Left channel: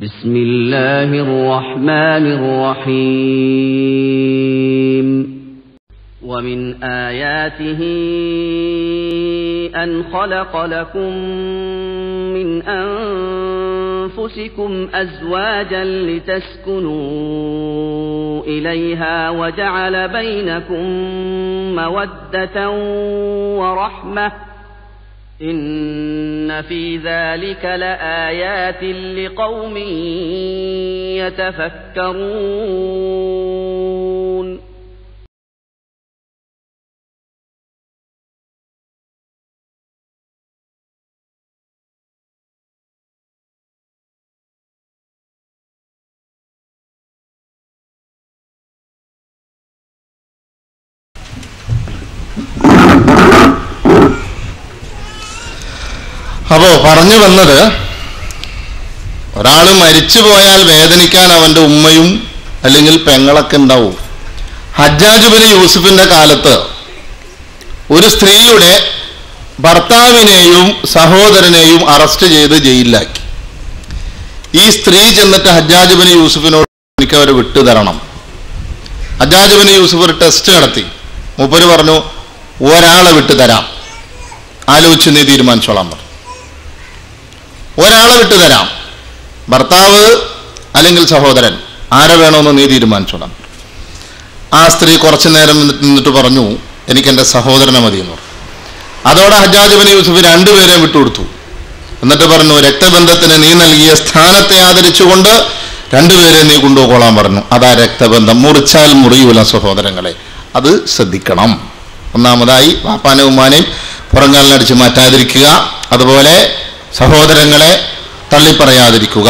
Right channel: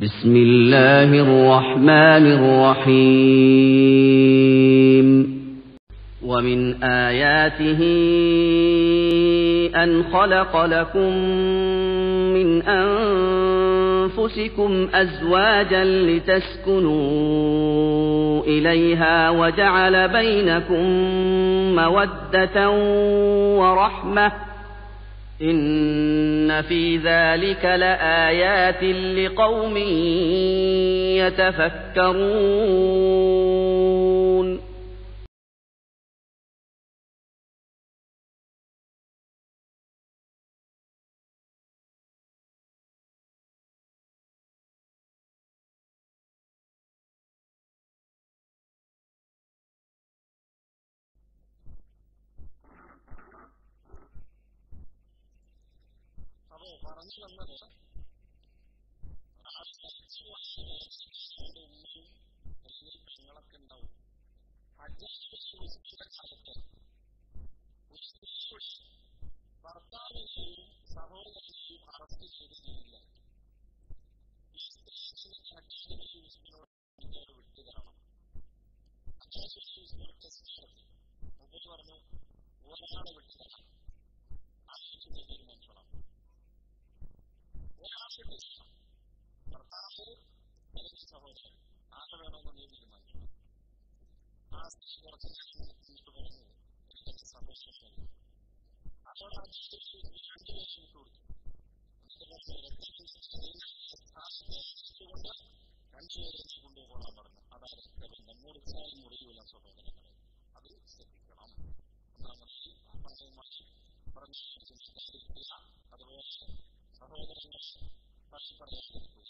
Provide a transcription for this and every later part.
بسم الله الرحمن الرحيم ومن آياته أن خلق لكم من أنفسكم أزواجا لتسكنوا إليها وجعل بينكم مودة ورحمة إن في ذلك لآيات لقوم يتفكرون. അപ്പോൾ പറഞ്ഞു വന്നത്, ഒരാൾ മരിച്ചു പോയാൽ വേദനിക്കാൻ അവൻ്റെ ഉമ്മയും അല്ലെങ്കിൽ പെങ്ങളൊക്കെ ഉണ്ടാവും. ഹജ്ജാജ് ബിൻ യൂസുഫിൻ്റെ കാലത്ത് ഒരു സ്ത്രീയുടെ ഭർത്താവിനെയും സഹോദരനെയും അറസ്റ്റ് ചെയ്ത് ജയിലിലാക്കി. ഈ സ്ത്രീ ചെന്നിട്ട് ഹജ്ജാജ് ബിൻ യൂസുഫിനോട് എനിക്ക് അവർ വിട്ടുതരണം. ഹജ്ജാജ് ബിൻ യൂസുഫ് ഒരു ടെസ്റ്റ് നടത്തി. മൂപ്പര് പറഞ്ഞു, ഒരാളെ വിട്ടുതരാം, ആലോചിച്ച് നീ തീരുമാനിച്ചോളാൻ പറഞ്ഞു. ഒരാളെ വിട്ടുതരാം, ഭർത്താവ് അല്ലെങ്കിൽ സഹോദരൻ, ആരെ വേണമെന്ന് നീ തീരുമാനിച്ചോളാം. ആ സ്ത്രീ കുറച്ചു നേരം നിന്നിട്ട് പറഞ്ഞു, എനിക്കെൻ്റെ സഹോദരനെ മതിയെന്ന് പറഞ്ഞു. അതോടെ ഹജ്ജാജ് ബിൻ യൂസുഫ് രണ്ടുപേരെയും വിട്ടുകൊടുത്തു. എന്നിട്ട് പറഞ്ഞു, രക്തബന്ധത്തിന് നീ നൽകിയ സ്ഥാനത്തെ ആദരിച്ചുകൊണ്ട് രണ്ടുപേരെ നീ കൊണ്ടുപോകോളാൻ പറഞ്ഞു. അതാ രക്തബന്ധം, മുറിച്ചാൽ മുറിയൂല സഹോദരങ്ങളെ, അത് ശ്രദ്ധിക്കണം. ഒന്നാമതായി വാപ്പാനെ ഉമ്മാനെയും പുറങ്കാലിനടിച്ച് മാറ്റാതിരിക്കുക, അതുപോലെ സഹോദരങ്ങളെ തള്ളിപ്പറയാതിരിക്കുക.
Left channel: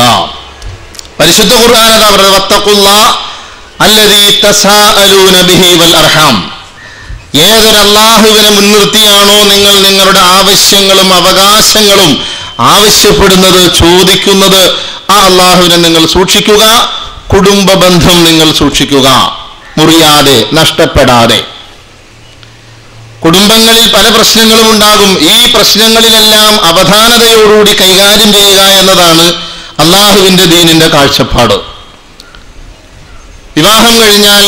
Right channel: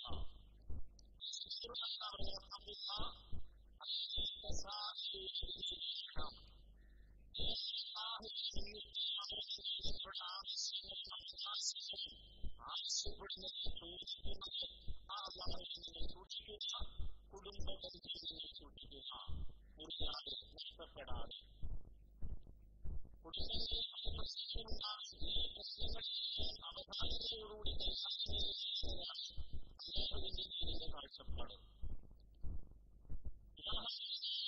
പരിശുദ്ധ ഖുർആൻ അതാ പറയുന്നത്, വത്തഖുല്ലാഹ അല്ലദീ തസാഅലൂന ബിഹി വൽ അർഹാം. ഏതൊരു അല്ലാഹുവിനെ മുൻനിർത്തിയാണോ നിങ്ങൾ നിങ്ങളുടെ ആവശ്യങ്ങളും അവകാശങ്ങളും ആവശ്യപ്പെടുന്നത്, ചോദിക്കുന്നത്, ആ അല്ലാഹുവിനെ നിങ്ങൾ സൂക്ഷിക്കുക. കുടുംബ ബന്ധം നിങ്ങൾ സൂക്ഷിക്കുക, മുറിയാതെ, നഷ്ടപ്പെടാതെ. കുടുംബങ്ങളിൽ പല പ്രശ്നങ്ങളും ഉണ്ടാകും. ഈ പ്രശ്നങ്ങളിലെല്ലാം അവധാനതയോടുകൂടി കൈകാര്യം ചെയ്യുക എന്നതാണ് അള്ളാഹുവിൻ്റെ ദീനിന്റെ കാഴ്ചപ്പാട്. വിവാഹം കഴിഞ്ഞാൽ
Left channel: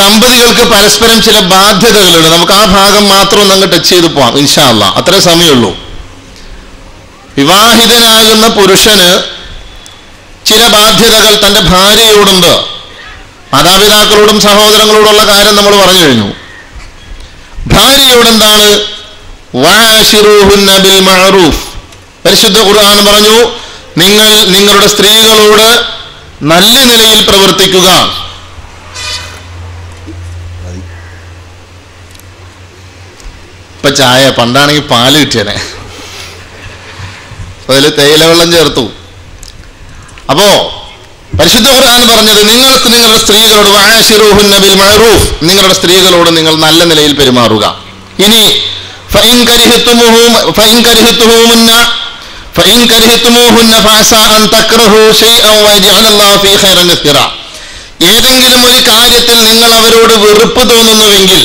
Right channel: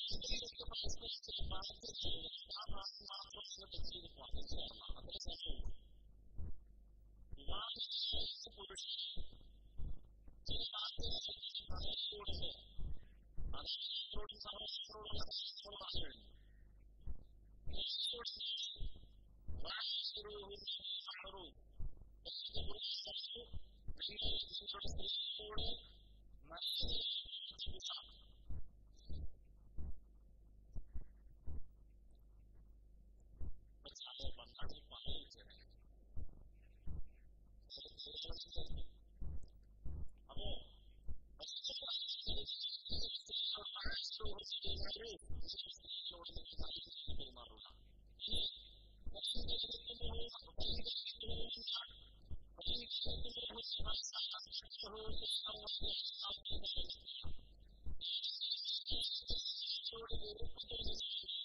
ദമ്പതികൾക്ക് പരസ്പരം ചില ബാധ്യതകളുണ്ട്. നമുക്ക് ആ ഭാഗം മാത്രം ഒന്ന് ടച്ച് ചെയ്ത് പോവാം ഇൻഷാ അല്ലാഹ്, അത്രേ സമയമുള്ളൂ. വിവാഹിതനാകുന്ന പുരുഷന് ചില ബാധ്യതകൾ തൻ്റെ ഭാര്യയോടുണ്ട്. മാതാപിതാക്കളോടും സഹോദരങ്ങളോടുള്ള കാര്യം നമ്മൾ പറഞ്ഞു കഴിഞ്ഞു. ഭാര്യയോട് എന്താണ്? വഅശിറൂഹുന്ന ബിൽ മഅറൂഫ്. പരിശുദ്ധ ഖുർആൻ പറഞ്ഞു, നിങ്ങൾ നിങ്ങളുടെ സ്ത്രീകളോട് നല്ല നിലയിൽ പ്രവർത്തിക്കുക. ഇപ്പൊ ചായ, പണ്ടാണെങ്കിൽ പാല് കിട്ടിയനെ, അതിൽ തേയില വെള്ളം ചേർത്തു. അപ്പോ പരിശുദ്ധ ഖുർആൻ പറഞ്ഞത്, നിങ്ങളുടെ സ്ത്രീകളോട് വഅശിറൂഹുന്ന ബിൽ മഅറൂഫ്, നിങ്ങളുടെ സ്ത്രീകളോട് നിങ്ങൾ നല്ല നിലയിൽ പെരുമാറുക. ഇനി ഫഇൻ കരിഹ്തുമൂഹുന്ന ഫഅസാ അൻ തക്റഹു ശൈഅൻ വയജഅല അല്ലാഹു ഫീ ഖൈറൻ കസീറ. ഏതെങ്കിലും ഒരു കാര്യത്തിൽ നിങ്ങൾ അവരോട് വെറുപ്പ് തോന്നുന്നുവെങ്കിൽ,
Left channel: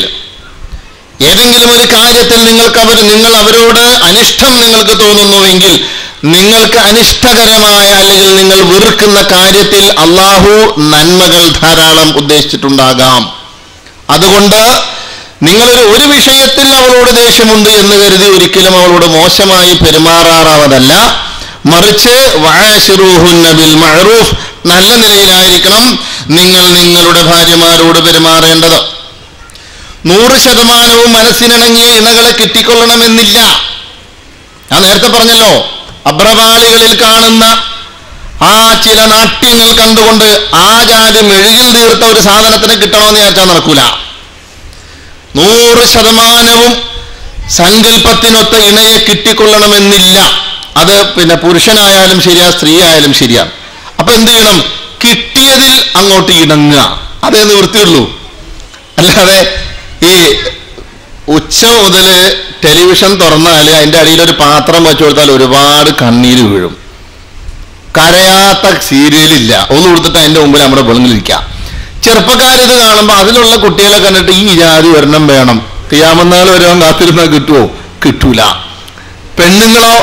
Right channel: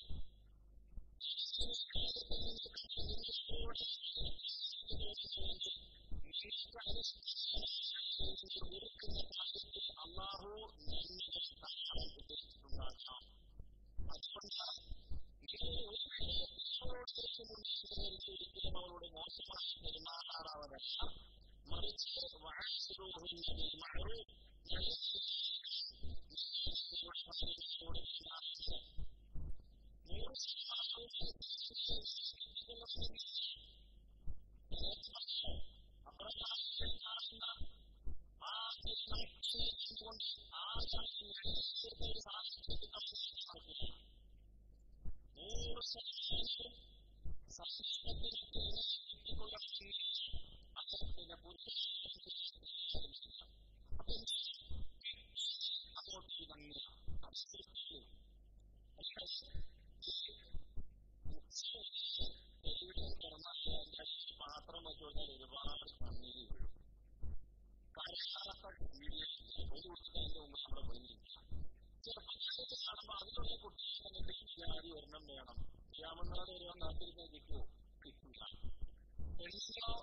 ഏതെങ്കിലും ഒരു കാര്യത്തിൽ നിങ്ങൾ അവരോട് അനിഷ്ടം നിങ്ങൾക്ക് തോന്നുന്നുവെങ്കിൽ, നിങ്ങൾക്ക് അനിഷ്ടകരമായ അല്ലെങ്കിൽ നിങ്ങൾ വെറുക്കുന്ന കാര്യത്തിൽ അള്ളാഹു നന്മകൾ ധാരാളം ഉദ്ദേശിച്ചിട്ടുണ്ടാകാം. അതുകൊണ്ട് നിങ്ങളൊരു വിഷയത്തിൽ അവളോട് ദേഷ്യമുണ്ട് എന്ന് കരുതി ഒരിക്കലും അവളോട് മോശമായി പെരുമാറാറാവതല്ല. മറിച്ച് വഅശിറൂഹുന്ന ബിൽ മഅറൂഫ്, നല്ല നിലയിലായിരിക്കണം നിങ്ങൾ നിങ്ങളുടെ ഭാര്യമാരോട് പെരുമാറേണ്ടത്. 100% മനസ്സിനിണങ്ങിയ ഇണകളെ കിട്ടിക്കൊള്ളണമെന്നില്ല. ഞാൻ നേരത്തെ പറഞ്ഞല്ലോ, അബ്രപാളികളിൽ കാണുന്ന ആ ചില നാട്യങ്ങൾ കണ്ടുകൊണ്ട് ആ ജാതി മെഴുകിൽ തീർത്ത ഒരു സാധനത്തിന് കിട്ടണമെന്ന് വിചാരിച്ചാൽ നടക്കൂല. 100% സങ്കല്പത്തിനൊത്ത ഇണയെ കിട്ടിക്കൊള്ളണമെന്നില്ല. അത് പിന്നെ പുരുഷനായാലും ശരിയാ, സ്ത്രീ ആയാലും ശരിയാണ്. അപ്പൊ എന്ത് ചെയ്യണം? കിട്ടിയതിൽ അങ്ങോട്ട് ഇണങ്ങുക, അതേ നിവൃത്തിയുള്ളൂ. അല്ലാതെ ഈ ഉച്ച മുതൽ ടെലിവിഷൻ തുറന്നാൽ അതിൻ്റെ അടിയിലൊരു പാത്രം വെച്ചു കൊടുത്താൽ ഒരുപാട് കണ്ണീര് വീഴും. കരയാത്ത സീരിയലില്ല. ഒന്ന് കൊടുത്തിട്ട് അതിൻ്റെ മുമ്പിൽ നമ്മുടെ വെളുങ്ങിലിരിക്കുക. ചെറുപ്പക്കാരിത് കാണുമ്പോൾ അതിലുള്ള കുട്ടികളെ കണ്ടിട്ട് ഈ ജാതി ഒരെണ്ണം വേണം, ഖിയാമത്ത് വരുവാൻ കാത്തിരുന്നാൽ കിട്ടുമോ? കിട്ടൂല. പെണ്ണുങ്ങളോ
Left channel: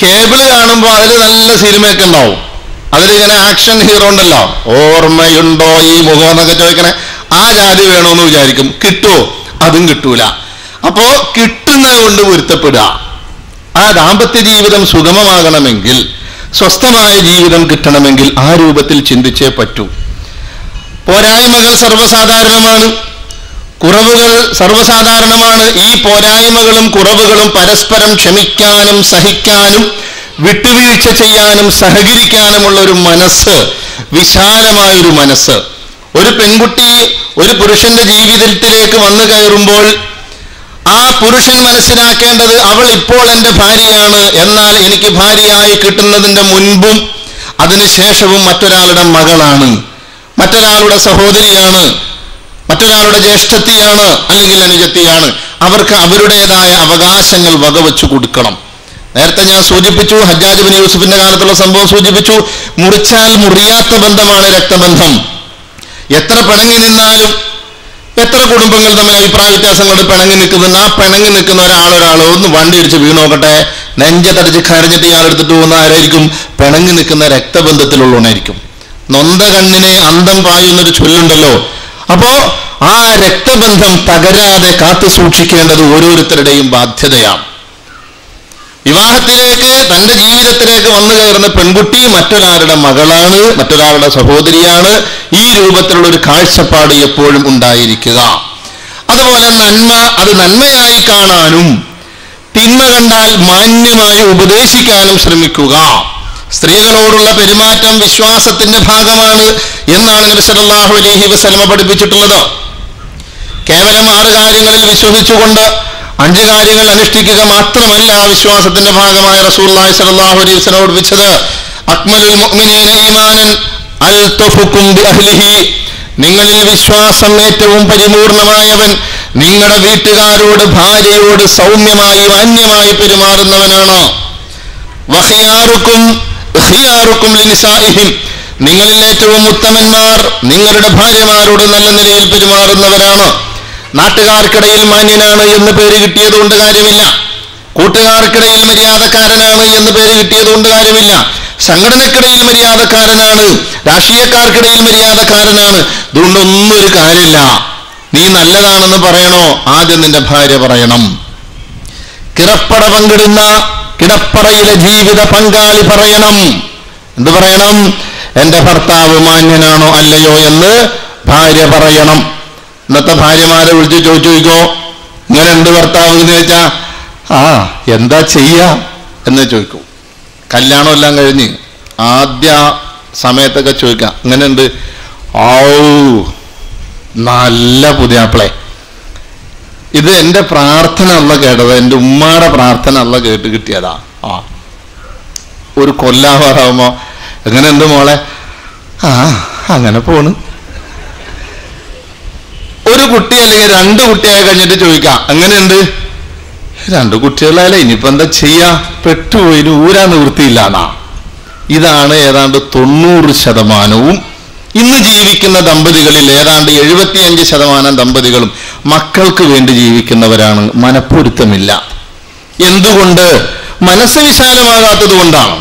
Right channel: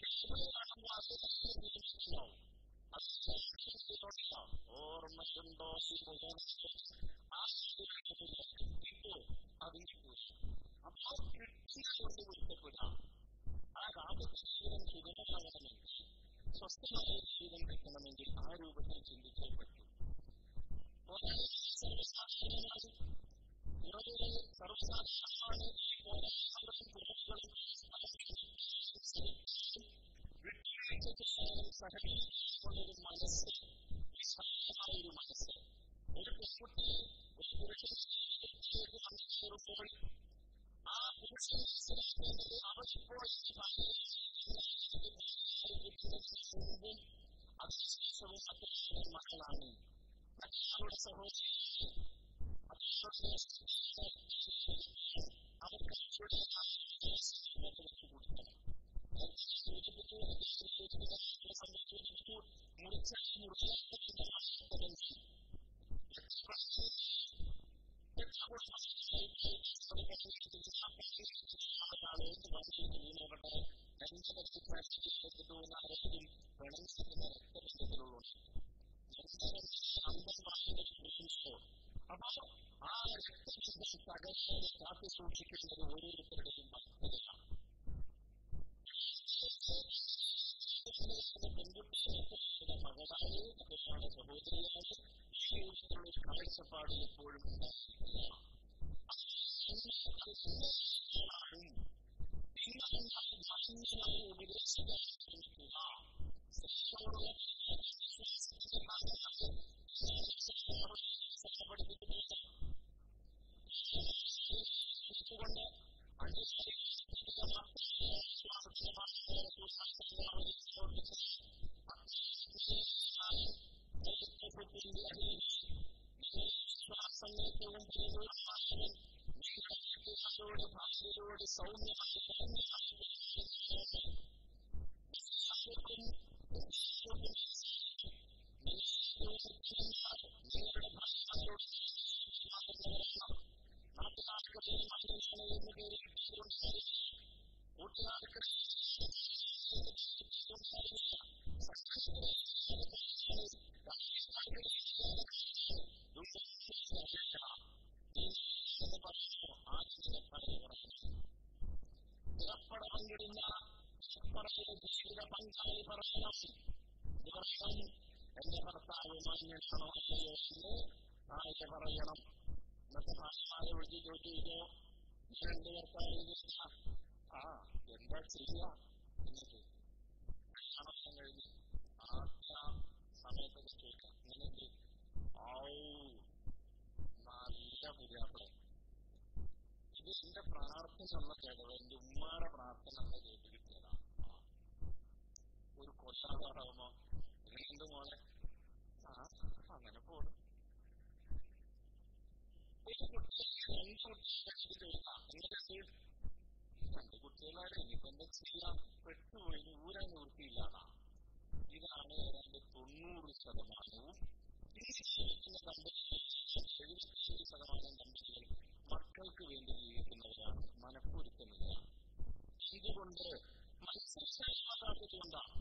കേബിള് കാണുമ്പോൾ കാണുമ്പോൾ അതിൽ നല്ല സിനിമയൊക്കെ ഉണ്ടാവും. അതിലിങ്ങനെ ആക്ഷൻ ഹീറോ ഉണ്ടല്ലോ, ഓർമ്മയുണ്ടോ ഈ മുഖം എന്നൊക്കെ ചോദിക്കണേ, ആ ജാതി വേണോന്ന് വിചാരിക്കും. കിട്ടുമോ? അതും കിട്ടൂല. അപ്പോ കിട്ടുന്നത് കൊണ്ട് പൊരുത്തപ്പെടുക. ആ ദാമ്പത്യ ജീവിതം സുഗമമാകണമെങ്കിൽ, സ്വസ്ഥമായ ജീവിതം കിട്ടണമെങ്കിൽ ആ രൂപത്തിൽ ചിന്തിച്ചേ പറ്റൂ. പോരായ്മകൾ സർവ്വസാധാരണമാണ്, കുറവുകൾ സർവ്വസാധാരണമാണ്. ഈ പോരായ്മകളും കുറവുകളും പരസ്പരം ക്ഷമിക്കാനും സഹിക്കാനും വിട്ടുവീഴ്ച ചെയ്യാനും സഹകരിക്കാനുമുള്ള ഒരു മനസ്സ്, വിശാലമായൊരു മനസ്സ്. ഒരു പെൺകുട്ടി ഒരു പുരുഷന്റെ ജീവിതത്തിലേക്ക് വന്നു കയറുമ്പോൾ ആ പുരുഷൻ മനസ്സിലാക്കേണ്ടത് അവൾ ഇപ്പോൾ എൻ്റെ ഭാര്യയാണ്, എന്നാൽ എനിക്ക് ഭാര്യയായി കിട്ടുന്നതിൻ്റെ മുൻപും അതിനുശേഷവും മറ്റൊരാളുടെ മകളാണ്, മറ്റൊരാളുടെ സഹോദരിയാണ്, മറ്റൊരാളുടെ ജ്യേഷ്ഠത്തിയാണ്, അല്ലെങ്കിൽ അനുജത്തിയാണ്. അവർക്ക് അവരുടേതായ അവകാശങ്ങൾ വകവെച്ചു കൊടുക്കണം. നേരത്തെ ഞാൻ സൂചിപ്പിച്ചു, ഹജ്ജാജ് ബിൻ യൂസുഫിന്റെ കാലത്തുള്ള സംഭവം സൂചിപ്പിച്ചു. മുറിച്ചാൽ മുറിയാത്ത ബന്ധമാണ് രക്തബന്ധം. എത്ര പിണങ്ങി നിന്നാലും, എത്ര കുടുംബങ്ങൾ തമ്മിൽ അഭിപ്രായ വ്യത്യാസങ്ങളുടെ പിണങ്ങി നിൽക്കുന്നുണ്ട്, ആ പിണങ്ങി നിൽക്കുന്ന ഒരാളൊരാൾ ഒന്ന് വണ്ടി ഇടിച്ച് വീണ് നോക്കട്ടെ, നെഞ്ചത്തടിച്ച് കരഞ്ഞിട്ട് ഇയാൾ എടുത്തിട്ട് പോകുന്ന ആരായിരിക്കും? പിണങ്ങി നിൽക്കുന്ന രക്തബന്ധത്തിലുള്ളവനായിരിക്കും. നൊന്ത കണ്ണിനെ അന്തം പായുന്നൊരു ചൊല്ലുണ്ടല്ലോ. അപ്പോ ആ രക്തബന്ധം തകരാതെ കാത്തു സൂക്ഷിക്കേണ്ടത് ഓരോരുത്തരുടെയും ബാധ്യതയാണ്. വിവാഹത്തിലേക്ക്, തൻ്റെ ജീവിതത്തിലേക്ക് വന്നു കയറുന്ന പെൺകുട്ടി മറ്റൊരാളുടെ മകളാണ്, മറ്റൊരാളുടെ സഹോദരിയാണ്. ഈ രൂപത്തിലുള്ള ഒരു കാഴ്ചപ്പാട് എപ്പോഴും ഉണ്ടായിരിക്കുക. അതുപോലെ നന്മ, അത് നന്മയായി കാണാനും തിന്മ കണ്ടാൽ മാന്യമായി ഉപദേശിക്കാനും ശ്രമിക്കുക. സ്ത്രീകളോടുള്ള പെരുമാറ്റം വിശ്വാസത്തിന്റെ ഭാഗമാണ് എന്നാണ് നബി സല്ലല്ലാഹു അലൈഹി വസല്ലമ പഠിപ്പിച്ചിട്ടുള്ളത്. കേവലം 6 കാര്യങ്ങളിൽ വിശ്വസിച്ചുകൊണ്ട് 5 കാര്യങ്ങൾ അനുഷ്ഠിക്കുക മാത്രമല്ല വിശ്വാസത്തിന്റെ ഭാഗമായ റസൂലുള്ളാഹി സ്വല്ലല്ലാഹു അലൈഹി വസല്ലം പഠിപ്പിച്ചത്. അക്മലുൽ മുഅ്മിനീന ഈമാനൻ അൽതഫുകും ബിഅഹ്ലിഹി, നിങ്ങളിൽ വിശ്വാസം ഏറ്റവും പരിപൂർണമായവൻ നിങ്ങളുടെ വീട്ടുകാരോട്, ഭാര്യയോട് സൗമ്യമായി മാന്യമായി പെരുമാറുന്നവനാണ്. വഖിയാറുക്കും ഖിയാറുക്കും ലിനിസാഇഹിം, നിങ്ങളിൽ ഏറ്റവും ഉത്തമന്മാർ നിങ്ങളുടെ ഭാര്യമാരോട് നല്ല നിലയിൽ പെരുമാറുന്നവരാണ്. നാട്ടുകാർക്കിടയിൽ മാന്യനാണ് എന്ന് പേര് കിട്ടിയതുകൊണ്ട് കാര്യമില്ല, കൂട്ടുകാർക്കിടയിൽ മര്യാദക്കാരനാണ് എന്ന് പേര് കിട്ടിയതുകൊണ്ട് കാര്യമില്ല, സംഘടനക്കിടയിൽ മര്യാദക്കാരനാണ്, രാഷ്ട്രീയക്കാർക്കിടയിൽ മര്യാദക്കാരനാണ്, ഇതുകൊണ്ടൊന്നും ഒരു കാര്യമില്ല. നീ നല്ലതാണെന്ന് പറയണോ, ആദ്യം നിന്റെ ഭാര്യ പറയണം. കിടപ്പട പങ്കിടുന്ന കിടപ്പറയിലെ ജീവിത പങ്കാളി പറയണം. എന്ത് പറയണം? എൻ്റെ ഭർത്താവ് മാന്യനാണോ അല്ലയോ എന്ന് ഭാര്യ പറയണം. ഇന്നത്തെ ഭാര്യമാരെ വിളിച്ച് ചോദിക്കോ, ഇങ്ങനെ ഉണ്ട് ഭർത്താവ് എന്ന് ചോദിച്ചാ എന്താ ചെയ്യാ എന്ന് ചോദിക്കൂ. കല്യാണം എല്ലാം കഴിഞ്ഞ് ആദ്യ സമയത്തൊക്കെ ചോദിക്കാം, ഇങ്ങനെയുണ്ട്, നല്ല പുതിയാപ്പിളെ. ഇത് എൻ്റെ പ്രാർത്ഥന അല്ല കേട്ടത്, എൻ്റെ ഉമ്മാടെ പ്രാർത്ഥന അല്ല കേട്ട് കിട്ടിയതാ. ഒരു കൊല്ലാവാറാവുമ്പോ എങ്ങനെയുണ്ട് മോളെ? അങ്ങനെ പോണ്. ഒരു കുട്ടി അല്ലെങ്കിൽ 2 കുട്ടിയായി കഴിഞ്ഞിട്ട് ചോദിക്കാം, എങ്ങനെയുണ്ട്? 2 കുട്ടികളായാലേ ഇനിയിപ്പോ എന്താ ചെയ്യാ, പെട്ടുപോയി, ഊരാ നിവൃത്തിയില്ലാന്നാ. ഇതാണ് ഏതാണ്ട് 90% ഇന്ന് ജീവിക്കുന്ന ദമ്പതികളിൽ. ഏതാണ്ട് 75% ദമ്പതികളും മക്കൾക്ക് വേണ്ടി ജീവിക്കുന്നവരാണ്. മനപ്പൊരുത്തമില്ല. എന്തുകൊണ്ട്? മനസ്സ് വിശാലമാകാത്തത് കൊണ്ടാണ്.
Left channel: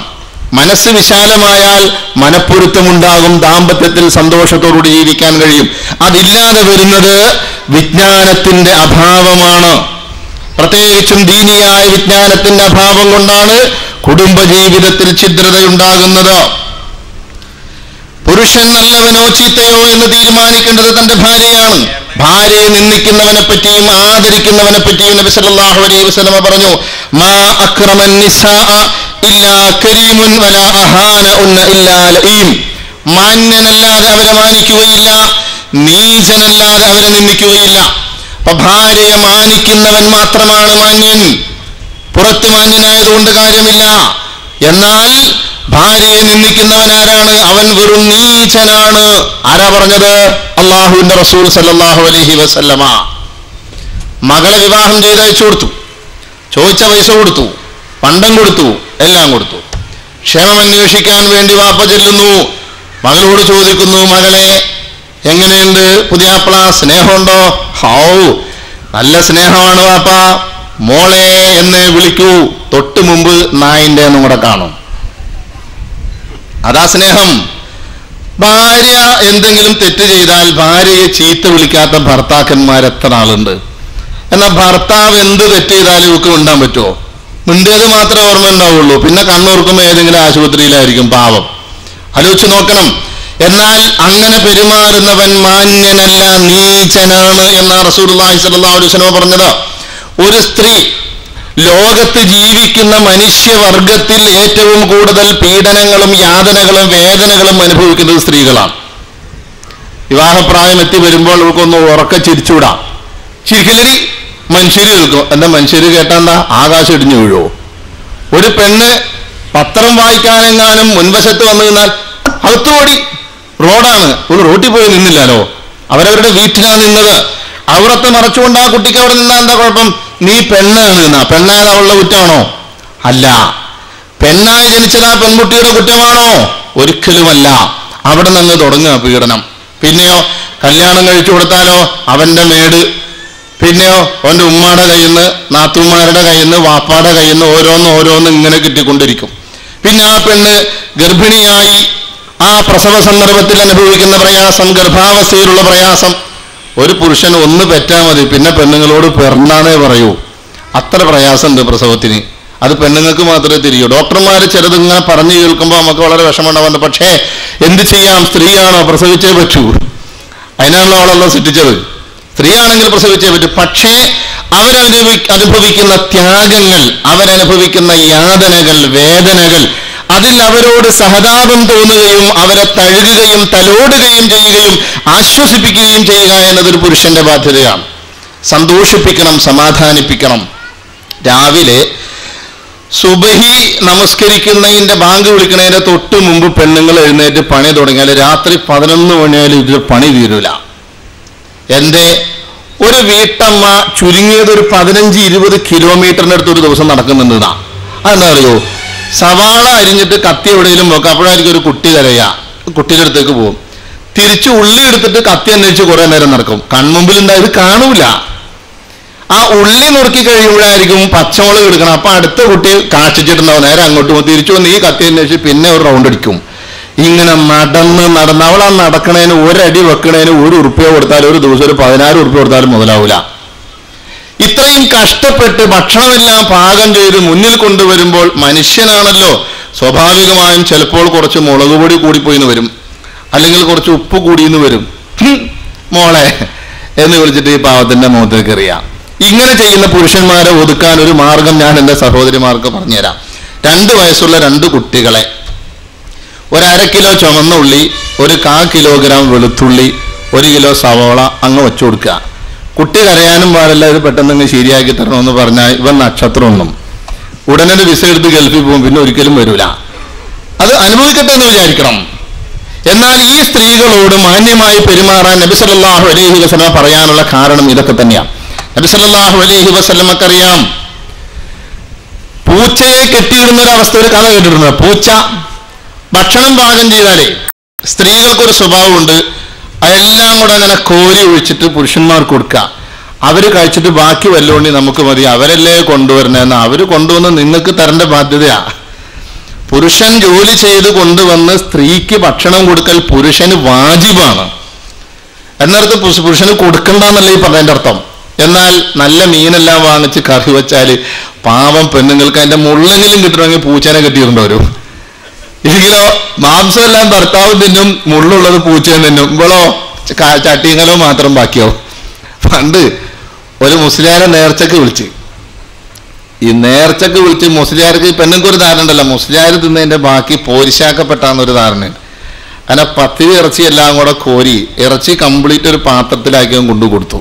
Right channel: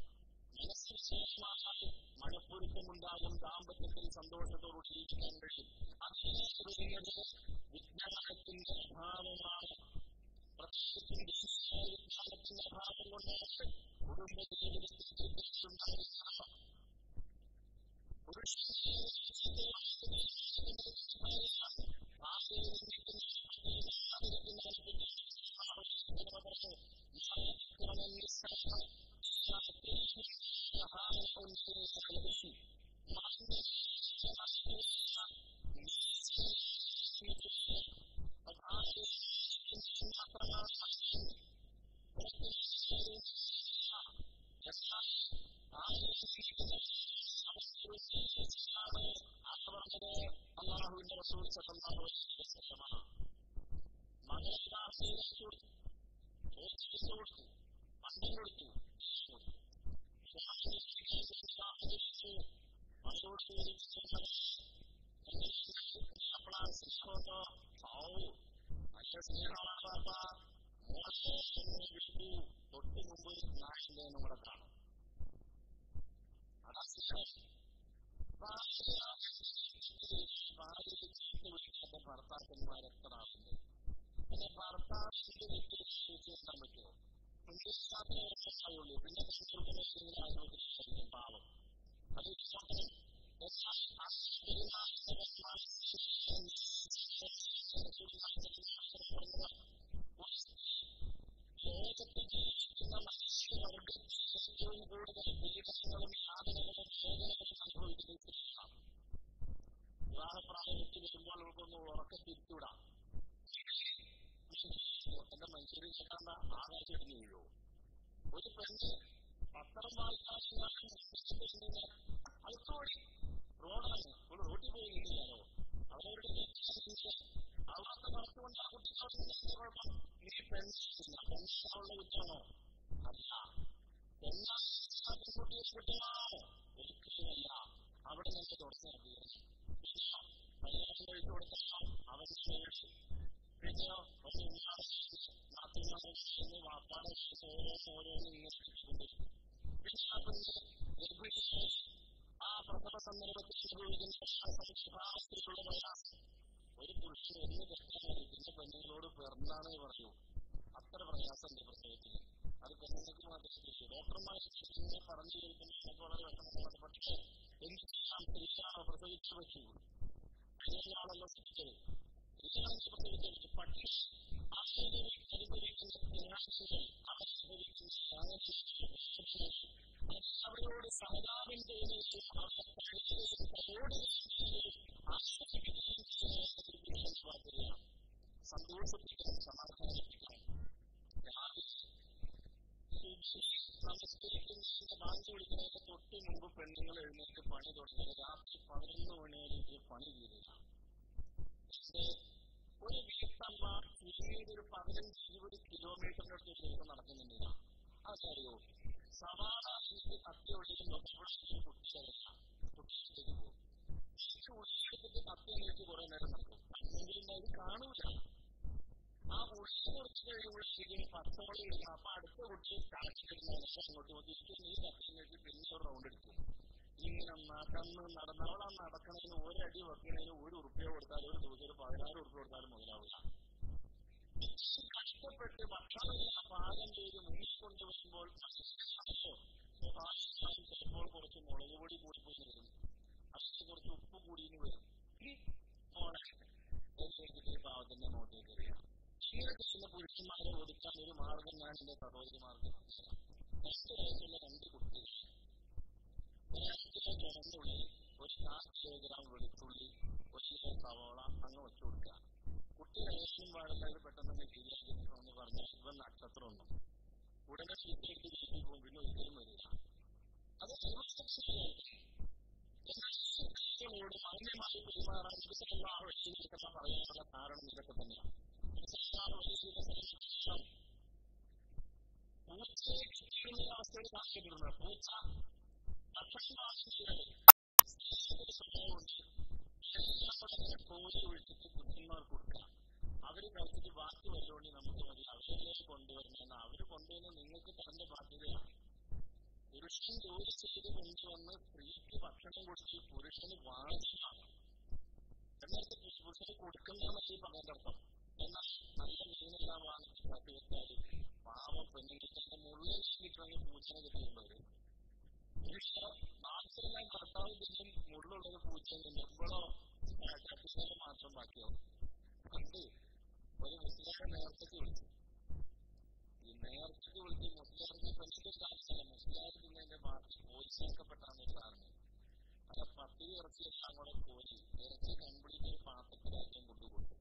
മനസ്സ് വിശാലമായാൽ മനപ്പൊരുത്തമുണ്ടാകും, ദാമ്പത്യത്തിൽ സന്തോഷത്തോടുകൂടി ജീവിക്കാൻ കഴിയും. അതില്ലാതെ വരുന്നത് വിജ്ഞാനത്തിന്റെ അഭാവമാണ്. പ്രത്യേകിച്ചും ദീനിയായ വിജ്ഞാനത്തിന്റെ അഭാവം കൊണ്ടാണ് കുടുംബജീവിതത്തിൽ ഛിദ്രതയുണ്ടാകുന്നത്. പുരുഷൻ നല്ലവനോ ചീത്തയോ എന്ന് തീരുമാനിക്കേണ്ടത് തന്റെ ഭാര്യയാണ്. ഭാര്യയെ നിന്ദിക്കുന്നവനെ പറ്റിയും ആദരിക്കുന്നവനെ പറ്റിയും നബി സല്ലല്ലാഹു അലൈഹി വസല്ലം പറഞ്ഞു, മാ അക്രമൻ നിസാഅ ഇല്ലാ കരീമുൻ വലാ അഹാന ഇല്ലാ ലഈം. മാന്യനല്ലാതെ അവരെ മാനിക്കുകയില്ല, നീചനല്ലാതെ അവരെ നിന്ദിക്കുകയില്ല. അപ്പൊ ഭാര്യയെ മാനിക്കുന്നവൻ മാത്രമാണ് മാന്യൻ. പുറത്ത് മാന്യനായതുകൊണ്ട് കാര്യമില്ല. എന്നാൽ ഭാര്യയെ നിന്ദിക്കുന്നവൻ ആരാണ്? അവൻ വെറും നീചനാണ്. ആരാ പറഞ്ഞത്? അള്ളാഹുവിന്റെ റസൂൽ സല്ലല്ലാഹു അലൈഹി വസല്ലമ. മകളെ വിവാഹം ചെയ്തയച്ചു കൊടുത്തു, ചോദിച്ച പൈസ കൊടുത്തു, പണ്ടം കൊടുത്തു, എല്ലാം കൊടുത്തു. ക്ഷേമം അന്വേഷിക്കാൻ വേണ്ടി വാപ്പ ചെല്ലുന്നു, മകളോട് ചോദിക്കുന്നു, മകളെ എങ്ങനെയുണ്ട് പുതിയാപ്പിള, സ്നേഹമുണ്ടോ? നല്ല സ്നേഹമാണ് വാപ്പ, മോളെ എന്ന് വിളിക്കൂ. തൊട്ട് മുമ്പ് നായിന്റെ എന്നും കൂടെ കാണും. അതാ സ്നേഹം. ഭാര്യ എന്തെങ്കിലും തെറ്റ് ചെയ്താൽ ഭാര്യയെ ചീത്ത വിളിക്കാത്ത ഭർത്താക്കന്മാർ എത്ര ആളുണ്ട്? എന്നാൽ ഭർത്താവ് എന്ത് തെറ്റ് ചെയ്താലും ഇവർക്ക് മിണ്ടാൻ പറ്റുമോ? മിണ്ടിയത് മാത്രമേ ഓർമ്മ ഉണ്ടാവുള്ളൂ. പിന്നെ കണ്ണൂർക്കുമ്പോൾ ഏതെങ്കിലും ആശുപത്രിയിലായിരിക്കും പാവം. ആലോചിച്ച് നോക്കണം. എന്നാൽ അങ്ങനെ പെരുമാറുന്നവൻ മാന്യനല്ല, നീചനാണ് എന്നാ റസൂലുള്ളാഹി സ്വല്ലല്ലാഹു അലൈഹി വസല്ലം പറഞ്ഞത്. ഒരു സ്ത്രീ ലോകത്ത് ജീവിക്കുന്ന മനുഷ്യവർഗത്തിൽ ഏറ്റവും കൂടുതൽ പീഡനങ്ങളും യാതനകളും വേദനകളും അനുഭവിക്കുന്നത് സ്ത്രീകളാണ്. വിവാഹപ്രായം എത്തി വരുമ്പോൾ അവർക്കൊന്ന് ഉറക്ക ചിരിച്ചുകൂടാ. ചിരിക്കലരി മനുഷ്യര് കേൾക്കും. എന്താ മനുഷ്യര് കേട്ടാ ആകാശം ഇടിഞ്ഞു വീഴുവോ? ഒരു പെണ്ണ് പത്രം വായിക്കാനെങ്ങാനും മുൻവശത്ത് വന്നു നിന്നാൽ അകത്തുകൂടി റോഡാണ്, ഒരു റോട്ടിൽ പോയി നിന്നില്ലല്ലോ, അവരവരുടെ വീട്ടിലാണ് നിന്നത്. അവിടത്തെ മറച്ചുകൊണ്ട് ആ കുട്ടിക്ക് അവിടെ നിന്നാ എന്താ കുഴപ്പം? നീ പെണ്ണാണ് എന്നാ. പെണ്ണായത് അവളുടെ കുറ്റമാണോ? അല്ല. പെണ്ണായി ജനിച്ചത് ആ പെൺകുട്ടിയുടെ കുറ്റമാണോ? ഒരിക്കലുമല്ല. അവിടെ നിന്ന് തുടങ്ങുക പീഡനം. പിന്നെയോ കല്യാണം കഴിച്ചു കൊടുത്താലോ അവന്റെ മേട്, പിന്നെയോ അവന്റെ ഉമ്മയുടെ കയ്യിൽ നിന്ന്, നാത്തൂമാരുടെ കയ്യിൽ നിന്ന്, വാപ്പാടെ കയ്യിൽ നിന്ന് ഓരോന്ന് ഇങ്ങനെ കിട്ടിക്കൊണ്ടിരിക്കും. പിന്നെ ആ പെണ്ണ് ഗർഭിണിയായി ആ പ്രസവ സന്ദർഭത്തിൽ അനുഭവിക്കുന്ന പ്രയാസം, ഗർഭാവസ്ഥയിലുള്ള പ്രയാസം. ഒരു പുരുഷൻ ഒന്ന് പെറ്റാൽ മതി, പിന്നെ പെണ്ണുങ്ങളോട് പെർന്നാണേ പറയൂ. അത്ര പ്രയാസമുണ്ട് പ്രസവത്തിന്. അത് പെണ്ണുങ്ങൾക്ക് മാത്രമേ തിരിയൂ. ഡോക്ടർമാർ ചിലതിങ്ങനെ പറഞ്ഞു കേൾക്കുമ്പോൾ നമുക്ക് വളരെ വിഷമമുണ്ടാവുന്നത്. പക്ഷേ എന്ത് ചെയ്യാം, സ്ത്രീയാണോ, പ്രസവിച്ചേ പറ്റൂ. അതിനാണല്ലോ അവളെല്ലാം സൃഷ്ടിച്ചത്. സ്ത്രീയാണെങ്കിൽ പ്രസവിച്ചേ പറ്റൂ. പക്ഷേ അവരനുഭവിക്കുന്ന ത്യാഗങ്ങൾ, അവരനുഭവിക്കുന്ന യാതനകൾ, വേദനകൾ, അതിൽ അവരോട് സഹതാപം തോന്നുകയും അവരെ തഴുകുകയും തലോടുകയും ചെയ്യുകയും ആശ്വസിപ്പിക്കുകയും ചെയ്യുക എന്നതൊരു പുരുഷന്റെ ബാധ്യതയാണ്. സന്തോഷിപ്പിക്കണം, സമാധാനിപ്പിക്കണം. രാവിലെ സുബഹി നമസ്കരിക്കുന്നതിന്റെ ബാങ്ക് വിളിക്കുന്നതിന്റെ തൊട്ട് മുമ്പ് പെണ്ണുങ്ങൾ എഴുന്നേറ്റ് പണി തുടങ്ങിയാൽ രാത്രി 11 മണിയായാലും ഇതിൽ പണി തീരൂല. എന്റെ ഒരു വീട്ടമ്മ ചുരുങ്ങിയത് ഒരു 15-20 കിലോമീറ്ററിന്റെ അടുത്ത് ഒരു ദിവസം നടക്കുന്നുണ്ടാ. അതെന്താ അറിയോ? സവാള അരിഞ്ഞിട്ട് കത്തി എവിടെയെങ്കിലും നോക്കാം, അപ്പോഴായിരിക്കും ഒരു കുട്ടി കരയാ. കുട്ടിയുടെ അടുത്തേക്ക് പോകും. തിരിച്ച് ഉള്ളി എടുത്തിട്ട് കത്തി അന്വേഷിച്ച് കുറെ നേരം നടക്കും. കൺമുമ്പിൽ ഉണ്ടായത് കാണൂല. ആ ഉള്ളി നുറുക്കി കഴിയുമ്പോഴായിരിക്കും പച്ചമുളക് എടുക്കണം. അപ്പൊ അടുത്ത കുട്ടി കാക്ഷിച്ചിട്ടുണ്ടാവും. നേരെ അങ്ങോട്ട് പോകും. തിരിച്ചു വന്ന് ഈ കത്തി അന്വേഷിച്ച് പിന്നെ ഒരു റൗണ്ട് അടിക്കും. ഇങ്ങനെ നടന്ന് അവൾ ആ നടക്കണേന് ഒരടി വെക്കണേന് 1 ഉറുപ്പ്യ കൊടുത്താലും ഒരു ദിവസം ഒരു 16 ഉറുപ്പ്യ കൊടുത്താലും മുതലാവൂല. ഇത്രയും കഷ്ടപ്പെട്ട് ഭക്ഷണമെല്ലാം പാകം ചെയ്ത് മുന്നിൽ കൊണ്ടുവരുമ്പോൾ മനുഷ്യനാണല്ലോ, സ്വാഭാവികമായും ചിലപ്പോൾ കുറച്ച് മുളക് പൊടി കൂടിപ്പോയിന്ന് വരും, അല്ലെങ്കിൽ കുറച്ച് ഉപ്പ് കൂടിയെന്ന് വരും. മോളെ എന്ന് വിളിച്ചിട്ട് ഈ പാവത്തിന്റെ മുഖത്തേക്ക് എറിയാം. ഇങ്ങനെ ചെയ്യുന്ന പുരുഷന്മാരെ ഒതുക്കാൻ ഒരു മാർഗം ഞാൻ എൻ്റെ സഹോദരിമാർക്ക് പറഞ്ഞുതരാം. 2 വയസ്സുള്ള 2 കുട്ടികളെ 1/2 കിലോ ചുമന്ന ഉള്ളി, 1/4 കിലോഗ്രാം വെളുത്തുള്ളി, 1 കിലോ സവോള അങ്ങ് വെച്ചു കൊടുക്കുക. കുട്ടി കരയാനും പാടില്ല, ഇത് പെട്ടെന്ന് ശരിയാക്കി തരണമെന്ന് പറഞ്ഞാൽ ഇവൻ നക്ഷത്രമൊന്നും ഉടനെ വിസ എടുത്ത് ഗൾഫിൽ പോകും, പിന്നെ ഒരിക്കലും വരൂല. അത് അനുഭവിക്കട്ടെ എന്ന് വിചാരിക്കണം. എന്നാൽ ഈ സ്ത്രീകളോട് മാന്യമായി പെരുമാറാൻ നബി സല്ലല്ലാഹു അലൈഹി വസല്ലം പറയാനുള്ള കാരണം ഇതൊക്കെ തന്നെയാണ്. നബി സല്ലല്ലാഹു അലൈഹി വസല്ലമക്കറിയാം, പൂച്ചയെ കെട്ടിയിടുന്ന ഒരു അവസ്ഥ, ഒരു കഥ കേട്ടിട്ടുണ്ട്. പൂച്ച ഭക്ഷണം പാകം ചെയ്താലേ സ്ത്രീകൾക്കൊരു സ്വഭാവമുണ്ട്, അതെല്ലാം കൂടെ അങ്ങനെ കോരി ഒഴിച്ചിട്ട് പുരുഷന്മാർക്ക് കൊടുക്കുക. അവര് കഴിച്ചിട്ട് ബാക്കി വല്ലോണ്ടി നമുക്ക് മതി, അവരല്ലേ കൊണ്ടുവരണേന്ന്. അവര് കൊണ്ടുവന്ന് നിങ്ങൾക്ക് തരേണ്ട ബാധ്യതയാ. പുരുഷൻ ജോലി ചെയ്ത് കൊണ്ടുവന്ന് സ്ത്രീക്ക് ഭക്ഷണം കൊടുക്കൽ പുരുഷന് വാജിബാണ്. എന്നർത്ഥം പുരുഷന് കൊടുക്കണ്ടെന്നല്ല ഈ പറഞ്ഞതിന്റെ അർത്ഥം. എന്നാൽ നല്ല മീനെല്ലാം വാങ്ങിച്ച് കറി വെച്ചാല് പാവം പെണ്ണുങ്ങൾക്ക് അതിന്റെ മുള്ളെങ്കിലും കിട്ടണമെങ്കിൽ പൂച്ചേനെ കെട്ടിയിട്ടുണ്ടോ? ഇല്ലെങ്കിലോ മാംസമെല്ലാം ഭർത്താവ് തിന്നും, മുള്ളുള്ളത് പൂച്ചയും തിന്നും. ഇവളോ ചട്ടിങ്ങലോ മാത്രം ബാക്കിയോ. പണ്ട് ഒരു മുസ്ലിയാരെ നേർച്ചക്ക് വിളിച്ച്, ഈ നേർച്ചക്ക് വിളിച്ച് മുസ്ലിയാർക്ക് പെണ്ണുങ്ങൾക്ക് ഒരു ധാരണ ഉണ്ടല്ലോ, മുസ്ലിയാർ തിന്നതിന്റെ ബാക്കി പോരിശാക്കപ്പെട്ടാന്നൊരു ധാരണയുണ്ട്. അങ്ങനെ 10 ഇറച്ചി എല്ലാം കൂടെ കോരി ഇറച്ചി കംപ്ലീറ്റ് ഒരു പാത്രത്തിലാക്കി കൊണ്ടു കൊടുത്തു.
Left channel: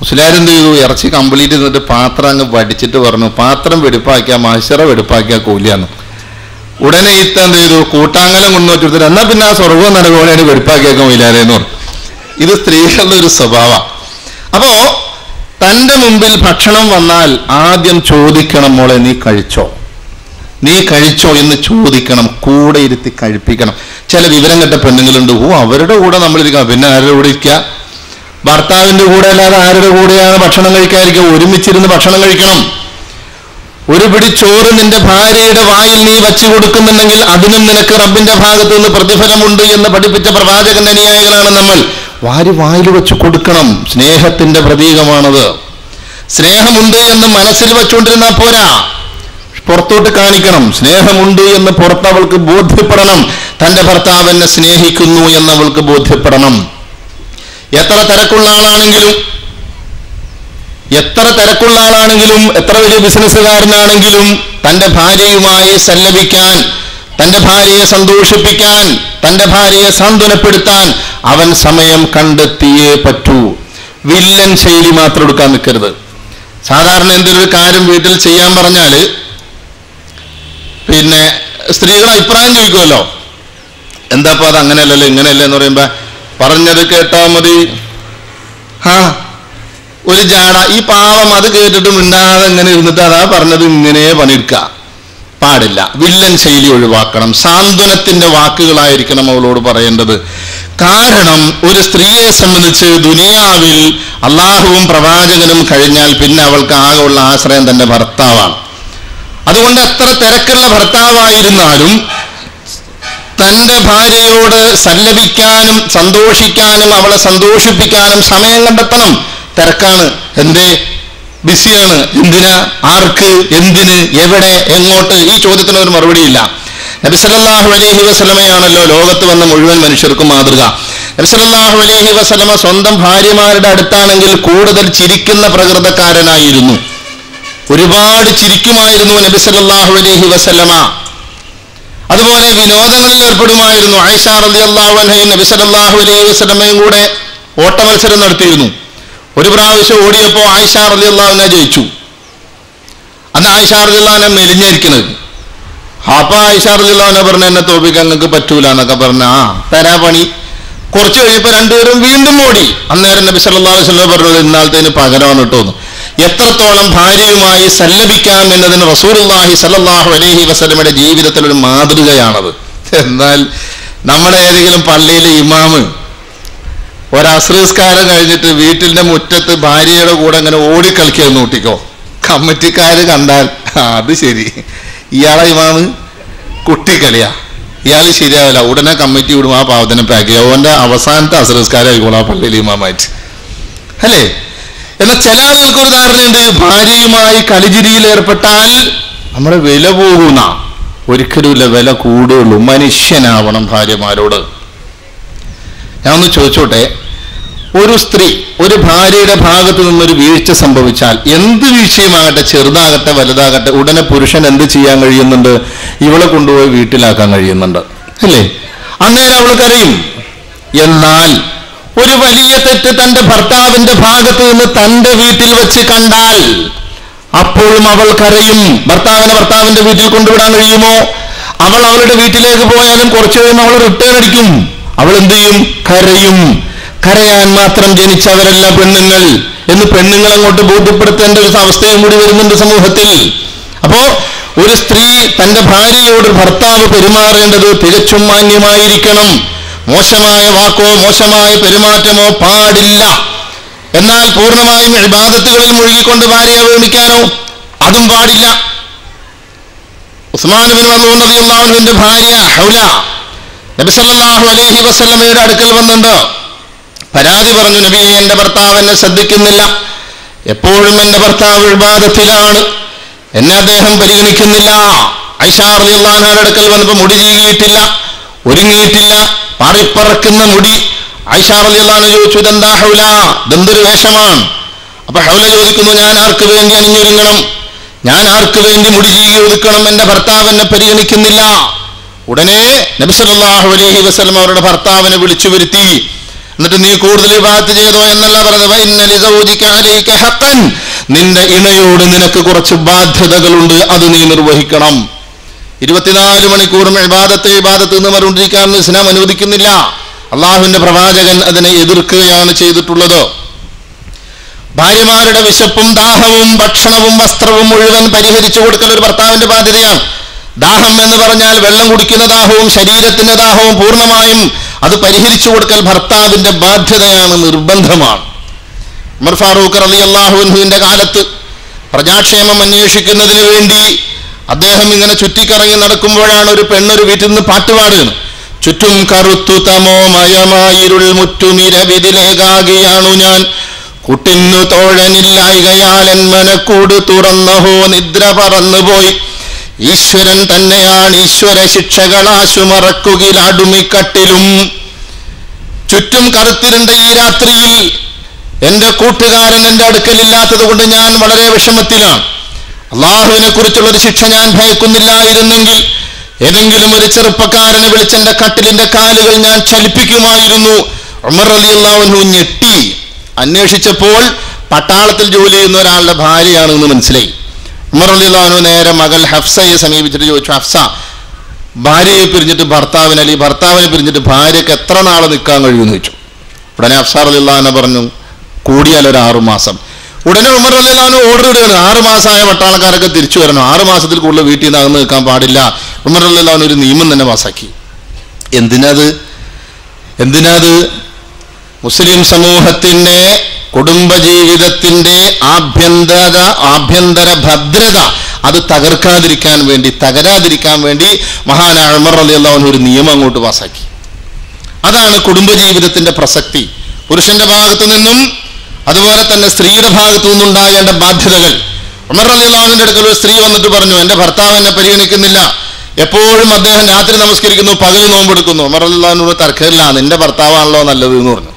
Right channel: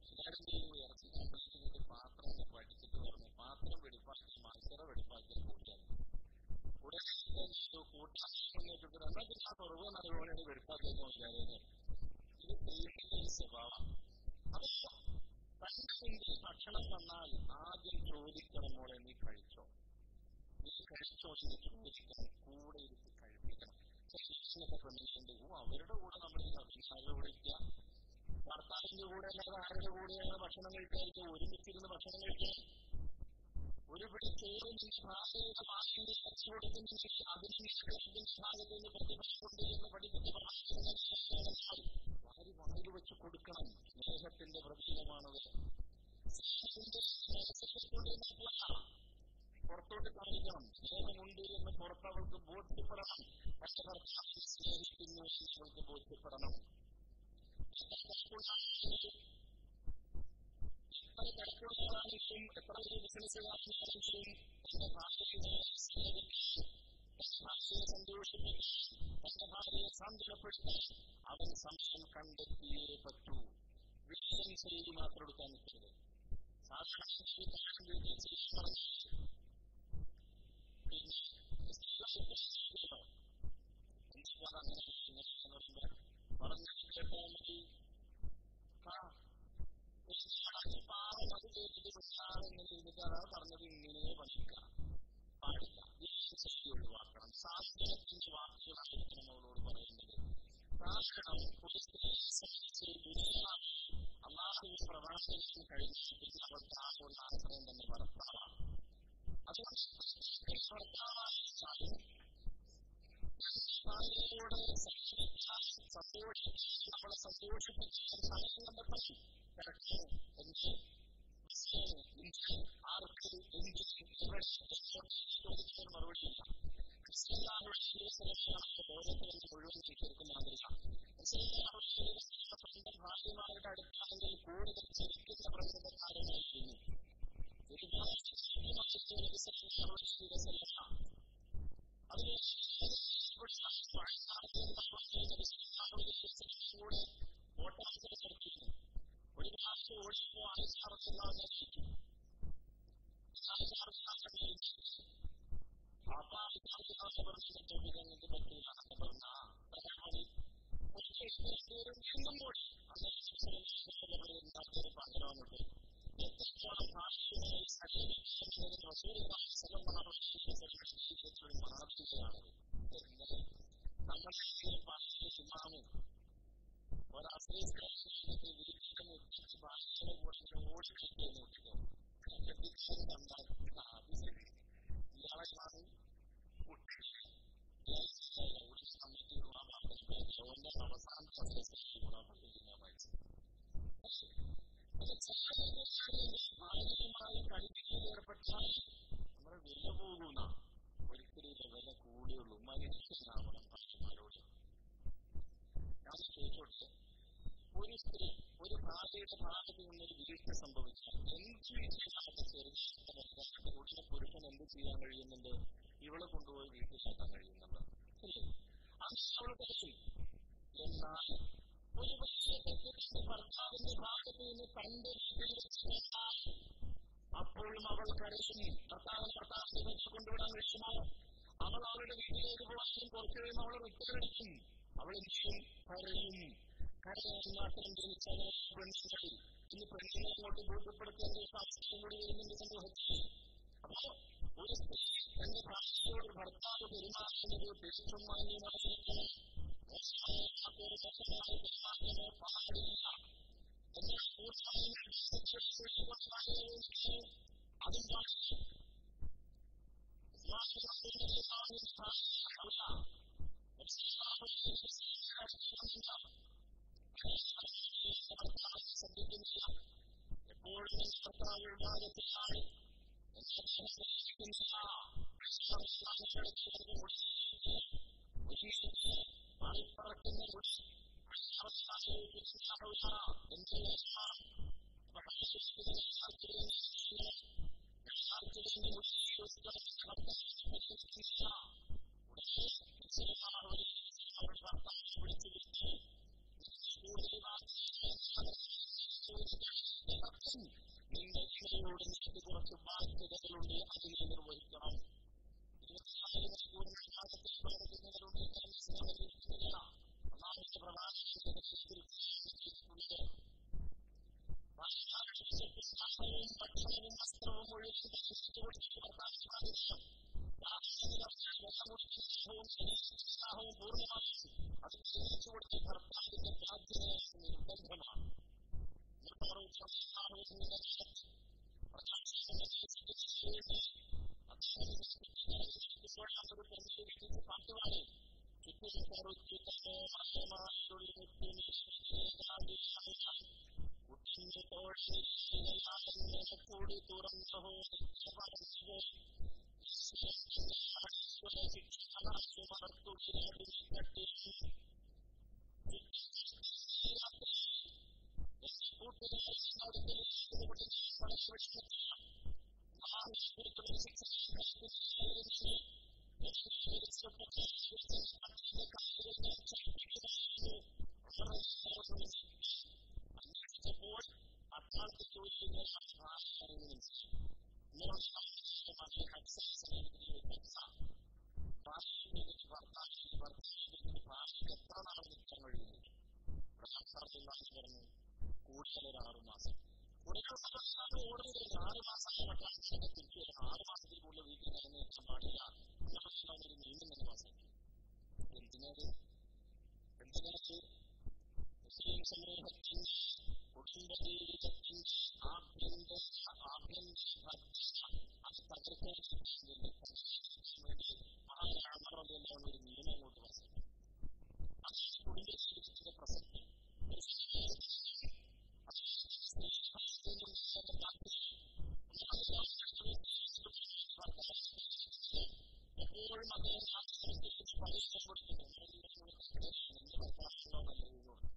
മുസ്ലിയാർ എന്ത് ചെയ്തു? ഇറച്ചി കംപ്ലീറ്റ് തിന്നിട്ട് പാത്രം അങ്ങ് വടിച്ചിട്ട് പറഞ്ഞു, പാത്രം വെടുപ്പാക്കിയാ മത്സര വെടുപ്പാക്കിയാ കൂലിയാന്ന്. ഉടനെ ഈത്ത എന്ത് ചെയ്തു? കൂട്ടാങ്കലം കൊണ്ടുവച്ചിട്ട് എന്നാ പിന്നെ ആ സ്വർഗവും നരകോനെയാണ് വെടുപ്പാക്കിയേക്കാൻ ഇല്ലാതെന്ന് പറഞ്ഞു. ഇത് സ്ത്രീകളുടെ ഒരു സ്വഭാവം. അപ്പോ തൻ്റെ മുമ്പിൽ ഭക്ഷണം വന്നാൽ ആദ്യം ചോദിക്കണം, മോളെ നീ കഴിച്ചോ എന്ന് ചോദിക്കണം. കൂടെ ഇരുത്തി കഴിപ്പിക്കണം. ചില വിവരം കെട്ട പെണ്ണുങ്ങളുണ്ട്, അവരുടെ കൂടെ നമ്മളിരിക്കണം. പിന്നെ ആരുടെ കൂടെ ഇരിക്കുക? ഭർത്താവിന്റെ കൂടെ അല്ലാതെ ആരുടെ കൂടെയാണ് ഭക്ഷണം കഴിക്കാതിരിക്കുക? ഒരുമിച്ചിരുന്ന് ഭക്ഷണം കഴിക്കണം. ഒരു പിടി ചോറ് നിന്റെ ഭാര്യയുടെ വായിൽ നീ വച്ചു കൊടുക്കുന്നുണ്ടെങ്കിൽ അതിനും നിനക്ക് റബ്ബിന്റെ ഭാഗത്ത് നിന്ന് പ്രതിഫലമുണ്ട് എന്ന് പഠിപ്പിച്ച പ്രവാചകന്റെ അനുയായികളാണ് നമ്മൾ. വായിൽ വെച്ച് കൊടുക്കണം. സ്നേഹത്തിന്റെ പ്രതീകമാണത്. സ്നേഹമുണ്ട് എന്ന് മനസ്സിൽ വെച്ചുകൊണ്ടിരുന്നാൽ പോരാ, പുറത്തോട്ട് കാണിക്കണം. സ്നേഹമുണ്ട് എന്ന് പുറത്തവൾക്ക് ബോധ്യപ്പെടണം. തന്റെ ഭർത്താവ് എന്നെ സ്നേഹിക്കുന്നു എന്നവൾക്ക് ബോധ്യപ്പെടണം. എത്ര തിരക്കുള്ള ആളാണെങ്കിലും, എത്ര വലിയ ബിസിനസ്സുകാരനാണെങ്കിലും തന്റെ ഭാര്യയുമായി സല്ലപിക്കാൻ, തന്റെ ഭാര്യയെ സന്തോഷിപ്പിക്കാൻ, തന്റെ ഭാര്യയെ സാന്ത്വനപ്പെടുത്താൻ അവൻ സമയം കണ്ടെത്തിയേ പറ്റൂ. വില്ലൻ ശൈലി മാത്രം എടുക്കാൻ നിൽക്കരുത്. സാധാരണ എന്തൊരു കാര്യം വീട്ടിൽ ചെയ്യാൻ പറഞ്ഞാല് പിന്നെ സ്ത്രീകൾ അഭിപ്രായം ചോദിക്കുമല്ലോ, എന്താപ്പോ അത് അങ്ങനെയല്ലല്ലോ ഇങ്ങനെയല്ലേ എന്ന് പറയുമ്പോ പറഞ്ഞത് കേട്ടാ മതി. ഒരു ജാട, ഈ പാവം അത് കേട്ടിട്ട് മിണ്ടാതെ ഇങ്ങനെ ഇരുന്നിട്ട് അതാ പറഞ്ഞത് ഇങ്ങനെ പണിയെടുക്കുക പാടില്ല. വില്ലൻ ശൈലി ഒഴിവാക്കണം. സാന്ത്വനത്തിന്റെ വാക്കുകളായിരിക്കണം അവളോട് പറയേണ്ടത്. കാരണം ഒരു സ്ത്രീയെ സംബന്ധിച്ച് ദുനിയാവിൽ അള്ളാഹുവും പ്രവാചകനും കഴിഞ്ഞാൽ പിന്നെ അവൾക്ക് ആകെ ഉള്ള ആശ്രയം തന്റെ ഭർത്താവാണ്. അതുകൊണ്ട് എത്ര തിരക്കുള്ള ഭർത്താവായിരുന്നാലും തന്റെ ഭാര്യയോട് സല്ലപിക്കാനും സന്തോഷിക്കാനും അവളെ സന്തോഷിപ്പിക്കാനും സമയം കണ്ടെത്തണം. തിരക്കാണ്, എന്തേ, ബിസിയാണ്, എന്തിനാ, ആർക്ക്, എന്തിന്, എവിടെ, എങ്ങോട്ട്, ഈ ചോദ്യത്തിനൊരു മറുപടിയില്ല. നബി സല്ലല്ലാഹു അലൈഹി വസല്ലമയാണല്ലോ ലോകത്ത് വന്ന മുഴുവൻ മനുഷ്യർക്കും മാതൃക. നബി സല്ലല്ലാഹു അലൈഹി വസല്ലമ സ്വന്തം ഭാര്യമാരുടെ അടുത്താണെങ്കിൽ കൂടുതൽ ചിരിക്കുന്ന പ്രകൃതക്കാരനായിരുന്നു. ഒരുപാട് ചിരിക്കുമായിരുന്നു നബി സല്ലല്ലാഹു അലൈഹി വസല്ലമ. അതുപോലെ വിനോദങ്ങളിൽ ഏർപ്പെടുമായിരുന്നു. ആയിഷ റളിയല്ലാഹു അൻഹയും നബി സല്ലല്ലാഹു അലൈഹി വസല്ലമയും കൂടെ ഓട്ടമത്സരം നടത്തിയിരുന്നു. ഒരു പ്രാവശ്യം ഓടിയപ്പോൾ ആയിഷ റളിയല്ലാഹു അൻഹ ജയിച്ചു. അന്ന് ആയിഷ റളിയല്ലാഹു അൻഹ മെലിഞ്ഞിരിക്കുന്നത്. അപ്പൊ ആയിഷ റളിയല്ലാഹു അൻഹ പറഞ്ഞ എന്നെ തോൽപ്പിക്കാൻ നിങ്ങൾക്ക് പറ്റൂല എന്നൊക്കെ പറഞ്ഞ തരാ പണി. കുറച്ച് കഴിഞ്ഞപ്പോൾ രണ്ടുപേരും വീണ്ടും ഓടി. അന്നേരം നബി സല്ലല്ലാഹു അലൈഹി വസല്ലം പറഞ്ഞത് ഇന്നാളത്തേന് പകരമാണ് കേട്ടോന്ന്. എത്രത്തോളം ഭാര്യയുമായി സല്ലപിക്കാം എന്നതിന് റസൂലുള്ളാഹി സ്വല്ലല്ലാഹു അലൈഹി വസല്ലമയുടെ ജീവിതത്തിൽ ഒരു മാതൃകയാണത്. എന്നാൽ നമ്മുടെ ഏതെങ്കിലും പള്ളിയിലെ ഇമാമ് ഒരസ്രസ്കാരം കഴിഞ്ഞിട്ട് വീട്ടിന്റെ മുറ്റത്ത് ഭാര്യയുടെ കൂടെ അങ്ങനെ ഓടിക്കളിക്കാന്ന് കൂട്ടിക്കോ, കമ്മിറ്റിക്കാര് കണ്ടാൽ അത് ശരി, ഇയാളെ ഇമാമ് കുട്ടിക്കളിയാ, ഇയാൾ ശരിയാവില്ല, ഉടനെ കമ്മിറ്റി വിടും ആ പാവത്തിനെ പാക്ക് ചെയ്യുക. അവന്റെ അവസാനത്തെ അസ്രസ്കാരം ആയിക്കോളാം ആ പള്ളിയിലെ ഇമാമായിട്ട്, അല്ലേ? എന്നാൽ ചില ആളുകൾക്കൊരു ധാരണയുണ്ട്, ഭാര്യയുമായി കളിചിരിയിൽ ഏർപ്പെട്ടാൽ നമ്മുടെ വില പോകുന്ന. ഒരിക്കലുമില്ല, വില കൂടുകയുള്ളൂ. മനുഷ്യനാവണം ഭാര്യമാരോട്. ഞാൻ ഒന്ന് ചോദിച്ചോട്ടെ, ഒരു സ്ത്രീ ഒരു ഭാര്യയുടെ ഭാഗത്ത് നിന്നൊരു വീഴ്ച സംഭവിച്ചാൽ, എന്ത് വീഴ്ചയുമാകട്ടെ, ചെറുതാകട്ടെ വലുതാകട്ടെ, ഉടനെ പുരുഷൻ എന്ത് ചെയ്യാൻ കഴിയുന്നുണ്ട്? ഇവളെ കൊണ്ടുപോയി വീട്ടിലാക്കാൻ കഴിയുന്നുണ്ട്, അല്ലേ? അന്നേരം അവൾ കരയും. എന്നാൽ ഒരു വലിയ തെറ്റ് തന്റെ ഭർത്താവിന്റെ ഭാഗത്ത് നിന്ന് തന്റെ വീട്ടിൽ വെച്ച് കണ്ടാൽ അപ്പോഴും അവൾ കരയും. ഭർത്താവിന്റെ വീട്ടിൽ കൊണ്ടുവിടാൻ കഴിയുമോ? അവൾ അവളുടെ വീട്ടിലേക്ക് പോയാലും കുറച്ചു കഴിയുമ്പോൾ അവൾ റിട്ടേൺ അടിക്കും. അവൾ എന്ത് ചെയ്യും? കരയും. കരയാൻ മാത്രം ജനിച്ചവരല്ല പെണ്ണുങ്ങൾ എന്ന് പെണ്ണുങ്ങൾ അങ്ങോട്ട് ബോധ്യപ്പെടുത്തേണ്ട ഒരു അവസ്ഥയും കൂടി വരുന്നുണ്ട് സമൂഹത്തിൽ. അപ്പോ ഒരു സ്ത്രീ തന്റെ ഭാര്യയോട് ഭർത്താവ് പെരുമാറേണ്ടത് തികച്ചും മാന്യമായിരിക്കണം. മോശമായ വാക്കോ മോശമായ പെരുമാറ്റമോ പാടില്ല. എന്നാൽ പൂർണ്ണമായും ഇബാദത്തുകളിൽ മുഴുകിക്കൊണ്ട് ഭാര്യയെ വേണിക്കാനോ അതും പാടില്ല. ഉസ്മാൻ ഇബ്നു മദ്ഊൻ റളിയല്ലാഹു അൻഹുവിന്റെ ഭാര്യ ഹൗല നബി സല്ലല്ലാഹു അലൈഹി വസല്ലമയുടെ അടുക്കൽ വന്നിട്ട് പരാതി പറഞ്ഞു, നബിയെ, എന്റെ ഭർത്താവ് എന്നെ ശ്രദ്ധിക്കുന്നില്ല, എപ്പോഴും എന്റെ ഭർത്താവ് ഇബാദത്തിലാണ്, എന്നെ അദ്ദേഹം പരിഗണിക്കുന്നില്ല. ആയിഷ റളിയല്ലാഹു അൻഹയുടെ അടുക്കൽ വന്നപ്പോൾ മുടി ചീകിയിട്ടില്ല, ഒരുങ്ങിയിട്ടില്ല, പാറിപ്പറക്കുന്ന മുടി. ആയിഷ റളിയല്ലാഹു അൻഹ ചോദിച്ചു, ഇതെന്താ ഹൗല, ഇതെന്തൊരു വേഷമാണ്? അപ്പൊ ഹൗല ചോദിക്കുന്നു, ഞാൻ ആർക്ക് വേണ്ടി അണിഞ്ഞൊരുങ്ങണം, ഞാൻ ആർക്ക് വേണ്ടി മുടി ചീകി ഒതുക്കണം, എന്റെ ഭർത്താവ് എന്നെ പരിഗണിക്കുന്നില്ല. ഉടനെ നബി സല്ലല്ലാഹു അലൈഹി വസല്ലം അവരുടെ ഭർത്താവിനെ വിളിച്ചു വരുത്തി. എന്നിട്ട് നീ കൂടുതൽ ഇബാദത്ത് ചെയ്തോ എന്നല്ല പറഞ്ഞത്, വഇന്ന ലിസൗജിക അലൈക ഹഖൻ, നിന്റെ ഇണയോട് നിനക്ക് കുറച്ച് ബാധ്യതകളുണ്ട്, അത് നീ നിർവഹിക്കണം. 24 മണിക്കൂറും ഇബാദത്ത് എന്ന് പറഞ്ഞിരിക്കാൻ ഇസ്ലാം അനുവദിക്കുന്നില്ല. അള്ളാഹുവിന്റെ പ്രവാചകൻ അതിനെ എതിർക്കുകയാണ് ചെയ്തിട്ടുള്ളത്. ഭാര്യമാരുടെ വിശപ്പും ദാഹവും ഭക്ഷണവും വസ്ത്രവും മുഴുവൻ പരിഹരിച്ചു കൊടുക്കൽ ഒരു ഭർത്താവിന്റെ ബാധ്യതയാണ്. ദാഹം എന്ന് പറഞ്ഞാൽ വെള്ളം കുടിക്കുന്ന ദാഹവും ശരീരത്തിന്റെ ദാഹവും പൂർണ്ണമായും അത് പരിഹരിച്ചു കൊടുക്കൽ ഭർത്താവിന്റെ ബാധ്യതയാണ്, നിർബന്ധമാണ്. ഉമർ ഫാറൂഖ് റളിയല്ലാഹു അൻഹുവിന്റെ കാലത്ത് പ്രജാക്ഷേമം അന്വേഷിക്കുന്നതിന് വേണ്ടി അദ്ദേഹം ഇങ്ങനെ ചുറ്റിക്കറങ്ങി നടക്കുമ്പോഴാണ് ഒരു പെണ്ണൊരു വീട്ടിൽ നിന്ന് പാട്ടുപാടുകയാണ്. ചുറ്റും കറുത്തു തമോമയമായിരുൾ മുറ്റുമിരവിതിലേകാകിയാണു ഞാൻ, കുട്ടിന്നു തോഴനില്ലായികയാൽ എൻ മനക്കൂട് തുറന്നഹോ നിദ്ര പറന്നുപോയി. ഈശ്വരൻ തന്നെയാണ് ഈശ്വര ശിക്ഷകളാശു മറക്കുകിലാടുമിക്കട്ടിലും. ചുറ്റും കറുത്തിരുണ്ട ഈ രാത്രിയിൽ എന്റെ കൂട്ടുകാരൻ എന്റെ അടുക്കലില്ലാത്തത് കൊണ്ട് ഞാൻ വളരെ വിഷമത്തിലാണ്. അള്ളാഹുവിനെ കുറിച്ചുള്ളൊരു ശിക്ഷ ഞാൻ ഭയക്കുന്നില്ലായിരുന്നെങ്കിൽ ഏതെങ്കിലും ഒരു ചെറുപ്പക്കാരനെ വിളിച്ചെന്റെ കട്ടിലിന്റെ കാലുകൾ ഞാൻ ചലിപ്പിക്കുമായിരുന്നു. ഉമർ റളിയല്ലാഹു അൻഹു ഞെട്ടി. അന്വേഷിച്ചപ്പോൾ പട്ടാളത്തിൽ ജോലി ചെയ്യുന്ന ഒരാളുടെ ഭാര്യയാണെന്ന് മനസ്സിലായി. ഉമർ റളിയല്ലാഹു അൻഹു നേരെ മകൾ ഹഫ്സയെ സമീപിച്ചിട്ട് ചോദിച്ചു, ഹഫ്സ, ഭാര്യയെ പിരിഞ്ഞിട്ട് ഭർത്താവിന് അല്ലെങ്കിൽ ഭർത്താവിനെ പിരിഞ്ഞിട്ട് ഭാര്യക്ക് എത്ര നാളെ നിൽക്കാൻ കഴിയുമെന്ന് ചോദിച്ചു. ഉടനെ ഹഫ്സ റളിയല്ലാഹു അൻഹ പറഞ്ഞു, കൂടിയാൽ ഒരു 6 മാസം. ഉടനെ ഉമർ റളിയല്ലാഹു അൻഹു ഓർഡർ ഇടുകയാണ്, 6 മാസമായ പട്ടാളക്കാരൊക്കെ തിരിച്ചു വരണം, 6 മാസത്തിൽ കൂടുതൽ വീട്ടിൽ നിന്ന് അകന്ന് നിൽക്കാൻ പാടില്ല. ഉമർ റളിയല്ലാഹു അൻഹു ഒരു നിയമം തന്നെ പാസാക്കി. എന്തിനാത്? മുസ്ലിം സമൂഹത്തിന്റെ കുടുംബജീവിതത്തിന്റെ ആഭ്യന്തര ഭദ്രത അത് തകരാതിരിക്കാൻ വേണ്ടി മഹാനായ ഉമർ റളിയല്ലാഹു അൻഹു ഒരു നിയമം അങ്ങോട്ട് പാസാക്കി. അതാണ് കുടുംബജീവിതത്തിന്റെ പ്രസക്തി. പുരുഷന്റെ ഭാഗത്തു നിന്നും അതുപോലെ തന്നെ സ്ത്രീയുടെ ഭാഗത്തു നിന്നുണ്ടാകേണ്ട ബാധ്യതകൾ. ഉമർ റളിയല്ലാഹു അൻഹുവിന്റെ അടുക്കൽ ഒരു സ്ത്രീ വന്നിട്ട് പറഞ്ഞു, എന്റെ ഭർത്താവ് എന്നെ പരിഗണിക്കുന്നില്ല, എപ്പോഴും അദ്ദേഹം രാത്രി നമസ്കരിക്കുന്നു, പകല് നോമ്പെടുക്കുന്നു. ഉമർ റളിയല്ലാഹു അൻഹു തർക്കമില്ല, നിന്റെ ഭർത്താവാണല്ലോ നല്ലത് എന്ന് പറഞ്ഞു.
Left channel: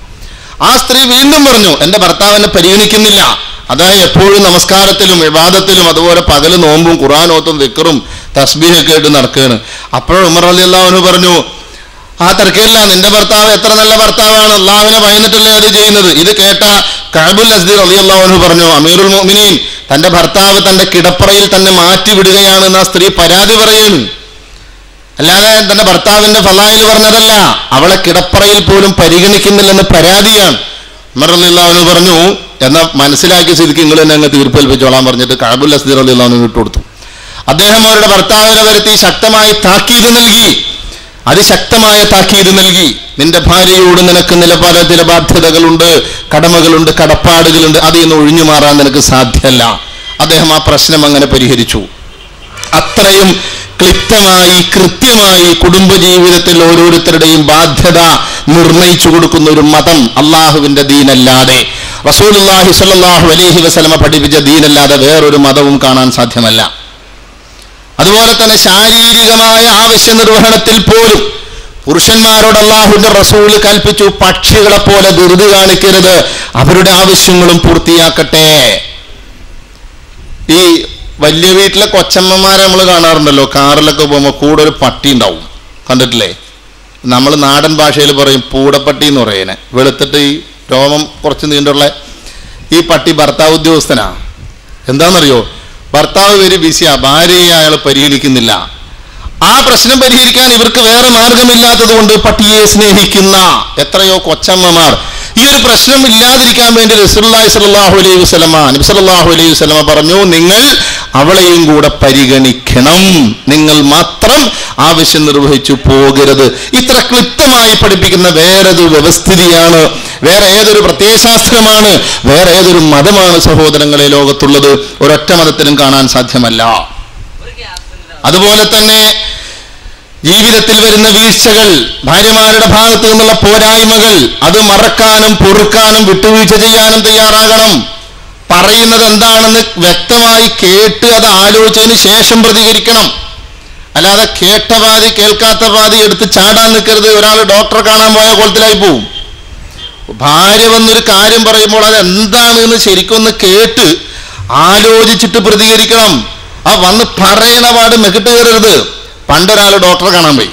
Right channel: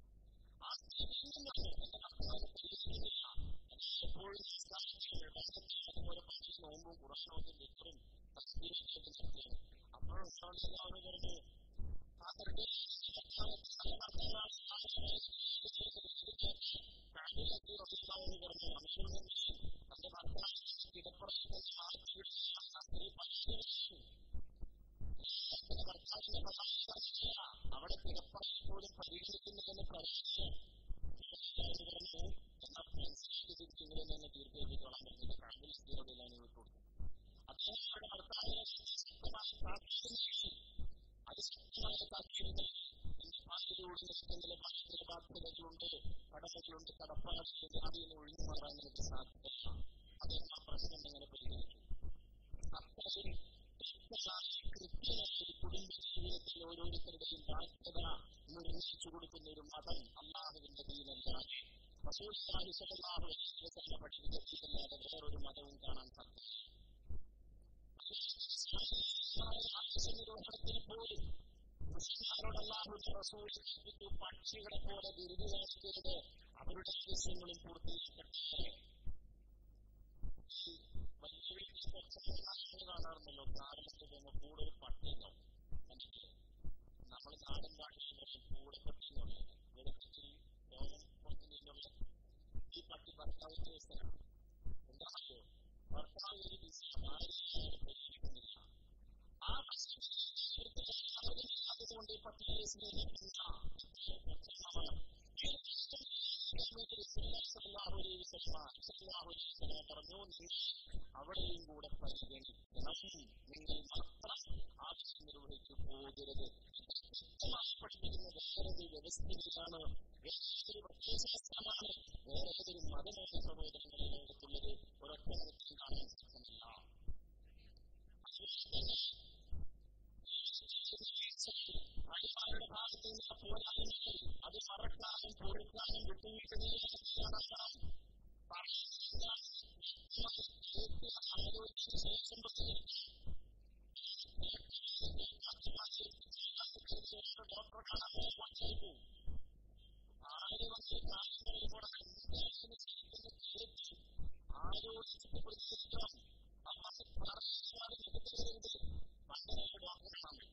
ആ സ്ത്രീ വീണ്ടും പറഞ്ഞു, എന്റെ ഭർത്താവ് എന്നെ പരിഗണിക്കുന്നില്ല, അതായത് എപ്പോഴും നമസ്കാരത്തിലും ഇബാദത്തിലും അതുപോലെ പകല് നോമ്പും ഖുർആൻ ഓത്തും ദിക്റും തസ്ബീഹൊക്കെ ആയിട്ട് നടക്കുകയാണ്. അപ്പോൾ ഉമർ റളിയല്ലാഹു അൻഹു പറഞ്ഞു, ആ തർക്കമില്ല, നിന്റെ ഭർത്താവ് എത്ര നല്ല ഭർത്താവാണ്, അള്ളാഹുവിനെ ഭയന്നിട്ടല്ലേ അത് ചെയ്യുന്നത്. ഇത് കേട്ട കഅബുൽ അസ്ദി റളിയല്ലാഹു അൻഹു പറഞ്ഞു, അമീറുൽ മുഅ്മിനീൻ തന്റെ ഭർത്താവ് തന്റെ കിടപ്പറയിൽ തന്നെ മാറ്റി വിടുകയാണെന്ന് ആ സ്ത്രീ പരാതി പറയുന്നു. അല്ലാതെ തന്റെ ഭർത്താവിന്റെ ഫളായിൽ പറഞ്ഞതല്ല, അവളെ കിടപ്പറയിൽ പോലും പരിഗണിക്കുന്നില്ലെന്ന് പരാതിയാണ്. ഉമർ റളിയല്ലാഹു അൻഹു പറഞ്ഞു, എന്നാ മനസ്സിലാക്കിയ സ്ഥിതിക്ക് നിങ്ങൾ തന്നെ അങ്ങ് തീർപ്പേൽപ്പിച്ചോളാൻ പറഞ്ഞിട്ട് കഅബുൽ അസ്ദി റളിയല്ലാഹു അൻഹു വിട്ടുകൊടുത്തു. അദ്ദേഹം അവരുടെ ഭർത്താവിനെ വരുത്തി ശക്തമായി താക്കീത് നൽകി, അതിശക്തമായ താക്കീത് നൽകി. നിന്റെ ഭാര്യയോട് നിനക്ക് ചില ബാധ്യതകളുണ്ട്, കടമകളുണ്ട്, കടപ്പാടുകളുണ്ട്, അതിൽ നിന്ന് ഒഴിഞ്ഞു മാറാൻ നിനക്ക് സാധ്യമല്ല. അദ്ദേഹം ആ പ്രശ്നം അങ്ങനെ പരിഹരിച്ചു. അത്രയും ക്ലിപ്തമായി കൃത്യമായി കുടുംബജീവിതത്തിൽ ഓരോരുത്തരുടെയും ബാധ്യത നിർണയിച്ചു കൊടുക്കുന്ന ഒരു മതം അള്ളാഹുവിന്റെ ദീനല്ലാതെ, റസൂലുള്ളാഹി സ്വല്ലല്ലാഹു അലൈഹി വസല്ലമ പഠിപ്പിച്ച ദീനല്ലാതെ വേറൊരു മതവും കാണാൻ സാധ്യമല്ല. അതുപോലെ തന്നെ ശാരീരികമായ ആവശ്യ നിർവഹണത്തിൽ പോലും പുരുഷന്മാരോട് അല്ലാഹുവിന്റെ റസൂൽ കൽപ്പിച്ചു, പക്ഷികളെ പോലെ ധൃതി കാണിക്കരുത്, അവരുടെ ആവശ്യങ്ങളും പൂർത്തിയാക്കട്ടെ. ഈ വലിയ വീട്ടിലെ കൊച്ചമ്മമാരെ നമ്മൾ കാണാറുണ്ടല്ലോ, കാറിലൊക്കെ പോകുമ്പോൾ കൂടെ ഒരു പട്ടി ഉണ്ടാവും, കണ്ടിട്ടില്ലേ? നമ്മൾ നാടൻ ഭാഷയിൽ പറയും പൂടപ്പട്ടി എന്ന് പറയുന്നത്. വെളുത്തിട്ട് ഈ രോമം കുറച്ച് നീണ്ടുള്ള ഈ പട്ടി ഭർത്താവ് ഉദ്യോഗസ്ഥനാ. എന്താണെന്നറിയോ? ഭർത്താവ് വെരി ബിസിയാ, ഭാര്യയെ അയാൾ പരിഗണിക്കുന്നില്ല. ആ പ്രശ്നം പരിഹരിക്കാൻ ഇവർക്ക് വേറെ മാർഗമില്ലാത്തത് കൊണ്ട് പട്ടിയെ സ്നേഹിക്കുന്ന എത്രയോ കൊച്ചമ്മമാർ. ഈ ഒരു പ്രശ്നം ഇല്ലാതിരിക്കാൻ വേണ്ടി റസൂലുള്ളാഹി സ്വല്ലല്ലാഹു അലൈഹി വസല്ലമ, നബി സല്ലല്ലാഹു അലൈഹി വസല്ലമ പറഞ്ഞു, നിങ്ങൾ അവളെയും കൂടെ പരിഗണിക്കണം, നിങ്ങൾ മാത്രം ആവശ്യം നിർവഹിച്ചു പോകരുത്. ഇത്ര ക്ലിപ്തമായി പഠിപ്പിക്കുന്ന വേറൊരു വ്യവസ്ഥിതിയാണ്, വേറെ ഏതൊരു പ്രത്യയശാസ്ത്രമാണ്, വേറെ ഏതൊരു മതമാണ് സഹോദരങ്ങളെ ലോകത്തുള്ളത്? ഒരൊറ്റ മതത്തിനും കാണാൻ സാധ്യമല്ല. അതുപോലെ തന്നെ ജീവിതത്തിൽ വരുന്ന വീഴ്ചകൾ, ഭാര്യമാരുടെ ഭാഗത്തു നിന്നുള്ള പോരായ്മകൾ, അത് മറക്കാനും പൊറുക്കാനും വിട്ടുവീഴ്ച ചെയ്യാനും തയ്യാറാകണം. പറയുന്നത് എന്താണെന്ന് വ്യക്തമായി കേട്ട് അത് ആലോചിച്ചതിന് ശേഷം പ്രതികരിക്കണം. അല്ലാതെ കേട്ട പാതി കേൾക്കാത്ത പാതി എടുത്ത് ചാടാൻ നിൽക്കരുത്. ഒരാൾ ഡോക്ടറെ കാണാൻ പോയ കോലത്തിലായി പോവും. ഭാര്യ വന്നൊരു കാര്യം പറയുമ്പോൾ അത് എന്താണ് എന്ന് ശരിക്കൊന്ന് കേട്ട് ആലോചിച്ചിട്ട് പ്രതികരിക്കണം. ആ വന്ന് പറയണ പാട് മെക്കിട്ട് കയറരുത്. പണ്ടൊരാൾ ഡോക്ടറെ കാണാൻ പോയി,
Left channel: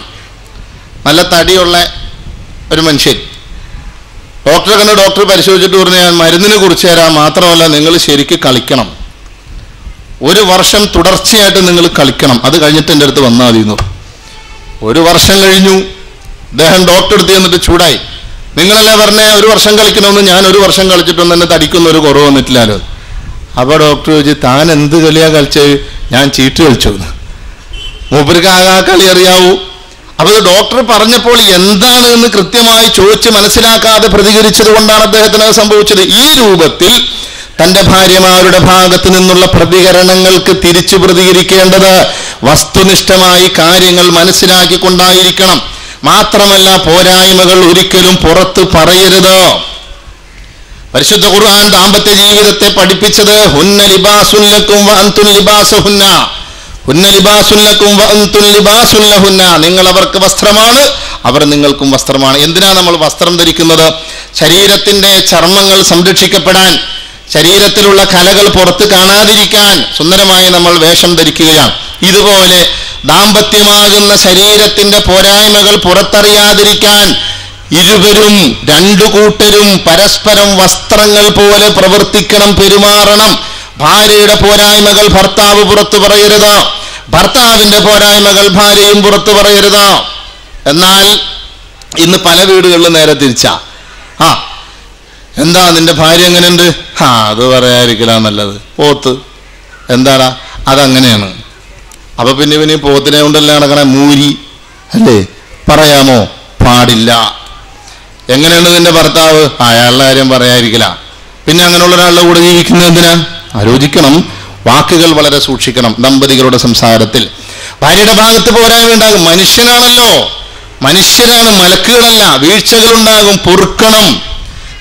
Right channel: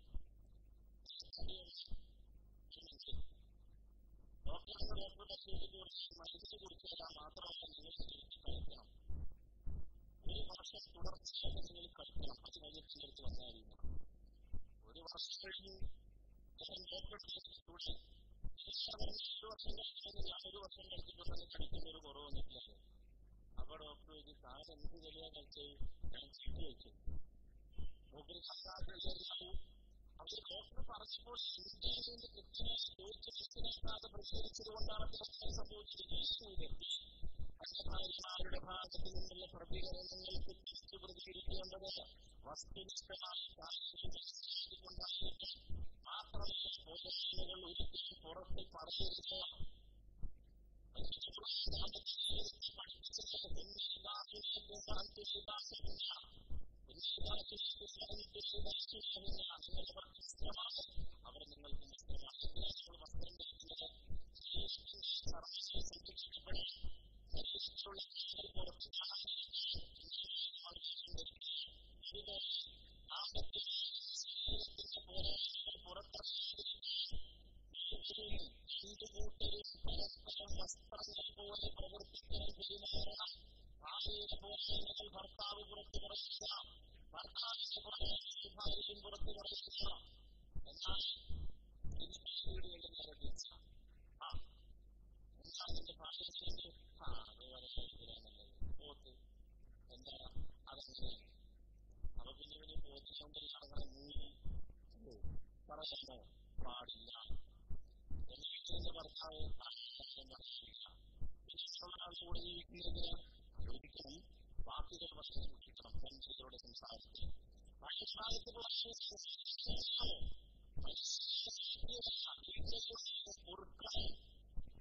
നല്ല തടിയുള്ള ഒരു മനുഷ്യൻ. ഡോക്ടറെ കണ്ട് ഡോക്ടർ പരിശോധിച്ചിട്ട് പറഞ്ഞു, ഞാൻ മരുന്നിനെ കുറിച്ച് തരാം, മാത്രമല്ല നിങ്ങൾ ശരിക്ക് കളിക്കണം, 1 വർഷം തുടർച്ചയായിട്ട് നിങ്ങൾ കളിക്കണം, അത് കഴിഞ്ഞിട്ട് എൻ്റെ അടുത്ത് വന്നാൽ മതി എന്ന്. 1 വർഷം കഴിഞ്ഞു. അദ്ദേഹം ഡോക്ടറെ അടുത്ത് ചെന്നിട്ട് ചൂടായി, നിങ്ങളല്ലേ പറഞ്ഞേ 1 വർഷം കളിക്കണമെന്ന്, ഞാൻ 1 വർഷം കളിച്ചിട്ടൊന്നും തന്നെ തടിക്കുന്ന ഒരു കുറവ് വന്നിട്ടില്ലല്ലോ. അപ്പോൾ ഡോക്ടർ ചോദിച്ചു, താൻ എന്ത് കളിയാ കളിച്ചത്? ഞാൻ ചീട്ട് കളിച്ചു. മൂപ്പർക്ക് ആകെ ആ കളി അറിയാവൂ. അപ്പോൾ ഡോക്ടർ പറഞ്ഞപ്പോൾ എന്താണ് എന്ന് കൃത്യമായി ചോദിച്ച് മനസ്സിലാക്കാതെ പ്രതികരിച്ചത് കൊണ്ടാണ് അദ്ദേഹത്തിന് സംഭവിച്ചത്. ഈ രൂപത്തിൽ തന്റെ ഭാര്യമാരുടെ ഭാഗത്തു നിന്നുള്ള പ്രതികരണങ്ങൾക്ക് തിരിച്ചു പ്രതികരിക്കേണ്ടത് വസ്തുനിഷ്ഠമായി കാര്യങ്ങൾ മനസ്സിലാക്കിക്കൊണ്ടായിരിക്കണം. മാത്രമല്ല, പോരായ്മകൾ ഒരിക്കലും പുറത്ത് പറയരുത്. പരിശുദ്ധ ഖുർആൻ ദാമ്പത്യ ജീവിതത്തെ പഠിപ്പിച്ചത് ഹുന്ന ലിബാസുൻ ലക്കും വ അൻതും ലിബാസുഹുന്ന, ഹുന്ന ലിബാസുൻ ലക്കും വ അൻതും ലിബാസുൻ ലഹുന്ന. നിങ്ങൾ അവർക്ക് വസ്ത്രമാണ്, അവർ നിങ്ങൾക്കും വസ്ത്രമാണ്. എന്തിനാ നമ്മൾ വസ്ത്രം ധരിക്കുന്നത്? ശരീരത്തിന്റെ ചർമ്മങ്ങൾ സംരക്ഷിക്കപ്പെടാൻ, ശരീരത്തിലുള്ള കലകൾ പുറത്ത് കാണാതിരിക്കാൻ സുന്ദരമായി നമ്മൾ വേഷം ധരിക്കുകയാണ്. ഇതുപോലെ ദാമ്പത്യമാകുന്ന ശരീരത്തിന്റെ പോരായ്മകൾ പുറത്തറിയാതിരിക്കാൻ ഇരുവരും, രണ്ടു കൂട്ടരും പരസ്പരം വസ്ത്രങ്ങൾ പോലെ പ്രവർത്തിക്കണം, പെരുമാറണം. ഭാര്യയുടെ പോരായ്മകൾ ഭർത്താവ് പുറത്തു പറയരുത്, ഭർത്താവിന്റെ പോരായ്മകൾ ഭാര്യയും പുറത്തു പറയരുത്. എന്നാൽ ഇന്ന് പല വീടുകളിലും നേരെ തിരിച്ചാ. എന്താ നിന്റെ ഭാര്യ എങ്ങനെയുണ്ട്? അത് പറയാതിരിക്കലാ നല്ലത്. പോത്ത് എന്താടാ, അതങ്ങനെയാണ്. അപ്പൊ പിന്നെ പോത്തിനെ കൊണ്ടല്ലേ നടക്കണേ, മൂരി അല്ലേ? പറയാമോ? പാടില്ല. എങ്ങനെയുണ്ട് നിന്റെ ഭർത്താവ്? അയാളുടെ കാര്യം പറയാതിരിക്കല. പിന്നെ അങ്ങനെയുള്ള ഒരാളുടെ കൂടെ ജീവിക്കുന്നത് എന്തിനാ? ആലോചിക്കണം, വാക്കുകൾ വളരെ സൂക്ഷിക്കണം. ദമ്പതികളുടെ സംസാരത്തിൽ ഭാര്യയുടെ ഭാഗത്ത് പോരായ്മ ഉണ്ടാകും. മനുഷ്യനാണല്ലോ, മനുഷ്യരാണ്, മലക്കുകളല്ല. വീഴ്ചകളുണ്ടാകും, പൊറുക്കണം,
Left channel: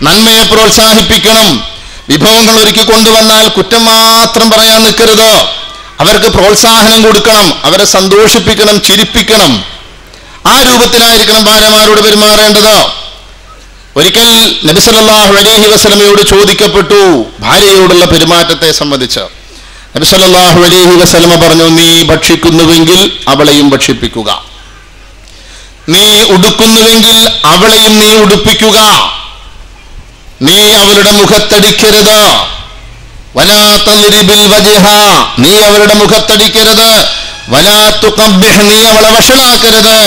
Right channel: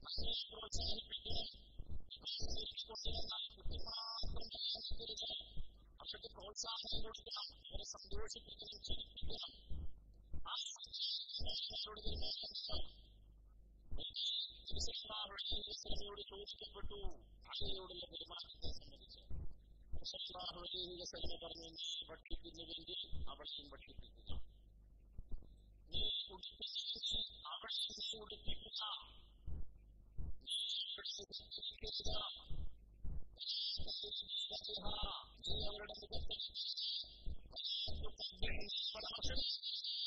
നന്മയെ പ്രോത്സാഹിപ്പിക്കണം. വിഭവങ്ങൾ ഒരുക്കി കൊണ്ടുവന്നാൽ കുറ്റം മാത്രം പറയാൻ നിൽക്കരുത്. അവർക്ക് പ്രോത്സാഹനം കൊടുക്കണം, അവരെ സന്തോഷിപ്പിക്കണം, ചിരിപ്പിക്കണം. ആ രൂപത്തിലായിരിക്കണം ഭാര്യമാരോട് പെരുമാറേണ്ടത്. ഒരിക്കൽ നബി സല്ലല്ലാഹു അലൈഹി വസല്ലമയോട് ചോദിക്കപ്പെട്ടു ഭാര്യയോടുള്ള പെരുമാറ്റത്തെ സംബന്ധിച്ച്. നബി സല്ലല്ലാഹു അലൈഹി വസല്ലമ പറഞ്ഞു, നീ ഭക്ഷിക്കുന്നുവെങ്കിൽ അവളെയും ഭക്ഷിപ്പിക്കുക, നീ ഉടുക്കുന്നുവെങ്കിൽ അവളെയും നീ ഉടുപ്പിക്കുക, നീ അവളുടെ മുഖത്തടിക്കരുത്, വലാ തദ്രിബിൽ വജ്ഹ, നീ അവളുടെ മുഖത്തടിക്കരുത്, വലാ തുഖബ്ബിഹ്, നീ അവളെ വഷളാക്കരുത്,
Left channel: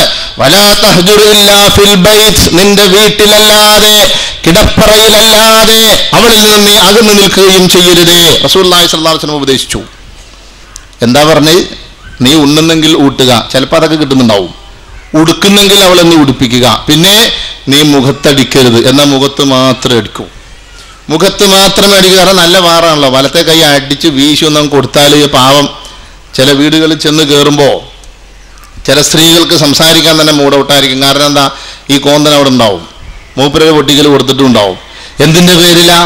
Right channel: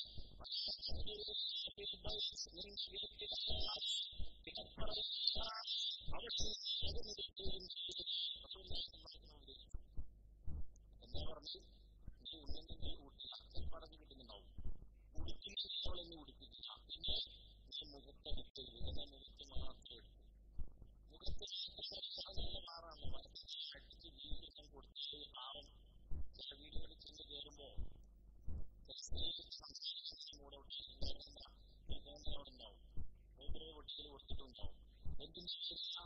വലാ തഹ്ജുർ ഇല്ലാ ഫിൽ ബൈത്ത്, നിന്റെ വീട്ടിലല്ലാതെ കിടപ്പറയിലല്ലാതെ അവളിൽ നിന്ന് നീ അകന്നു നിൽക്കുകയും ചെയ്യരുതേ. റസൂലുള്ളാഹി സ്വല്ലല്ലാഹു അലൈഹി വസല്ലം ഉപദേശിച്ചു. എന്താ പറഞ്ഞേ? നീ ഉണ്ണുന്നെങ്കിൽ ഊട്ടുക, ചിലപ്പോൾ അതൊക്കെ കിട്ടുന്നുണ്ടാവും. ഉടുക്കുന്നെങ്കിൽ അവളെന്ന് ഉടുപ്പിക്കുക. പിന്നെ നീ മുഖത്തടിക്കരുത്, എന്നാൽ മുഖത്ത് മാത്രം അടിക്കൂ, മുഖത്ത് മാത്രമേ അടിക്കുക. കാരണം നല്ല വാറാണല്ലോ, വലത്തെ കൈ അടിച്ച് വീശി ഒന്നും കൊടുത്താൽ പാവം. ചില വീടുകളിൽ ചെന്ന് കയറുമ്പോൾ ചില സ്ത്രീകൾക്ക് സംസാരിക്കാൻ തന്നെ മൂടൗട്ടായിരിക്കും. കാരണം എന്താ? ഈ കോന്തൻ അവിടെ ഉണ്ടാവും, മൂപ്പരൊരു പൊട്ടിക്കൽ കൊടുത്തിട്ടുണ്ടാവും. എന്തിൻ്റെ പേരിലാ?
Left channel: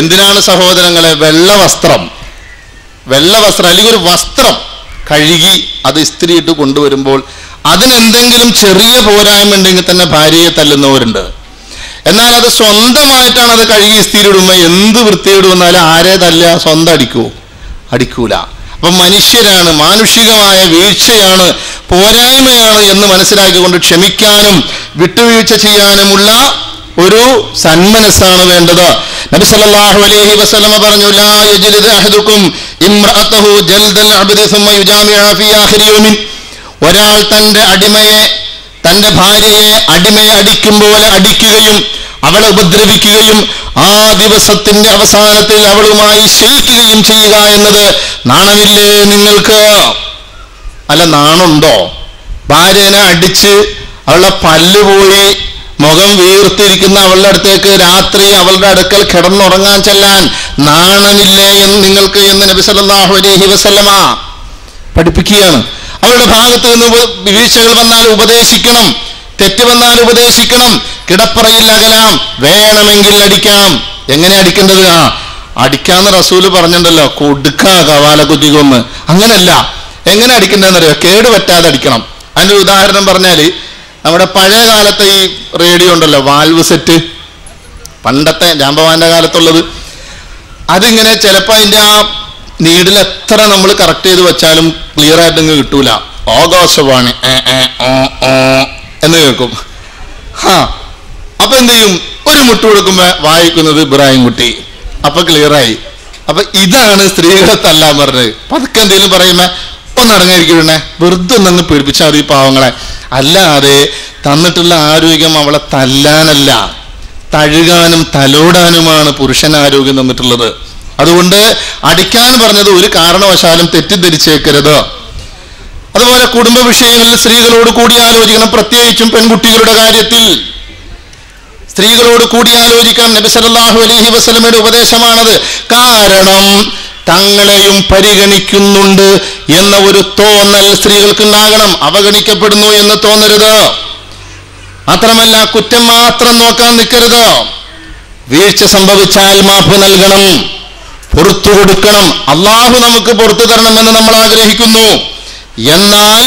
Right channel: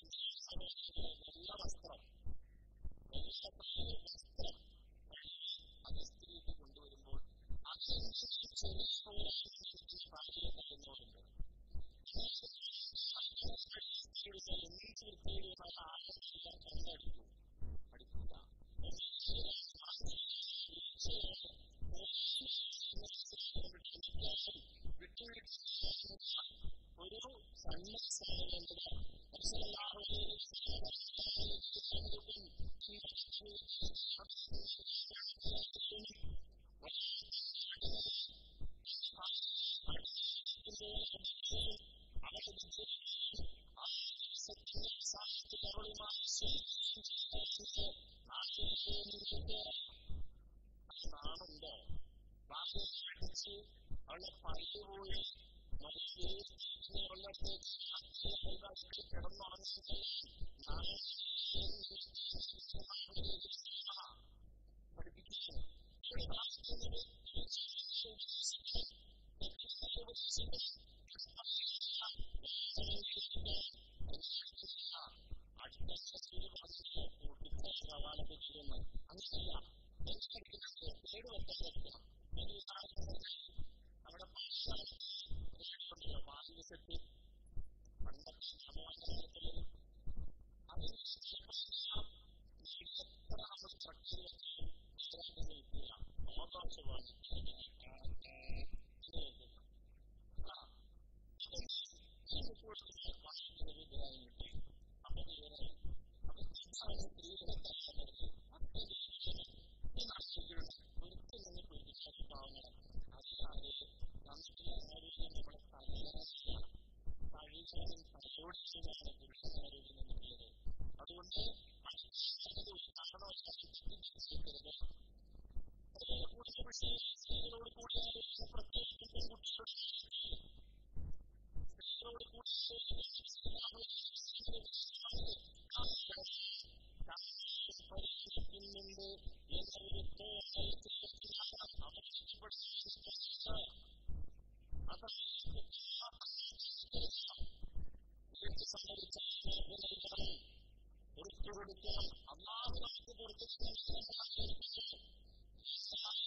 എന്തിനാണ് സഹോദരങ്ങളെ? വെള്ള വസ്ത്രം അല്ലെങ്കിൽ ഒരു വസ്ത്രം കഴുകി അത് ഇസ്തിരിയിട്ട് കൊണ്ടുവരുമ്പോൾ അതിനെന്തെങ്കിലും ചെറിയ പോരായ്മ ഉണ്ടെങ്കിൽ തന്നെ ഭാര്യയെ തല്ലുന്നവരുണ്ട്. എന്നാൽ അത് സ്വന്തമായിട്ടാണ് അത് കഴുകി ഇസ്തിരിയിടുമ്പോൾ എന്ത് വൃത്തിയിടുമെന്നാലും ആരെ തല്ല? സ്വന്തം അടിക്കൂല. അപ്പം മനുഷ്യരാണ്, മാനുഷികമായ വീഴ്ചയാണ്, പോരായ്മയാണ് എന്ന് മനസ്സിലാക്കിക്കൊണ്ട് ക്ഷമിക്കാനും വിട്ടുവീഴ്ച ചെയ്യാനുമുള്ള ഒരു സന്മനസ്സാണ് വേണ്ടത്. നബി സല്ലല്ലാഹു അലൈഹി വസല്ലമ പറഞ്ഞു, ലാ യജ്ലിദ് അഹദുക്കും ഇംറഅതഹു ജൽദൽ അബ്ദി സുമ്മ യുജാമിഅ ഫീ ആഖിരി യൗമിൻ. ഒരാൾ തന്റെ ഭാര്യയെ അടിമയെ അടിക്കും പോലെ അടിക്കുകയും അവളെ ഉപദ്രവിക്കുകയും ആ ദിവസത്തിന്റെ അവസാനത്തിൽ അവളുമായി ശയിക്കുകയും ചെയ്യുക എന്നത് നാണമില്ലേ നിങ്ങൾക്ക്? അല്ല, നാണുണ്ടോ? ഭാര്യനെ അടിച്ച് അവളുടെ പല്ല് പോയി മുഖം വീർത്തിരിക്കുന്ന അവളുടെ അടുത്തേക്ക് രാത്രി അവളുടെ അടുക്കൽ കിടന്നുറങ്ങാൻ ചെല്ലാൻ നാണമില്ലേ എന്ന് നിങ്ങൾക്ക് എന്ന് നബി സല്ലല്ലാഹു അലൈഹി വസല്ലമ പഠിപ്പിക്കുകയാണ്. അവളുടെ ഭാഗത്ത് നിന്ന് വീഴ്ചകൾ വന്നാൽ ഉപദേശിക്കണം, തെറ്റ് വന്നാൽ ഉപദേശിക്കണം. കിടപ്പറയിൽ അകലാം, വേണമെങ്കിൽ അടിക്കാം. എങ്ങനെ അടിക്കേണ്ടത്? അടിക്കാന്ന് റസൂല് പറഞ്ഞിട്ടുണ്ടല്ലോ, കൊടുക്കാ കവാല കുറ്റിക്കൊന്ന്. അങ്ങനല്ല, എങ്ങനെ അടിക്കേണ്ടതെന്നറിയോ? കേടുപറ്റാതെ അടിക്കണം. അതിൻ്റെ ഒരു ഉദാഹരണം പറഞ്ഞാൽ, നമ്മുടെ പഴയ കാലത്തെ ഈ റേഡിയോ ഉണ്ടല്ലോ, വാൽവ് സെറ്റ്, പണ്ടത്തെ ജാമ്പവാന്റെ കാലത്തുള്ളത്, അതിങ്ങനെ ചിലപ്പോൾ അതിൻ്റെ ആ നീഡിൽ എത്ര നമ്മൾ കറക്റ്റ് ചെയ്ത് വെച്ചാലും ക്ലിയർ ആയിട്ടങ്ങ് കിട്ടൂല. ആകാശവാണി എന്ന് കേൾക്കും. അപ്പൊ എന്ത് ചെയ്യും? ഒരു മുട്ട് കൊടുക്കുമ്പോ വായിക്കുന്നത് ഇബ്രാഹിം കുട്ടി, അപ്പൊ ക്ലിയറായി. അപ്പൊ ഇതാണ് സ്ത്രീകളെ തല്ലാൻ പറഞ്ഞത്. പതുക്കെ എന്തെങ്കിലും പറയുമ്പോ ഒന്നടങ്ങിയിരിക്കണേ, വെറുതെ ഒന്നങ്ങ് പേടിപ്പിച്ചാൽ മതി പാവങ്ങളെ. അല്ലാതെ തന്നിട്ടുള്ള ആരോഗ്യം അവളെ തല്ലാനല്ല, തഴുകാനും തലോടാനുമാണ് പുരുഷൻ ആരോഗ്യം തന്നിട്ടുള്ളത്. അതുകൊണ്ട് അടിക്കാൻ പറഞ്ഞത് ഒരു കാരണവശാലും തെറ്റിദ്ധരിച്ചേക്കരുത്. അതുപോലെ കുടുംബ വിഷയങ്ങളിൽ സ്ത്രീകളോട് കൂടി ആലോചിക്കണം, പ്രത്യേകിച്ചും പെൺകുട്ടികളുടെ കാര്യത്തിൽ. സ്ത്രീകളോട് കൂടിയാലോചിക്കണം. നബി സല്ലല്ലാഹു അലൈഹി വസല്ലമയുടെ ഉപദേശമാണത്. കാരണം തങ്ങളെയും പരിഗണിക്കുന്നുണ്ട് എന്ന ഒരു തോന്നൽ സ്ത്രീകൾക്കുണ്ടാകണം. അവഗണിക്കപ്പെടുന്നു എന്ന് തോന്നരുത്. മാത്രമല്ല, കുറ്റം മാത്രം നോക്കാൻ നിൽക്കരുത്. വീഴ്ച സംഭവിച്ചാൽ മാപ്പ് നൽകണം, പുറത്തു കൊടുക്കണം. അള്ളാഹു നമുക്ക് പുറത്തു തരണമെന്ന് നമ്മൾ ആഗ്രഹിക്കുന്നു. എന്നാൽ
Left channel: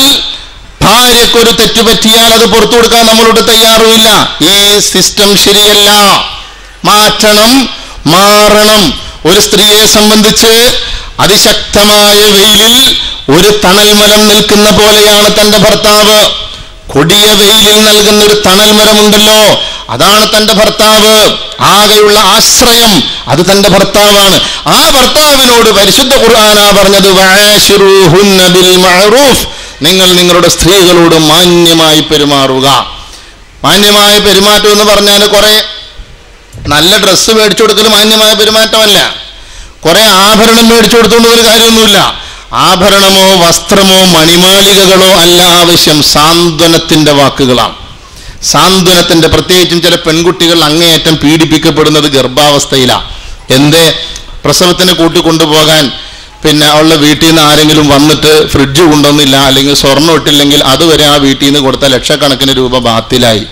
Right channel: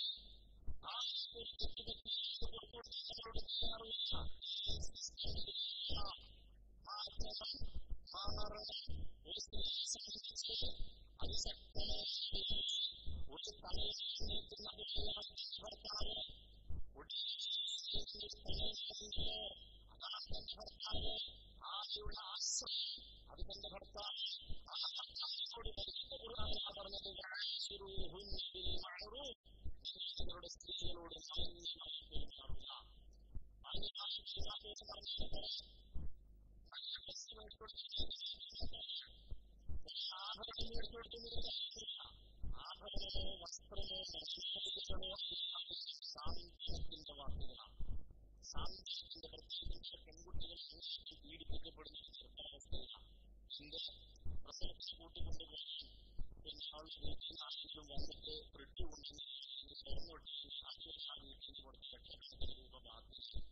ഭാര്യക്കൊരു തെറ്റുപറ്റിയാൽ അത് പുറത്തു കൊടുക്കാൻ നമ്മളോട് തയ്യാറുമില്ല. ഈ സിസ്റ്റം ശരിയല്ല, മാറ്റണം, മാറണം. ഒരു സ്ത്രീയെ സംബന്ധിച്ച് അതിശക്തമായ വെയിലിൽ ഒരു തണൽമരം നിൽക്കുന്ന പോലെയാണ് തന്റെ ഭർത്താവ്. കൊടിയ വെയിലിൽ നൽകുന്ന ഒരു തണൽമരമുണ്ടല്ലോ, അതാണ് തന്റെ ഭർത്താവ്. ആകെയുള്ള ആശ്രയം അത് തന്റെ ഭർത്താവാണ്. ആ ഭർത്താവിനോട് പരിശുദ്ധ ഖുർആനാ പറഞ്ഞത്, വആശിറൂഹുന്ന ബിൽ മഅറൂഫ്, നിങ്ങൾ നിങ്ങളുടെ സ്ത്രീകളോട് മാന്യമായി പെരുമാറുക. മാന്യമായ പെരുമാറ്റം എന്ന് പറഞ്ഞാൽ കുറെ നല്ല ഡ്രസ്സ് മേടിച്ചു കൊടുക്കൽ മാന്യമായ പെരുമാറ്റമല്ല. കുറെ ആഭരണം മേടിച്ചു കൊടുത്തുകൊണ്ട് ഒരു കാര്യമൊന്നുമില്ല. ആഭരണമോ വസ്ത്രമോ മണിമാളികകളോ അല്ല ആവശ്യം, സാന്ത്വനത്തിന്റെ വാക്കുകളാണ്. സാന്ത്വനത്തിന്റെ, പ്രത്യേകിച്ചും ചില പെൺകുട്ടികൾ അങ്ങേയറ്റം പീഡിപ്പിക്കപ്പെടുന്നത് ഗർഭാവസ്ഥയിലാണ്. എന്തേ? പ്രസവത്തിന് കൂട്ടിക്കൊണ്ടുപോകാൻ പിന്നെ അവളുടെ വീട്ടിൽ നിന്ന് ആരെങ്കിലും വന്നിട്ട് ഫ്രിഡ്ജ് കൊണ്ടുവന്നില്ല, അല്ലെങ്കിൽ സ്വർണ്ണം ഇട്ടില്ലെങ്കിൽ അതുവരെ ആ വീട്ടിൽ നിന്ന് കൊടുത്ത ലക്ഷക്കണക്കിന് രൂപ ബാത്തിലായി.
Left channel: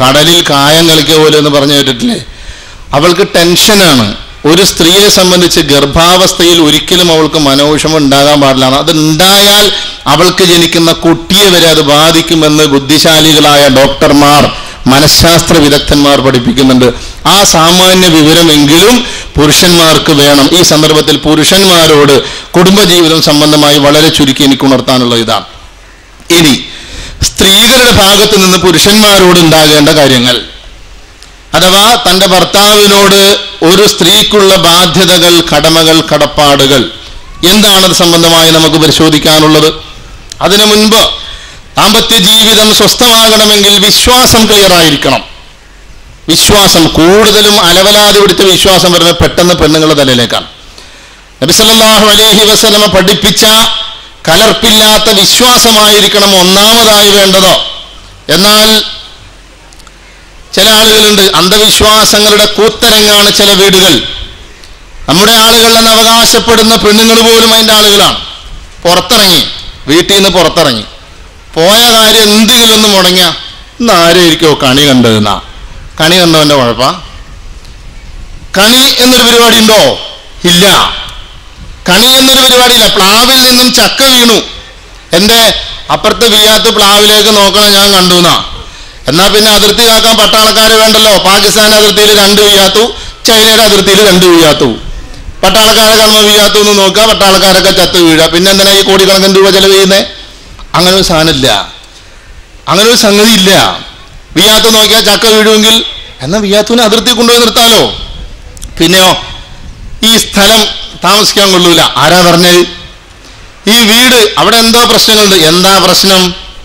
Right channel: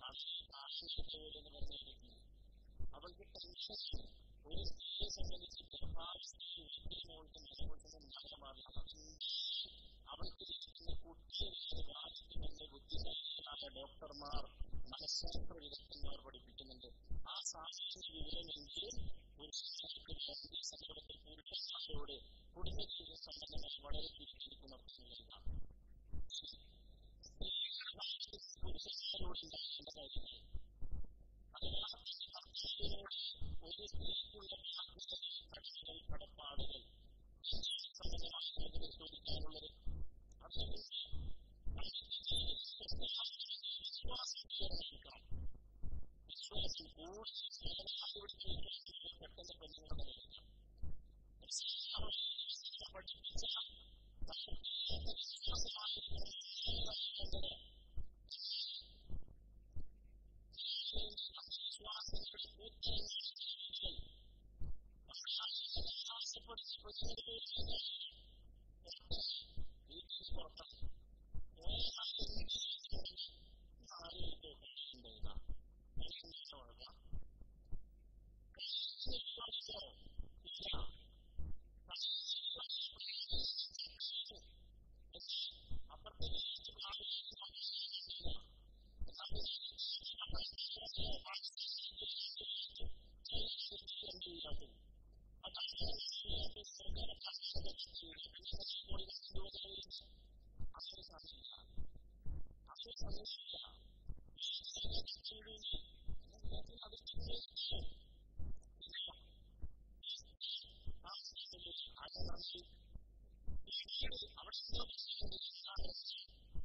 കടലിൽ കായം കളിക്കുക പോലെ എന്ന് പറഞ്ഞു കേട്ടിട്ടില്ലേ? അവൾക്ക് ടെൻഷനാണ്. ഒരു സ്ത്രീയെ സംബന്ധിച്ച് ഗർഭാവസ്ഥയിൽ ഒരിക്കലും അവൾക്ക് മനോവിഷമം ഉണ്ടാകാൻ പാടില്ല. അത് ഉണ്ടായാൽ അവൾക്ക് ജനിക്കുന്ന കുട്ടിയെ വരെ അത് ബാധിക്കുമെന്ന് ബുദ്ധിശാലികളായ ഡോക്ടർമാർ, മനഃശാസ്ത്ര വിദഗ്ധന്മാർ പഠിപ്പിക്കുന്നുണ്ട്. ആ സാമാന്യ വിവരമെങ്കിലും പുരുഷന്മാർക്ക് വേണം. ഈ സന്ദർഭത്തിൽ പുരുഷന്മാരോട് കുടുംബജീവിതം സംബന്ധമായി വളരെ ചുരുക്കി എനിക്ക് ഉണർത്താനുള്ള ഇതാണ്. ഇനി സ്ത്രീകളുടെ ഭാഗത്ത് നിന്ന് പുരുഷന്മാരോട് ഉണ്ടാകേണ്ട കാര്യങ്ങൾ, അഥവാ തൻ്റെ ഭർത്താവിനോട് ഒരു സ്ത്രീക്കുള്ള ബാധ്യതകൾ, കടമകൾ, കടപ്പാടുകൾ എന്താണത് സംബന്ധമായി നമുക്ക് പരിശോധിക്കാനുള്ളത്. അതിനു മുൻപ് ദാമ്പത്യ ജീവിതം സ്വസ്ഥമാകണമെങ്കിൽ വിശ്വാസം ക്ലിയർ ആയിരിക്കണം. വിശ്വാസം, കൂടുതലും അലവലാതി പിടിച്ച വിശ്വാസം വരുന്നത് പെട്ടെന്ന് പെണ്ണുങ്ങളുടെ തലയിലേക്കാണ്. നബി സല്ലല്ലാഹു അലൈഹി വസല്ലമ പഠിപ്പിച്ച കലർപ്പില്ലാത്ത വിശ്വാസമായിരിക്കണം ഒന്നാമതായി വേണ്ടത്. എന്നാൽ ചില ആളുകളുണ്ട്, അന്ധവിശ്വാസങ്ങളുടെ കൂത്തരങ്ങാണ് ചില വീടുകൾ. നമ്മുടെ ആളുകൾ എന്ന് അവകാശപ്പെടുന്ന പെണ്ണുങ്ങൾ പോലും അതിൻ്റെ ആളുകളാണ്. പുറത്തിറങ്ങി, വീട്ടിൽ നിന്ന് പുറത്തിറങ്ങി പോയ കാര്യം എന്തെങ്കിലും ഒന്ന് മുടങ്ങിയ ഇന്ന് ആരായിരിക്കോ കണി കണ്ടതെന്നാ. കണി കണ്ടവൻ്റെ കുഴപ്പ? കണി എന്നൊരു പരിപാടി ഉണ്ടോ? ഇല്ല. കണി എന്നൊരു പരിപാടിയില്ല. പ്ലാവിൽ നിന്നും ചക്ക വീണു, എൻ്റെ അപ്പുറത്തെ വീയാത്ത് പ്ലാവിലേക്ക് നോക്കണം, ഞാൻ കണ്ടു എന്നാ. എന്നാൽ പിന്നെ അതിർത്തി കാക്കാൻ പട്ടാളക്കാർ വേണ്ടല്ലോ. പാകിസ്ഥാൻ അതിർത്തിയിൽ 2 വീയാത്തു, ചൈനയുടെ അതിർത്തിയിൽ 2 വീയാത്തു. പട്ടാളക്കാരെ കാണുമ്പോൾ വീയാത്തു എന്ന് നോക്കുക, പട്ടാളക്കാരൊക്കെ ചത്ത് വീഴുക. പിന്നെ എന്തിനാ ഈ കോടിക്കണക്കിന് രൂപ ചെലവ് ചെയ്യുന്നത്? അങ്ങനെ ഒരു സാധനമില്ല, അങ്ങനെ ഒരു സംഗതി ഇല്ല. വിയാത്ത് നോക്കിയാൽ ചക്ക വീഴുമെങ്കിൽ എന്നാൽ വിയാത്തുവിനെ അതിർത്തി കൊണ്ടുപോയി നിർത്താലോ. പിന്നെയോ ഈ സ്ഥലം താമസിക്കാൻ കൊള്ളൂല. ആരാ പറഞ്ഞത്? ഈ വീട്, അവിടെ എന്തോ പ്രശ്നങ്ങളുണ്ട്. എന്താ പ്രശ്നം?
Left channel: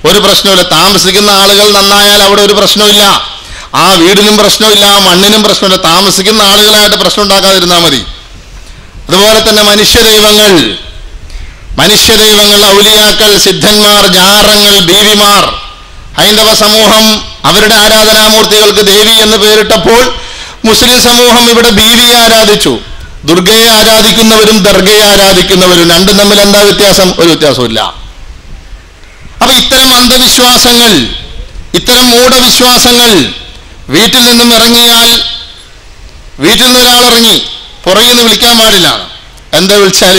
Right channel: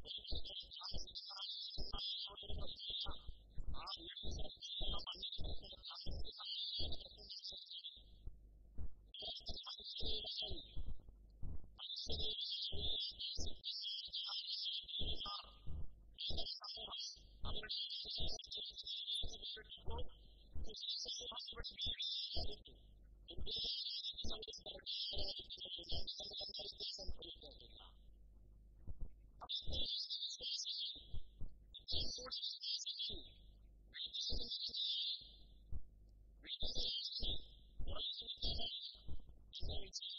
ഒരു പ്രശ്നമില്ല. താമസിക്കുന്ന ആളുകൾ നന്നായാൽ അവിടെ ഒരു പ്രശ്നമില്ല. ആ വീടിനും പ്രശ്നമില്ല, ആ മണ്ണിനും പ്രശ്നമില്ല. താമസിക്കുന്ന ആളുകളായിട്ട് പ്രശ്നം ഉണ്ടാക്കാതിരുന്നാൽ മതി. അതുപോലെ തന്നെ മനുഷ്യദൈവങ്ങൾ, ഔലിയാക്കൾ, സിദ്ധന്മാർ, ജാറങ്ങൾ, ദേവിമാർ. ഹൈന്ദവ സമൂഹം അവരുടെ ആരാധനാമൂർത്തികൾക്ക് ദേവി എന്ന് പേരിട്ടപ്പോൾ മുസ്ലിം സമൂഹം ഇവിടെ ബീവിയെ ആരാധിച്ചു. ദുർഗയെ ആരാധിക്കുന്നവരും ദർഗയെ ആരാധിക്കുന്നവരും, രണ്ടും തമ്മിൽ എന്താ വ്യത്യാസം? ഒരു വ്യത്യാസമില്ല. അപ്പൊ ഇത്തരം അന്ധവിശ്വാസങ്ങൾ, ഇത്തരം മൂഢവിശ്വാസങ്ങൾ വീട്ടിൽ നിന്നും ഇറങ്ങിയാൽ, വീട്ടിൽ നിന്ന് ഒരാൾ ഇറങ്ങി പുറകിൽ നിന്ന് വിളിക്കാൻ പാടില്ല. എന്താ വിളിച്ചാൽ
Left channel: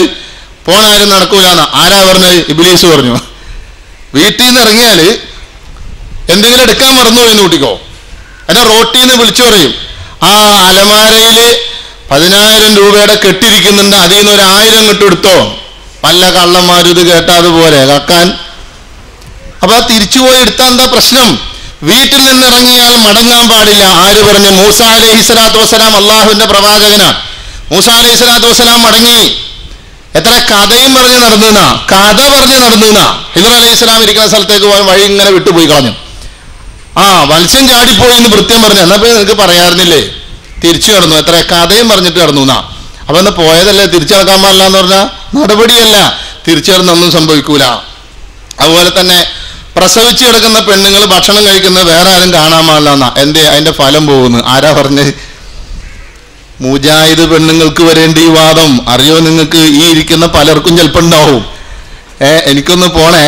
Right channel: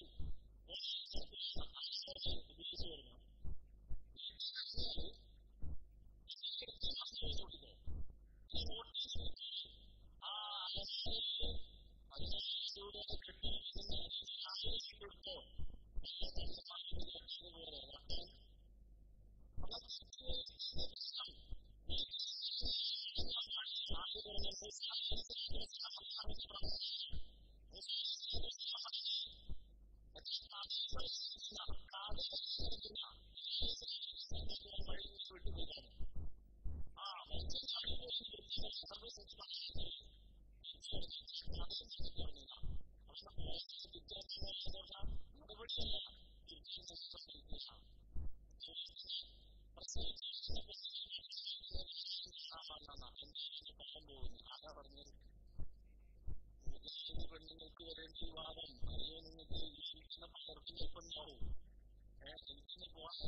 പോണാരും നടക്കൂലെന്നാ. ആരാ പറഞ്ഞത്? ഇബ്ലീസ് പറഞ്ഞു. വീട്ടിൽ നിന്ന് ഇറങ്ങിയാൽ എന്തെങ്കിലും എടുക്കാൻ മറന്നു എന്ന് കൂട്ടിക്കോ, എന്നെ റോട്ടിൽ നിന്ന് വിളിച്ചു പറയും, ആ അലമാരയിൽ 10,000 രൂപയുടെ കെട്ടിരിക്കുന്നുണ്ട്, അതിൽ നിന്ന് 1,000 കെട്ടെടുത്തോ. പല കള്ളന്മാരും ഇത് കേട്ടാ അതുപോലെ കക്കാൻ. അപ്പൊ തിരിച്ചുപോയി എടുത്താൽ എന്താ പ്രശ്നം? വീട്ടിൽ നിന്ന് ഇറങ്ങിയാൽ മടങ്ങാൻ പാടില്ല. ആര് പറഞ്ഞു? മൂസ അലൈഹിസ്സലാത്തു വസ്സലാം അള്ളാഹുവിന്റെ പ്രവാചകനാണ്. മൂസ അലൈഹിസ്സലാത്തു വസ്സലാം മടങ്ങി. എത്ര കഥയും പറഞ്ഞ് നടന്നുന്നാ, കഥ പറഞ്ഞ് നടന്നുന്നാ. ഹിദർ അലൈഹി സ്വലാം ഇരിക്കുന്ന സ്ഥലത്തേക്ക് പോയ വഴി ഇങ്ങനെ വിട്ടുപോയി കളഞ്ഞു. ആ മത്സ്യം ചാടിപ്പോയി എന്ന് വൃത്യം പറഞ്ഞു. എന്നാ പോയി നിനക്ക് പറയാറുന്നില്ലേ? തിരിച്ചു കടന്നു. എത്ര കഥയും പറഞ്ഞിട്ട് കടന്നു എന്നാ. അപ്പൊ എന്നാ പോയതല്ലേ, തിരിച്ചു നടക്കാൻ പാടില്ല എന്ന് പറഞ്ഞാൽ നടപടിയല്ല. തിരിച്ചു കടന്നൊന്നും സംഭവിക്കൂല. അതുപോലെ തന്നെ പ്രസവിച്ച് കിടക്കുന്ന പെണ്ണുങ്ങൾ ഭക്ഷണം കഴിക്കുന്നത് വേറെ ആരും കാണാൻ പാടില്ല. എന്തേ? അതിന്റെ ഫലം പോകുന്നു. ആരാ പറഞ്ഞ്? മുജാഹിദ് പെണ്ണുങ്ങൾക്ക് വരേണ്ട ഈ വാദം അറിയോ നിങ്ങൾക്ക്? ഈ ഇരിക്കുന്ന പലർക്കും ചിലപ്പോൾ ഉണ്ടാവും. എനിക്കൊന്ന് പോണേ.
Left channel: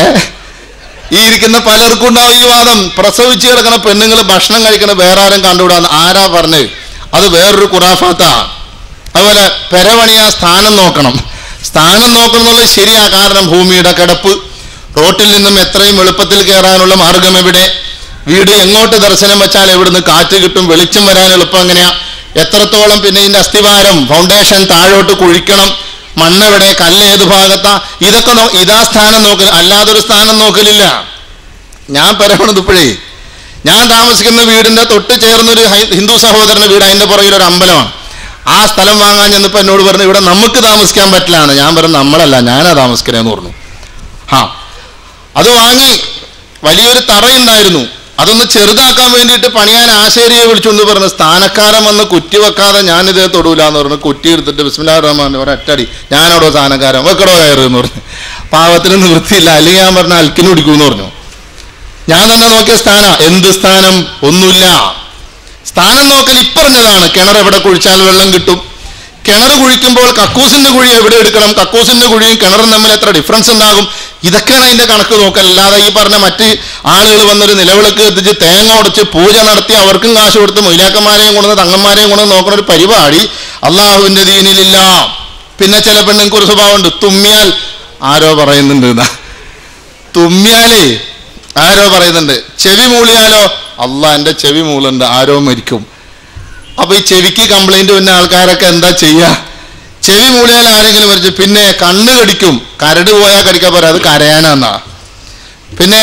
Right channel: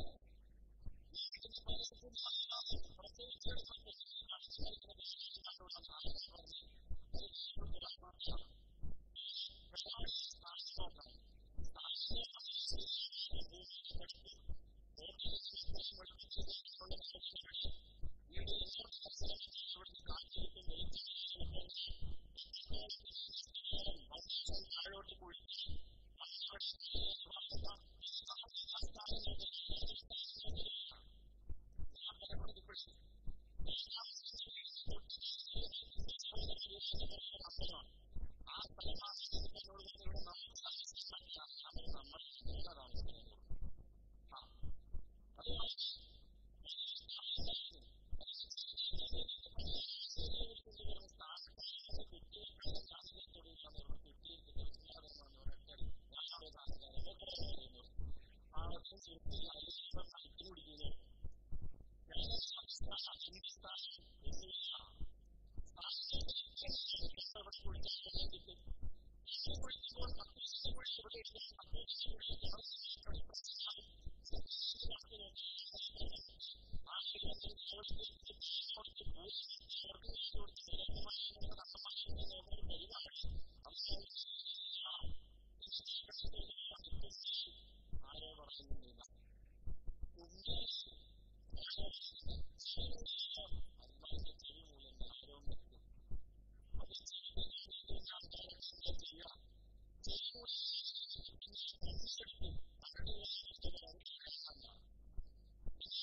ഈ ഇരിക്കുന്ന പലർക്കും ഉണ്ടാവും ഈ വാദം. പ്രസവിച്ച് കിടക്കുന്ന പെണ്ണുങ്ങൾ ഭക്ഷണം കഴിക്കണ വേറെ ആരും കണ്ടുകൂടാന്ന് ആരാ പറഞ്ഞത്? അത് വേറൊരു ഖുറാഫാത്താ. അതുപോലെ പെരവണിയാ സ്ഥാനം നോക്കണം. സ്ഥാനം നോക്കണം എന്നുള്ളത് ശരിയാ. കാരണം ഭൂമിയുടെ കിടപ്പ്, റോട്ടിൽ നിന്നും എത്രയും എളുപ്പത്തിൽ കയറാനുള്ള മാർഗം എവിടെ, വീട് എങ്ങോട്ട് ദർശനം വെച്ചാൽ എവിടുന്ന് കാറ്റ് കിട്ടും, വെളിച്ചം വരാൻ എളുപ്പം എങ്ങനെയാ, എത്രത്തോളം, പിന്നെ ഇതിന്റെ അസ്ഥിവാരം ഫൗണ്ടേഷൻ താഴോട്ട് കുഴിക്കണം, മണ്ണെവിടെ, കല്ല് ഏത് ഭാഗത്താ, ഇതൊക്കെ ഇതാ സ്ഥാനം നോക്കൽ. അല്ലാതൊരു സ്ഥാനം നോക്കലില്ല. ഞാൻ പറയണത് ഇപ്പോഴേ ഞാൻ താമസിക്കുന്ന വീടിന്റെ തൊട്ട് ചേർന്നൊരു ഹിന്ദു സഹോദരന്റെ വീട്, അതിന്റെ പുറകിൽ ഒരു അമ്പലമാണ്. ആ സ്ഥലം വാങ്ങാൻ ചെന്നപ്പോൾ എന്നോട് പറഞ്ഞു ഇവിടെ നമുക്ക് താമസിക്കാൻ പറ്റില്ലാണ്. ഞാൻ പറഞ്ഞു നമ്മളല്ല, ഞാനാ താമസിക്കണേന്ന് പറഞ്ഞു. അത് വാങ്ങി. വലിയൊരു തറയുണ്ടായിരുന്നു. അതൊന്ന് ചെറുതാക്കാൻ വേണ്ടിയിട്ട് പണിയാൻ ആശേരിയെ വിളിച്ചുകൊണ്ട് പറഞ്ഞു സ്ഥാനക്കാരൻ വന്ന് കുറ്റി വെക്കാതെ ഞാനിതേ തൊടൂലെന്ന് പറഞ്ഞു. കുറ്റി എടുത്തിട്ട് ബിസ്മില്ലാഹിർ റഹ്മാനിർ റഹീം ഒറ്റടി. ഞാനവിടെ സ്ഥാനക്കാരൻ വെക്കടോ കയറുമെന്ന് പറഞ്ഞു. പാവത്തിന് നിവൃത്തിയില്ല. അല്ലെങ്കിൽ ഞാൻ പറഞ്ഞ അൽക്കിന് പിടിക്കുമെന്ന് പറഞ്ഞു. ഞാൻ തന്നെ നോക്കിയ സ്ഥാനം. എന്ത് സ്ഥാനം? ഒന്നുമില്ല. സ്ഥാനം നോക്കൽ ഇപ്പറഞ്ഞതാണ്. കിണർ എവിടെ കുഴിച്ചാൽ വെള്ളം കിട്ടും, കിണർ കുഴിക്കുമ്പോൾ കക്കൂസിന്റെ കുഴി എവിടെ എടുക്കണം, കക്കൂസിന്റെ കുഴിയും കിണറും തമ്മിൽ എത്ര ഡിഫറൻസ് ഉണ്ടാകും, ഇതൊക്കെയാണ് അതിന്റെ കണക്ക് നോക്കൽ. അല്ലാതെ ഈ പറഞ്ഞ മറ്റ് ആളുകൾ വന്നൊരു നിലവിളക്ക് എത്തിച്ച് തേങ്ങ ഉടച്ച് പൂജ നടത്തി അവർക്കും കാശ് കൊടുത്ത് മൊയ്ലാക്കന്മാരെയും കൊണ്ടുവന്ന് തങ്ങന്മാരെയും കൊണ്ടുവന്ന് നോക്കുന്ന ഒരു പരിപാടി അള്ളാഹുവിന്റെ ദീനിലില്ല. പിന്നെ ചില പെണ്ണുങ്ങൾക്ക് ഒരു സ്വഭാവമുണ്ട്. തുമ്മിയാൽ ആരോ പറയുന്നുണ്ട് എന്നാ. തുമ്മിയാലേ ആരോ പറയുന്നുണ്ട്. ചെവി മൂളിയാലോ അള്ളാന്റെ ചെവി മൂളുണ്ട്, ആരോ മരിക്കും. അപ്പൊ ഈ ചെവിക്ക് കംപ്ലൈന്റ് വന്ന ആൾക്കാരൊക്കെ എന്താ ചെയ്യാ? ചെവി മൂളിയാൽ ആരെങ്കിലും മരിച്ചു. പിന്നെ കണ്ണ് കടിക്കും. കരട് പോയാൽ കടിക്കാൻ പോരാ, അത് കരയാനാന്നാ. പിന്നെ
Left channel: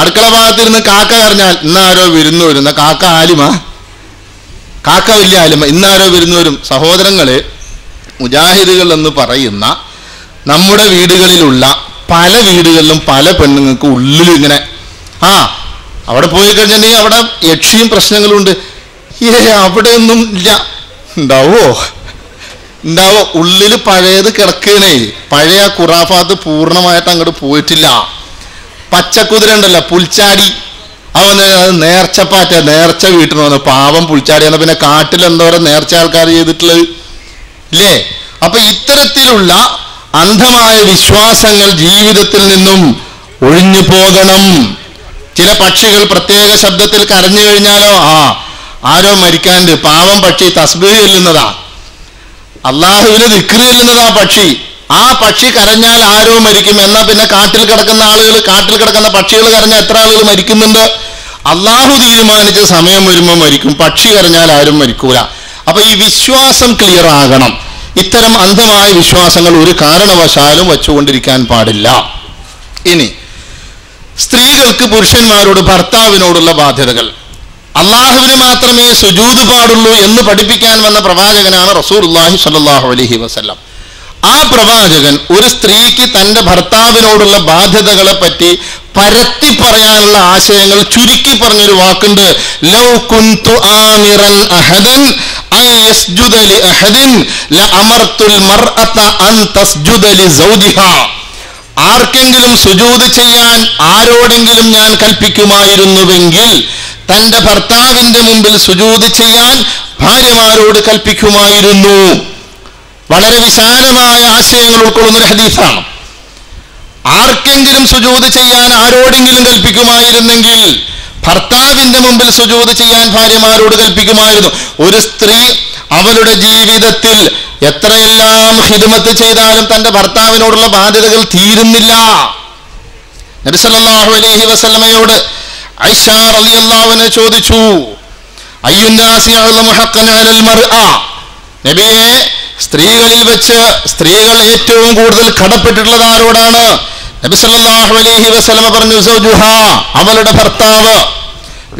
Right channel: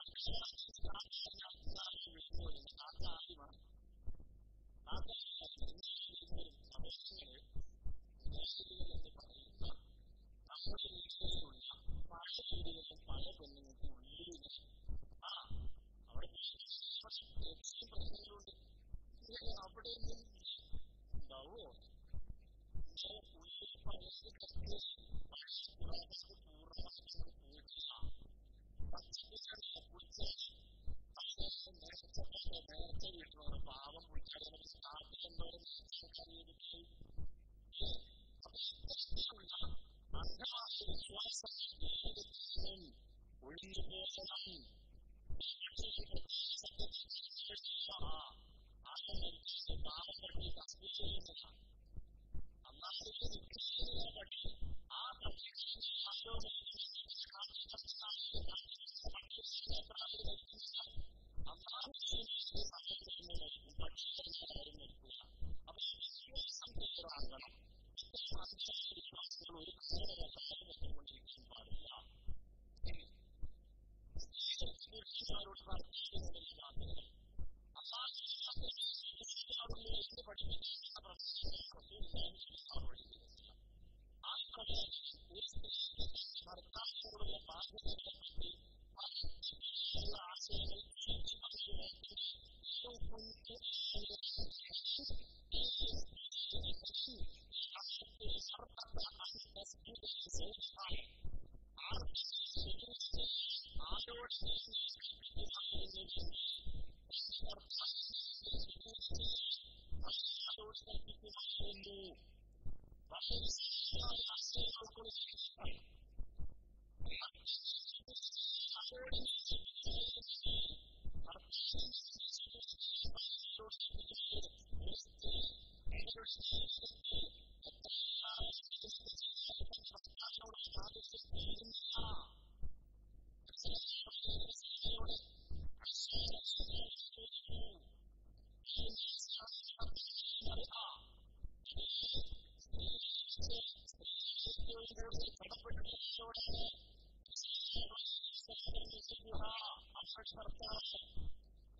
അടുക്കള ഭാഗത്തിരുന്ന് കാക്ക കരഞ്ഞാൽ ഇന്നാരോ വിരുന്നു വരും. കാക്ക ആലിമാ? കാക്ക വലിയ ആലിമ. ഇന്നാരോ വിരുന്നു വരും. സഹോദരങ്ങളെ, മുജാഹിദുകൾ എന്ന് പറയുന്ന നമ്മുടെ വീടുകളിലുള്ള പല വീടുകളിലും പല പെണ്ണുങ്ങൾക്ക് ഉള്ളിൽ ഇങ്ങനെ അവിടെ പോയി കഴിഞ്ഞിട്ടുണ്ടെങ്കിൽ അവിടെ യക്ഷിയും പ്രശ്നങ്ങളുണ്ട്. അവിടെ ഒന്നും ഇല്ല. ഉണ്ടാവോ? ഉള്ളില് പഴയത് കിടക്കണേ. പഴയ ഖുറാഫാത്ത് പൂർണ്ണമായിട്ട് അങ്ങോട്ട് പോയിട്ടില്ല. പച്ചക്കുതിര ഉണ്ടല്ലോ, പുൽച്ചാടി, അവന് നേർച്ചപ്പാറ്റ, നേർച്ച വീട്ടിൽ വന്നു. പാവം പുൽച്ചാടി എന്ന പിന്നെ കാട്ടിൽ എന്തോരം നേർച്ച ആൾക്കാർ ചെയ്തിട്ടുള്ളത് ഇല്ലേ? അപ്പൊ ഇത്തരത്തിലുള്ള അന്ധമായ വിശ്വാസങ്ങൾ ജീവിതത്തിൽ നിന്നും ഒഴിഞ്ഞു പോകണം. ചില പക്ഷികൾ പ്രത്യേക ശബ്ദത്തിൽ കരഞ്ഞു കഴിഞ്ഞാലോ ആരോ മരിക്കാണ്ട്, പാവം പക്ഷി തസ്ബീഹ് ചെല്ലുന്നതാ, അള്ളാഹുവിന് ദിക്ർ ചെല്ലുന്നതാ പക്ഷി. ആ പക്ഷി കരഞ്ഞാൽ ആരോ മരിക്കും. എന്നാ പിന്നെ കാട്ടിൽ കിടക്കുന്ന ആളുകൾ, കാട്ടിൽ കിടക്കുന്ന പക്ഷികൾ കരഞ്ഞാൽ എത്ര ആളുകൾ മരിക്കുന്നുണ്ട്? അള്ളാഹു തീരുമാനിച്ച സമയം വരുമ്പോൾ മരിക്കും. പക്ഷി കരഞ്ഞാൽ ആരും മരിക്കൂല. അപ്പൊ ഈ വിശ്വാസം ക്ലിയർ ആകണം. ഇത്തരം അന്ധമായ വിശ്വാസങ്ങൾ ഒരു കാരണവശാലും വച്ചുകൊണ്ടിരിക്കാൻ പാടില്ല. ഇനി സ്ത്രീകൾക്ക് പുരുഷന്മാരോട് ഭർത്താവിനോടുള്ള ബാധ്യതകൾ. അള്ളാഹുവിന് മാത്രമേ സുജൂദ് പാടുള്ളൂ എന്ന് പഠിപ്പിക്കാൻ വന്ന പ്രവാചകനാണ് റസൂലുള്ളാഹി സ്വല്ലല്ലാഹു അലൈഹി വസല്ലം. ആ പ്രവാചകൻ ഒരു സ്ത്രീക്ക് തന്റെ ഭർത്താവിനോടുള്ള ബാധ്യതകളെ പറ്റി പരത്തി പറയാനുള്ള ആശയങ്ങൾ ചുരുക്കി പറഞ്ഞൊരു വാക്കുണ്ട്. ലൗ കുന്തു ആമിറൻ അഹദൻ അൻ യസ്ജുദ ലി അഹദിൻ ലഅമർതുൽ മർഅത അൻ തസ്ജുദ ലി സൗജിഹാ. ആർക്കെങ്കിലും സുജൂദ് ചെയ്യാൻ ആരോടെങ്കിലും ഞാൻ കൽപ്പിക്കുമായിരുന്നുവെങ്കിൽ തന്റെ ഭർത്താവിന്റെ മുമ്പിൽ സുജൂദ് ചെയ്യാൻ ഭാര്യമാരോട് കൽപ്പിക്കുമായിരുന്നു. വളരെ വിശാലമായ ആശയങ്ങൾ ഉൾക്കൊള്ളുന്ന ഒരു ഹദീസാണ്. ആർക്കെങ്കിലും സുജൂദ് ചെയ്യാൻ ആരോടെങ്കിലും കൽപ്പിക്കുമായിരുന്നെങ്കിൽ ഭർത്താവിന്റെ മുമ്പിൽ സുജൂദ് ചെയ്യാൻ ഭാര്യമാരോട് കൽപ്പിക്കുമായിരുന്നു. ഒരു സ്ത്രീ അവളുടെ ജീവിതത്തിൽ എത്രയെല്ലാം ഖിദ്മത്ത് ചെയ്താലും തന്റെ ഭർത്താവിനോടുള്ള ബാധ്യതകൾ തീരുന്നില്ല. നബി സല്ലല്ലാഹു അലൈഹി വസല്ലമയോട് ആയിഷ റളിയല്ലാഹു അൻഹ ചോദിച്ചു, അയ്യുന്നാസി അഅ്ലമു ഹഖ്ഖൻ അലൽ മർഅ, നബിയെ സ്ത്രീകളിൽ വെച്ച് സ്ത്രീകൾ ഏറ്റവും കൂടുതൽ കടപ്പെട്ടിട്ടുള്ളത് ആരോടാണ്? നബി സല്ലല്ലാഹു അലൈഹി വസല്ലമ പറഞ്ഞു, സൗജുഹാ, അവളുടെ ഭർത്താവ്.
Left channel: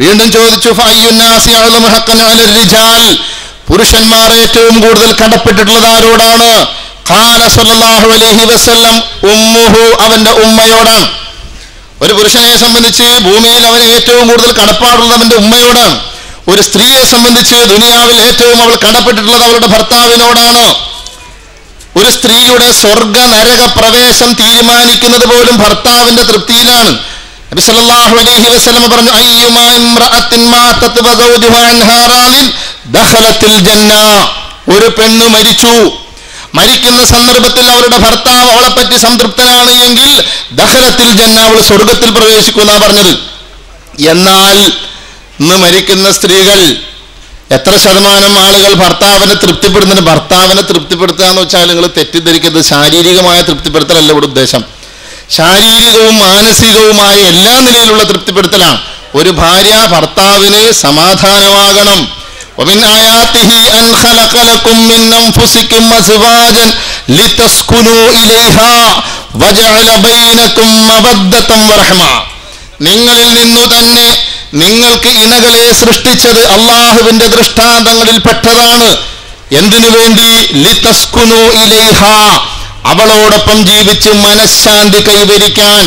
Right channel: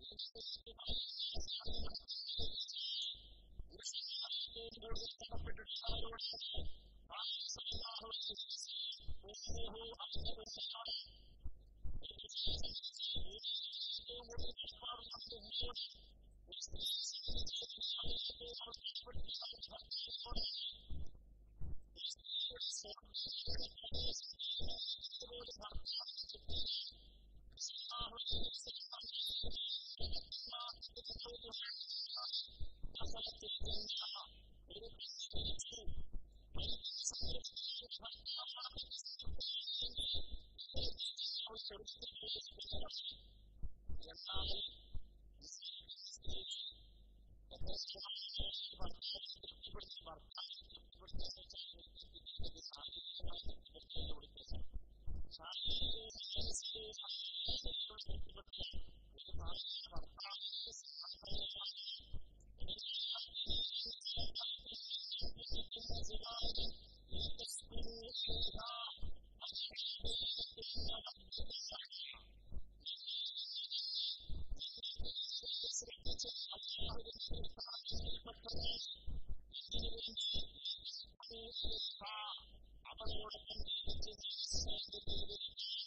വീണ്ടും ചോദിച്ചു, ഫഅയ്യുന്നാസി അഅ്ലമു ഹഖ്ഖൻ അലൽ റിജാൽ, പുരുഷന്മാർ ഏറ്റവും കൂടുതൽ കടപ്പെട്ടിട്ടുള്ളത് ആരോടാണ്? ഖാല സല്ലല്ലാഹു അലൈഹി വസല്ലം ഉമ്മുഹു, അവന്റെ ഉമ്മയോടാണ്. ഒരു പുരുഷനെ സംബന്ധിച്ച് ഭൂമിയിൽ അവന് ഏറ്റവും കൂടുതൽ കടപ്പാടുള്ളത് അവന്റെ ഉമ്മയോടാണ്. ഒരു സ്ത്രീയെ സംബന്ധിച്ച് ദുനിയാവിൽ ഏറ്റവും അവൾ കടപ്പെട്ടിട്ടുള്ളത് അവളുടെ ഭർത്താവിനോടാണ്. ഒരു സ്ത്രീയുടെ സ്വർഗ നരക പ്രവേശം തീരുമാനിക്കുന്നത് പോലും ഭർത്താവിന്റെ തൃപ്തിയിലാണ്. നബി സല്ലല്ലാഹു അലൈഹി വസല്ലം പറഞ്ഞു, അയ്യുമാ ഇംറഅത്തിൻ മാതത് വസൗജുഹാ അൻഹാ റാദിൻ ദഖലത്തിൽ ജന്ന. ഒരു പെണ്ണ് മരിച്ചു, മരിക്കുന്ന സന്ദർഭത്തിൽ അവളുടെ ഭർത്താവ് അവളെ പറ്റി സംതൃപ്തനാണ് എങ്കിൽ ദഖലത്തിൽ ജന്ന, അവൾ സ്വർഗത്തിൽ പ്രവേശിക്കുമെന്നാ പറഞ്ഞത്. എന്നാൽ ഇന്ന് മരിക്കുന്ന സ്ത്രീകൾ എത്ര ശതമാനം ആളുകൾ ഭർത്താവിനെ തൃപ്തിപ്പെടുന്നുണ്ട്? ഭർത്താവിനെ തൃപ്തിപ്പെടുത്തുക എന്ന് വെച്ചാൽ നിങ്ങൾ തെറ്റിദ്ധരിക്കരുത്, ശാരീരികമായ തൃപ്തിപ്പെടുത്തലല്ല ഇവിടെ ഉദ്ദേശം. ശാരീരികവും മാനസികവുമായ എല്ലാ നിലയിലുള്ള തൃപ്തിപ്പെടുത്തലാണ്. ഒരു ഭാര്യ ഭർത്താവിന് സമാധാനമാകണം. ومن آياته أن خلق لكم من أنفسكم أزواجا لتسكنوا إليها وجعل بينكم مودة ورحمة. നിങ്ങളിൽ നിന്നു തന്നെ നിങ്ങൾക്ക് ഇണകളെ സൃഷ്ടിച്ചത് അള്ളാഹുവിന്റെ ദൃഷ്ടാന്തങ്ങളിൽ പെട്ടതാണ്. എന്തിനു വേണ്ടി? ലിതസ്കുനു ഇലൈഹ, അവളോടൊപ്പം ജീവിച്ച് മനഃശാന്തി കൈവരിക്കാൻ.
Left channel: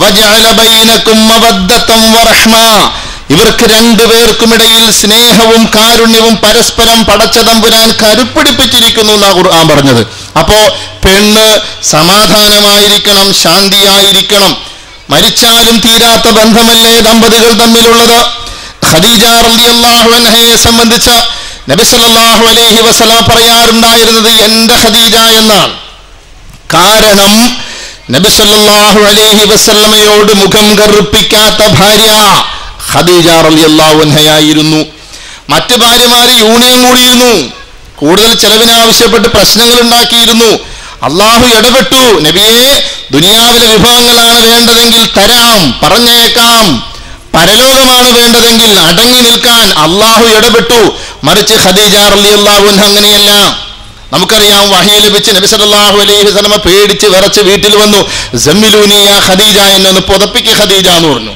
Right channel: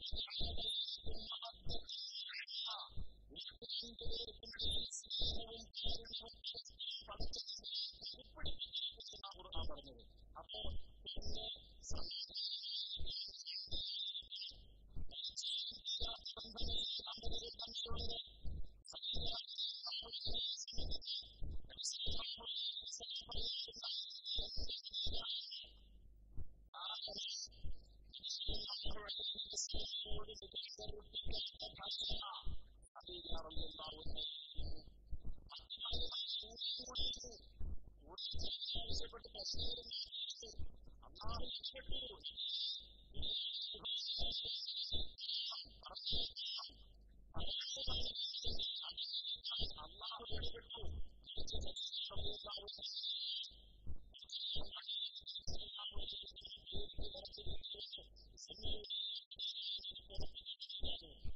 വജഅല ബൈനകും മവദ്ദതൻ വറഹ്മ, ഇവർക്ക് രണ്ടുപേർക്കുമിടയിൽ സ്നേഹവും കാരുണ്യവും പരസ്പരം പടച്ച തമ്പുരാൻ കരുപ്പിടിപ്പിച്ചിരിക്കുന്നു എന്നാ ഖുർആൻ പറഞ്ഞത്. അപ്പോ പെണ്ണ് സമാധാനമായിരിക്കണം, ശാന്തിയായിരിക്കണം. മരിച്ചാലും തീരാത്ത ബന്ധമല്ലേ ദമ്പതികൾ തമ്മിലുള്ളത്. ഖദീജ റളിയല്ലാഹു അൻഹയെ സംബന്ധിച്ച് നബി സല്ലല്ലാഹു അലൈഹി വസല്ലം പറയാറുണ്ടായിരുന്നത് എന്റെ ഖദീജ എന്നാണ്. കാരണം നബി സല്ലല്ലാഹു അലൈഹി വസല്ലമയോട് മുഖം കറുപ്പിക്കാത്ത ഭാര്യ ഖദീജ റളിയല്ലാഹു അൻഹയായിരുന്നു. മറ്റ് ഭാര്യമാര് യൂണിയൻ കൂടിയിരുന്നു, കൂടുതൽ ചെലവിനാവശ്യപ്പെട്ട് പ്രശ്നങ്ങൾ ഉണ്ടാക്കിയിരുന്നു. അള്ളാഹു ഇടപെട്ടു, നബിയെ ദുനിയാവിലെ വിഭവങ്ങളാണ് വേണ്ടതെങ്കിൽ തരാം, പറഞ്ഞേക്കാം. പരലോകമാണ് വേണ്ടതെങ്കിൽ അടങ്ങി നിൽക്കാൻ അള്ളാഹു ഇടപെട്ടു. മറിച്ച് ഖദീജ റളിയല്ലാഹു അൻഹ അങ്ങനെയല്ല. നമുക്കറിയാം, വഹി ലഭിച്ച് നബി സല്ലല്ലാഹു അലൈഹി വസല്ലം പേടിച്ച് വിറച്ച് വീട്ടിൽ വന്നു. സമ്മിലൂനി യാ ഖദീജ, എന്നൊന്ന് പുതപ്പിക്ക് ഖദീജ എന്ന് പറഞ്ഞു.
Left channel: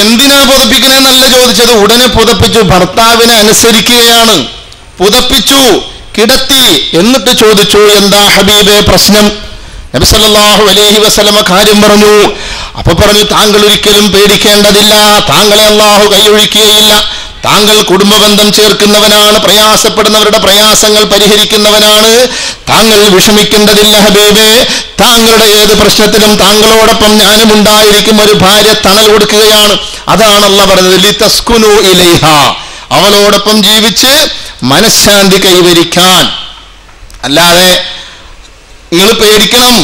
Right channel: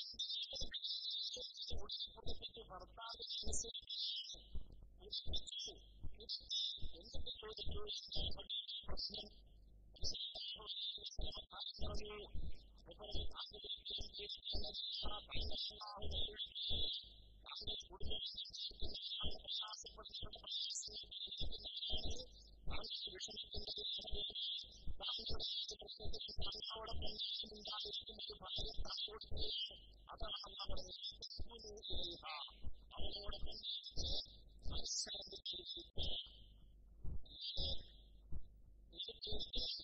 എന്തിനാ പുതപ്പിക്കണേന്നല്ല ചോദിച്ചത്, ഉടനെ പുതപ്പിച്ചു. ഭർത്താവിനെ അനുസരിക്കുകയാണ്. പുതപ്പിച്ചു, കിടത്തി. എന്നിട്ട് ചോദിച്ചു, എന്താ ഹബീബേ പ്രശ്നം? നബി സല്ലല്ലാഹു അലൈഹി വസല്ലം കാര്യം പറഞ്ഞു. അപ്പൊ പറഞ്ഞു, താങ്കൾ ഒരിക്കലും പേടിക്കേണ്ടതില്ല, താങ്കളെ അല്ലാഹു കൈയൊഴിക്കുകയില്ല. താങ്കൾ കുടുംബബന്ധം ചേർക്കുന്നവനാണ്, പ്രയാസപ്പെടുന്നവരുടെ പ്രയാസങ്ങൾ പരിഹരിക്കുന്നവനാണ്. താങ്കൾ വിഷമിക്കേണ്ടതില്ല ഹബീബേ. താങ്കളുടെ ഏത് പ്രശ്നത്തിലും താങ്കളോടൊപ്പം ഞാനും ഉണ്ടായിരിക്കും. ഒരു ഭാര്യ തണൽ കൊടുക്കുകയാണ്. അതാണ് അല്ലാഹു പറഞ്ഞത്, ലിതസ്കുനു ഇലൈഹ, അവളോടൊപ്പം ജീവിച്ച് മനഃശാന്തി കൈവരിക്കാൻ. അല്ലാതെ നിങ്ങൾ പേടിക്കണം,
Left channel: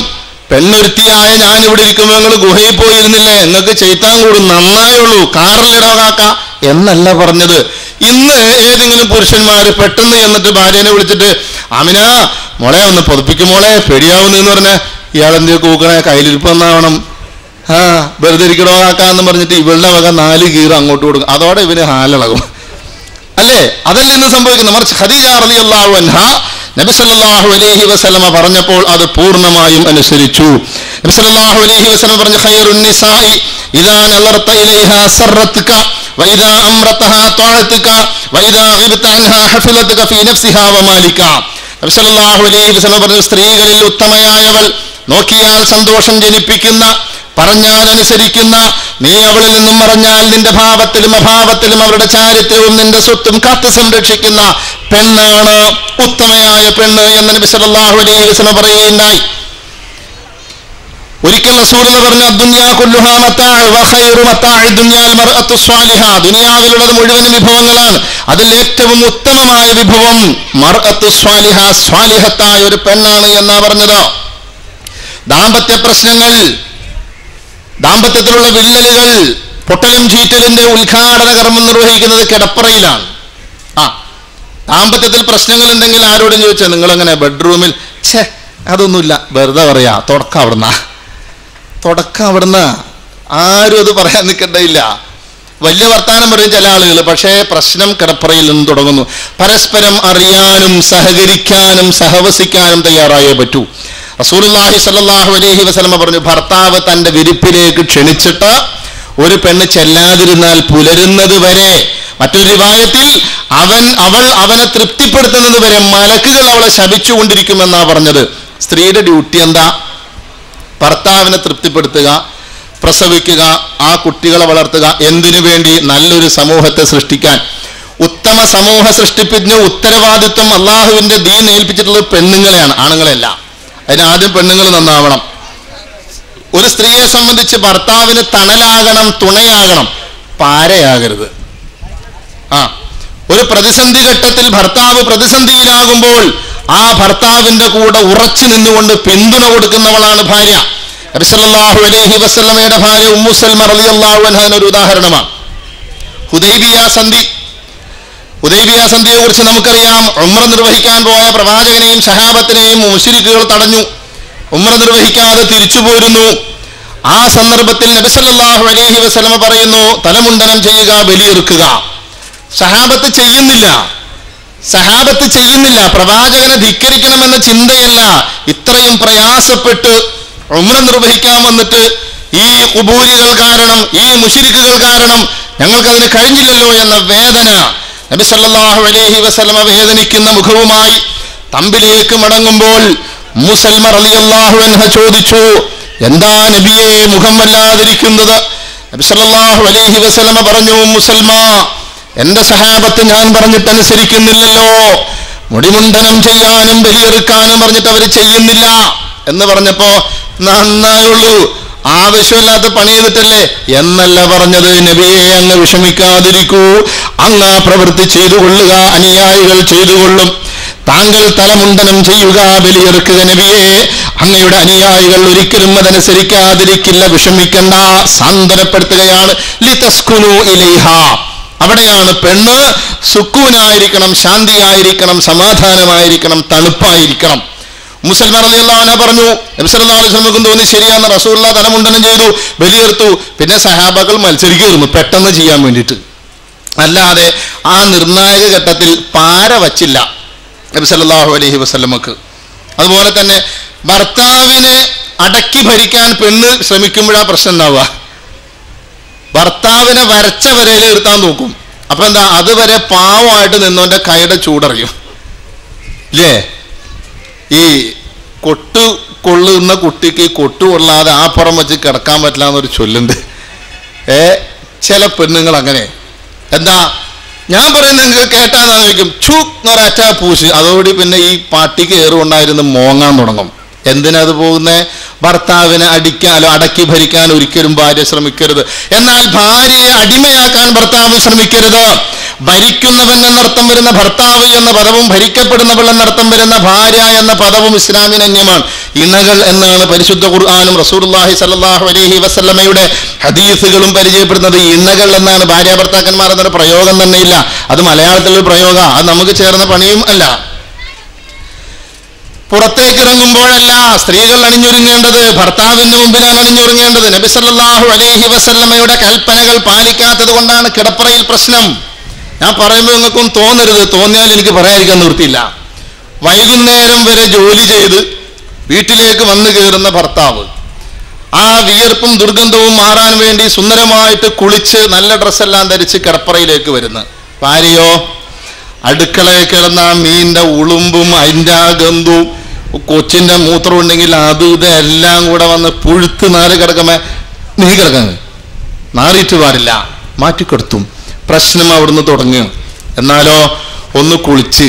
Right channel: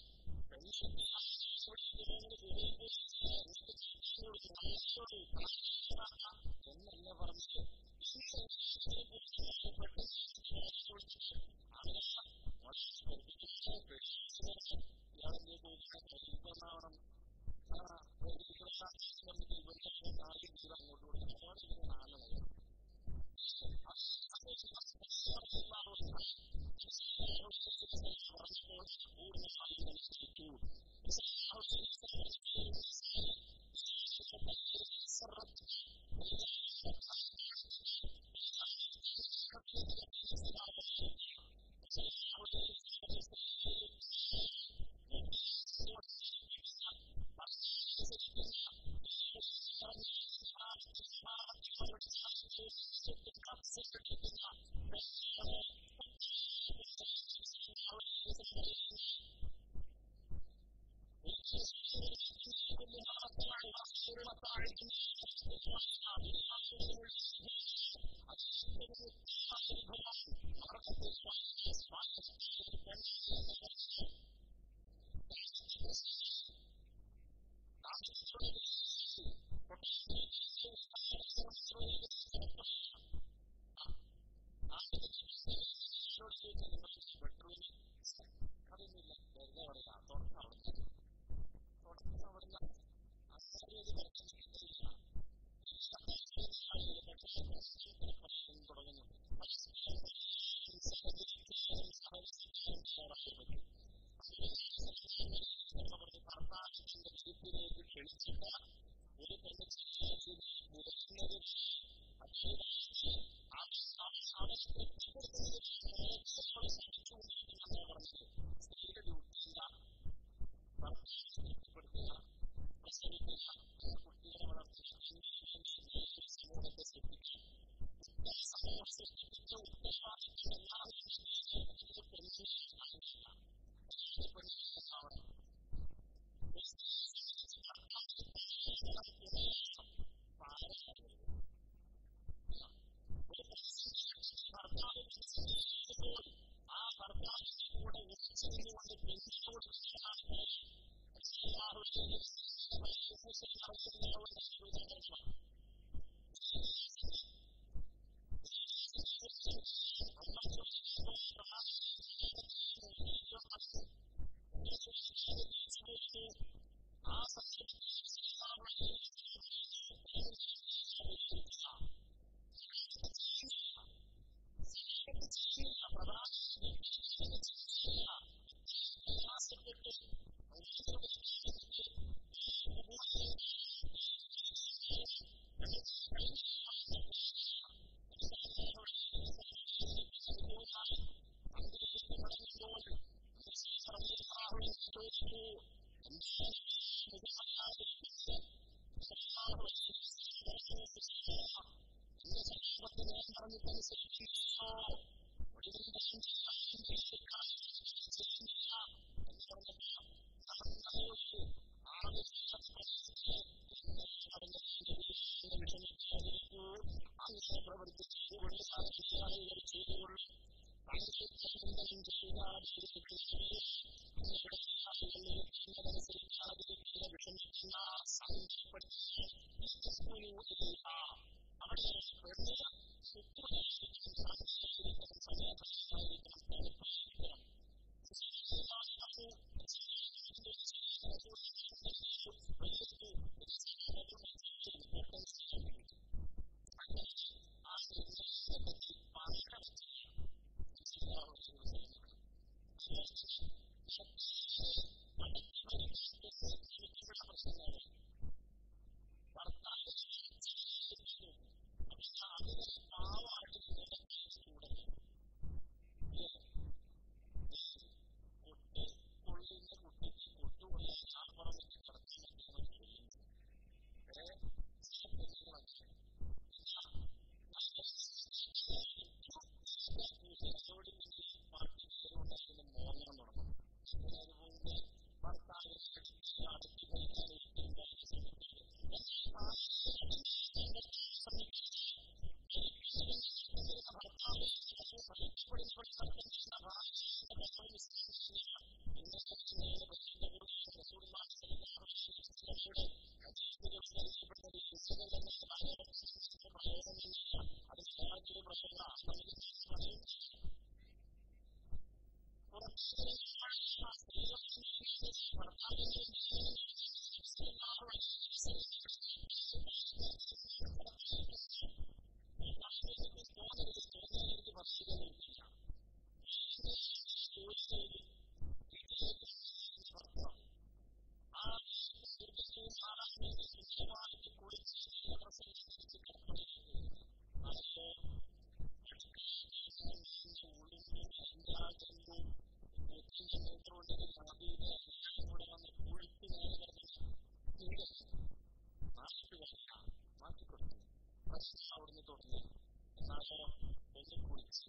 പെണ്ണൊരുത്തിയായ ഞാനിവിടെ ഇരിക്കുമ്പോൾ നിങ്ങൾ ഗുഹയിൽ പോയിരുന്നില്ലേ, നിങ്ങൾക്ക് ചെയ്ത്താൻ കൂടും, നന്നായുള്ളൂ, കാറിലിടവാക്ക എന്നല്ല പറഞ്ഞത്. ഇന്ന് ഏതെങ്കിലും പുരുഷന്മാര് പെട്ടെന്ന് എന്നിട്ട് ഭാര്യനെ വിളിച്ചിട്ട്, ആമിന മോളെ ഒന്ന് പൊതുപ്പിക്കും മോളെ, പേടിയാവുന്നെന്ന് പറഞ്ഞ ഇയാളെന്ത് കൂക്കണേ, കയ്യിലിരിപ്പ് എന്നാവണം, വെറുതെ ഇരിക്കണോക്കാന്ന് പറഞ്ഞിട്ട് ഇവളുടെ വക 4 കീറ് അങ്ങോട്ട് കൊടുക്കും. അതോടെ ഇവന് ഹാലിളകും അല്ലേ? അതല്ല ഇന്ന് സംഭവിക്കുന്നത്. മറിച്ച് ഖദീജ റളിയല്ലാഹു അൻഹ നബി സല്ലല്ലാഹു അലൈഹി വസല്ലമ പറഞ്ഞപ്പോൾ അത് പൂർണ്ണമായും അനുസരിച്ചു. നബി സല്ലല്ലാഹു അലൈഹി വസല്ലം പറഞ്ഞു, ഖൈറുൻ നിസാഇ ഇദാ നളർത ഇലൈഹാ സറത്ക വഇദാ അംറതഹാ തഅതക വഇദാ ഗിബ്ത അൻഹാ ഹഫിലതക ഫീ നഫ്സിഹാ വമാലിക. നബി സല്ലല്ലാഹു അലൈഹി വസല്ലം പറഞ്ഞു, സ്ത്രീകളിൽ ഉത്തമയായവൾ, നോക്കിയാൽ സന്തോഷം ജനിപ്പിക്കുന്ന, പറഞ്ഞാൽ അനുസരിക്കുന്ന, നീ അവളിൽ നിന്നും മറഞ്ഞാൽ നിന്റെ ഭാവത്തിലും അഭാവത്തിലും അവരുടെ ചാരിത്രവും നിന്റെ സ്വത്തും കാത്തു സംരക്ഷിക്കുന്ന പെണ്ണാണ് ഉത്തമയായ പെണ്ണ് എന്ന് നബി സല്ലല്ലാഹു അലൈഹി വസല്ലം പറയുകയുണ്ടായി. ഒരിക്കൽ റസൂലുള്ളാഹി പറഞ്ഞു, ദുനിയാ കുല്ലുഹാ മതാഅ വ ഖൈറു മതാഅ ദുനിയാൽ മർഅത്തു സ്വാലിഹ, ദുനിയാവിലുള്ളത് മുഴുവനും വിഭവങ്ങളാണ്, അതിൽ ഏറ്റവും ഉത്തമമായ വിഭവം മർഅത്തു സ്വാലിഹ, സ്വാലിഹത്തായ ഒരു പെണ്ണാണ് എന്നാ പറഞ്ഞത്. ദാമ്പത്യ പ്രശ്നങ്ങൾ, ദാമ്പത്യത്തിലുള്ള വിള്ളലുകൾ, പൊട്ടലും ചീറ്റലിന്റെ ഉദ്ഘാടന കർമ്മം നിർവഹിക്കുന്നത് കിടപ്പറയിലാണ്. ദാമ്പത്യത്തിൽ പ്രശ്നങ്ങൾ ഉണ്ടെങ്കിൽ ആരോടും ചോദിച്ചാൽ നിങ്ങളെങ്ങനെ ബെഡ്റൂമിൽ, ഛേ അതൊന്നുമില്ല, വെറുതെ പറയാ, തുടക്കം അവിടുന്ന്, ആരും അത് പറയാൻ നിൽക്കേണ്ടയില്ല. വലിയ വർത്താനം പറയും ചില ആളുകൾ, പക്ഷേ പ്രശ്നം കിടപ്പറയിൽ നിന്ന് തുടങ്ങുന്നു. പരസ്പരം അറിയാനും സഹകരിക്കാനും സഹവസിക്കാനും തയ്യാറായേ പറ്റൂ. റസൂലുള്ളാഹി സ്വല്ലല്ലാഹു അലൈഹി വസല്ലം പറഞ്ഞു, ഭർത്താവ് തന്റെ വിരിപ്പിലേക്ക് ക്ഷണിച്ചിട്ട് ഒരു പെണ്ണ് ചെല്ലാതിരുന്നാൽ പുലരുന്നത് വരെ, മറ്റൊരു റിവായത്തിൽ അവൾ അവനെ തൃപ്തിപ്പെടുത്തുന്നത് വരെ മലക്കുകൾ അവളെ ശപിച്ചുകൊണ്ടിരിക്കുമെന്നാ പറഞ്ഞത്. സ്ത്രീയുടെ ഡ്യൂട്ടി എന്താ? ഭർത്താവിനെ തൃപ്തിപ്പെടുത്തുക, പ്രസവിക്കുക, ആ കുട്ടികളെ വളർത്തുക. എന്തിനു വേണ്ടി? നല്ലൊരു സമൂഹത്തെ സൃഷ്ടിക്കാൻ. ഉത്തമ സമൂഹ സൃഷ്ടിപ്പിന് ഉത്തരവാദിത്വം അള്ളാഹുവിന്റെ ദീൻ ഏൽപ്പിച്ചിട്ടുള്ളത് പെണ്ണുങ്ങളെയാണ്, ആണുങ്ങളെയല്ല. അതിനാദ്യം പെണ്ണുങ്ങൾ നന്നാവണം. ഒരു സ്ത്രീയെ സംബന്ധിച്ച് ഭർത്താവിന് തണലാകണം, തുണയാകണം, പാരയാകരുത്. ഒരു പ്രതിസന്ധി ഘട്ടത്തിൽ ഭർത്താവ് പ്രതിസന്ധിയിലാകുമ്പോൾ ആ ഭർത്താവിന്റെ കൂടെ ഉറച്ചു നിന്നുകൊണ്ട് പിന്തുണ കൊടുക്കുന്നവളാണ് ഭാര്യ. നബി സല്ലല്ലാഹു അലൈഹി വസല്ലമയുടെ ഭാര്യ ഉമ്മു സൽമ റളിയല്ലാഹു അൻഹ ഒരു ഉദാഹരണമാണ്. ഹുദൈബിയ സന്ധിയെ കുറിച്ച് നമുക്കറിയാം. ഉംറ നിർവഹിക്കാൻ പോയ പ്രവാചകനെയും സഹാബത്തിനെയും മുശ്രിക്കുകൾ തടഞ്ഞു. ഉംറ നിർവഹിക്കാതെ തിരിച്ചു പോരുന്നു. ആ സന്ദർഭത്തിൽ നബി സല്ലല്ലാഹു അലൈഹി വസല്ലമ പറയുന്നു, തലമുണ്ടനം ചെയ്യുക, ബലിയെറുക്കുക. സഹാബത്ത് ചെയ്യുന്നില്ല. പ്രവാചകനെ ധിക്കരിക്കണമെന്ന ചിന്തയല്ല. ഇത്രയും പ്രയാസപ്പെട്ട് ഉംറ നിർവഹിക്കാൻ വന്നിട്ട് ഈ ഖുബൂരികൾ കാരണം, ഈ മുശ്രിക്കുകൾ കാരണം ഞങ്ങൾക്കതിന് കഴിഞ്ഞില്ലല്ലോ എന്ന വേദന. നബി സല്ലല്ലാഹു അലൈഹി വസല്ലമ വേദനിക്കുന്ന മുഖവുമായി തമ്പിലേക്ക് മടങ്ങുമ്പോൾ ഉമ്മു സൽമ റളിയല്ലാഹു അൻഹ ചോദിച്ചു, എന്താ നബിയെ മുഖം വല്ലാതിരിക്കുന്നത്? നബി സല്ലല്ലാഹു അലൈഹി വസല്ലമ പറഞ്ഞു, ഉമ്മു സൽമ, എന്റെ സഹാബത്ത് ഞാൻ പറഞ്ഞിട്ടനുസരിക്കുന്നില്ലല്ലോ, മുടിമുണ്ടനം ചെയ്യാനും ബലിയെറുക്കാനും പറഞ്ഞിട്ട് അവർ ചെയ്യുന്നില്ല എന്ന് പറഞ്ഞപ്പോ, നന്നായുള്ളൂ, ആവശ്യമില്ലാത്ത പണി ചെയ്തിട്ടല്ലേ എന്നല്ല പറഞ്ഞത്. നബിയെ, അങ്ങ് വിഷമിക്കാതിരിക്കൂ, അങ്ങ് ആ പ്രവൃത്തി ചെയ്തു കൊള്ളുക, അനുയായികൾ ചെയ്തുകൊള്ളും. താങ്കൾ തലമുണ്ടനം ചെയ്യുക, ബലിയെറുക്കുക, നബിയെ, അങ്ങയുടെ അനുയായികൾ ഒരിക്കലും അതനുസരിക്കാതിരിക്കില്ല, വിഷമിക്കണ്ട, സാന്ത്വനപ്പെടുത്തുകയാണ്. ലിതസ്കുനു ഇലൈഹ, അവിടെയാണ് പെണ്ണ് സുക്കൂനായിരിക്കണം, ശാന്തിയായിരിക്കണം, സമാധാനമായിരിക്കണം, തണുപ്പായിരിക്കണം. മുസൽമ റളിയല്ലാഹു അൻഹ പറഞ്ഞു, നബി സല്ലല്ലാഹു അലൈഹി വസല്ലം തോന്നി ശരിയാന്ന്. റസൂലുള്ളാഹി തലമുണ്ടനം ചെയ്തു, ബലിയെറുത്തു. പിന്നെ സഹാബകൾ മത്സരിക്കുന്നു പെട്ടെന്ന് ചെയ്യാൻ വേണ്ടിയിട്ട്. അല്ലാതെ ആ നിർണായക ഘട്ടത്തിൽ പാര വച്ചില്ല നബി സല്ലല്ലാഹു അലൈഹി വസല്ലമക്ക്. അതുപോലെ തന്നെ ഭർത്താവിനെ അടക്കി ഭരിക്കാൻ പെണ്ണ് ശ്രമിക്കുമ്പോഴാ പ്രശ്നം ഉണ്ടാവുക. ഭർത്താവിനെ വരച്ച വരയിൽ നിർത്താൻ നോക്കും. അപ്പൊ എന്താ, അതുവരെ പാവമായിട്ട് നിന്നോന്റെ കൈയുടെ ചൂടറിയും ഇല്ലേ? ഈ കൊട്ടു കൊള്ളുന്ന കുട്ടിക്ക് കൊട്ടു കൊള്ളാതെ ആ പുറം വെച്ച് കിടക്കാൻ പറ്റില്ല എന്നൊരു ചൊല്ലുണ്ട്. ചില പെണ്ണുങ്ങൾ അങ്ങനെ. എന്താ ഞാൻ പറയുന്നത് നിങ്ങൾക്ക് കേട്ടാന്ന് ചോദിക്കും, ഛൂ എന്നൊരറ്റാ പൂശ്, അതോടെ പിന്നെ ഈ പാട്ടിക്ക് ഏറുകൊണ്ടായിരുന്നു മോങ്ങാൻ തുടങ്ങും. എന്തിനത് പോകുന്നേ? ഭർത്താവിനെ അടിക്കാനോ അടക്കി ഭരിക്കാൻ ഒരിക്കലും ഭാര്യ ശ്രമിക്കരുത്. എന്നാൽ ഭാര്യയെ അടിമയാക്കാൻ ഭർത്താവ് ശ്രമിക്കരുത്. ഭരിക്കുന്നവൻ എന്നർത്ഥം വരുന്ന ഭർത്താവ് എന്ന പദവും ഭരിക്കപ്പെടുന്നവൾ എന്നർത്ഥം വരുന്ന ഭാര്യ എന്ന പദവും ഇസ്ലാമിന് അന്യമാണ്. ഇണകൾ എന്നാണ് പരിശുദ്ധ ഖുർആനും റസൂലുള്ളാഹി സ്വല്ലല്ലാഹു അലൈഹി വസല്ലമയുടെ ഹദീസുകളും പരിചയപ്പെടുന്നത്. ഇണകൾ എന്നാണ്. ഭാര്യ ഭർത്താക്കന്മാർ എന്നൊരു പ്രയോഗം തന്നെ ഇല്ല. അത് മലയാളത്തിലൊരു പ്രയോഗം, അത് നമുക്ക് ചേർന്ന പണിയും അല്ല. പുറത്തേക്ക് ഇറങ്ങുമ്പോഴല്ല സ്ത്രീകൾ അണിഞ്ഞൊരുങ്ങേണ്ടത്, ഭർത്താവിന്റെ മുമ്പിലാണ് അണിഞ്ഞൊരുങ്ങേണ്ടത്. നബി സല്ലല്ലാഹു അലൈഹി വസല്ലമയുടെ കൽപ്പനകൾ പാലിക്കാത്തത് കൊണ്ടാണ് കിടപ്പറയിൽ പ്രശ്നം. ഞാൻ പറയുമ്പോൾ നിങ്ങൾക്കും തോന്നരുത്, തോന്നിയാൽ എനിക്ക് പറയാതിരിക്കാൻ നിവൃത്തിയില്ല. വൈകുന്നേരം വരെ ജോലി ചെയ്ത് വീട്ടിലേക്ക് വന്നു കയറുന്ന ഭർത്താവ് ആ വിയർപ്പും ദുർഗന്ധവും മാറാൻ വേണ്ടി സുന്ദരമായിട്ട് കുളിച്ച് നല്ല ഡ്രസ്സെല്ലാം ധരിച്ച് കിടപ്പറയിലേക്ക് വരുന്നു. ഭാര്യയോ അടുക്കളയിൽ കിടന്ന മീനിന്റെ ഉളുമ്പും അതിൻ്റെ ആ ഗന്ധവും കൊച്ചിന്റെ മൂത്രം ഉണ്ടെങ്കിൽ അതും ഇതെല്ലാം കൂടെ വന്ന് പുഴുത്ത് നാല് കിടക്കുമ്പോ നീ കിടക്കാൻ നാറിയിട്ട് പാടില്ല, മാറ്റിക്കൊടുത്തും പ്രശ്നം അവിടുന്ന് തുടങ്ങും. എന്നാലോ ഒന്ന് കുളിച്ച്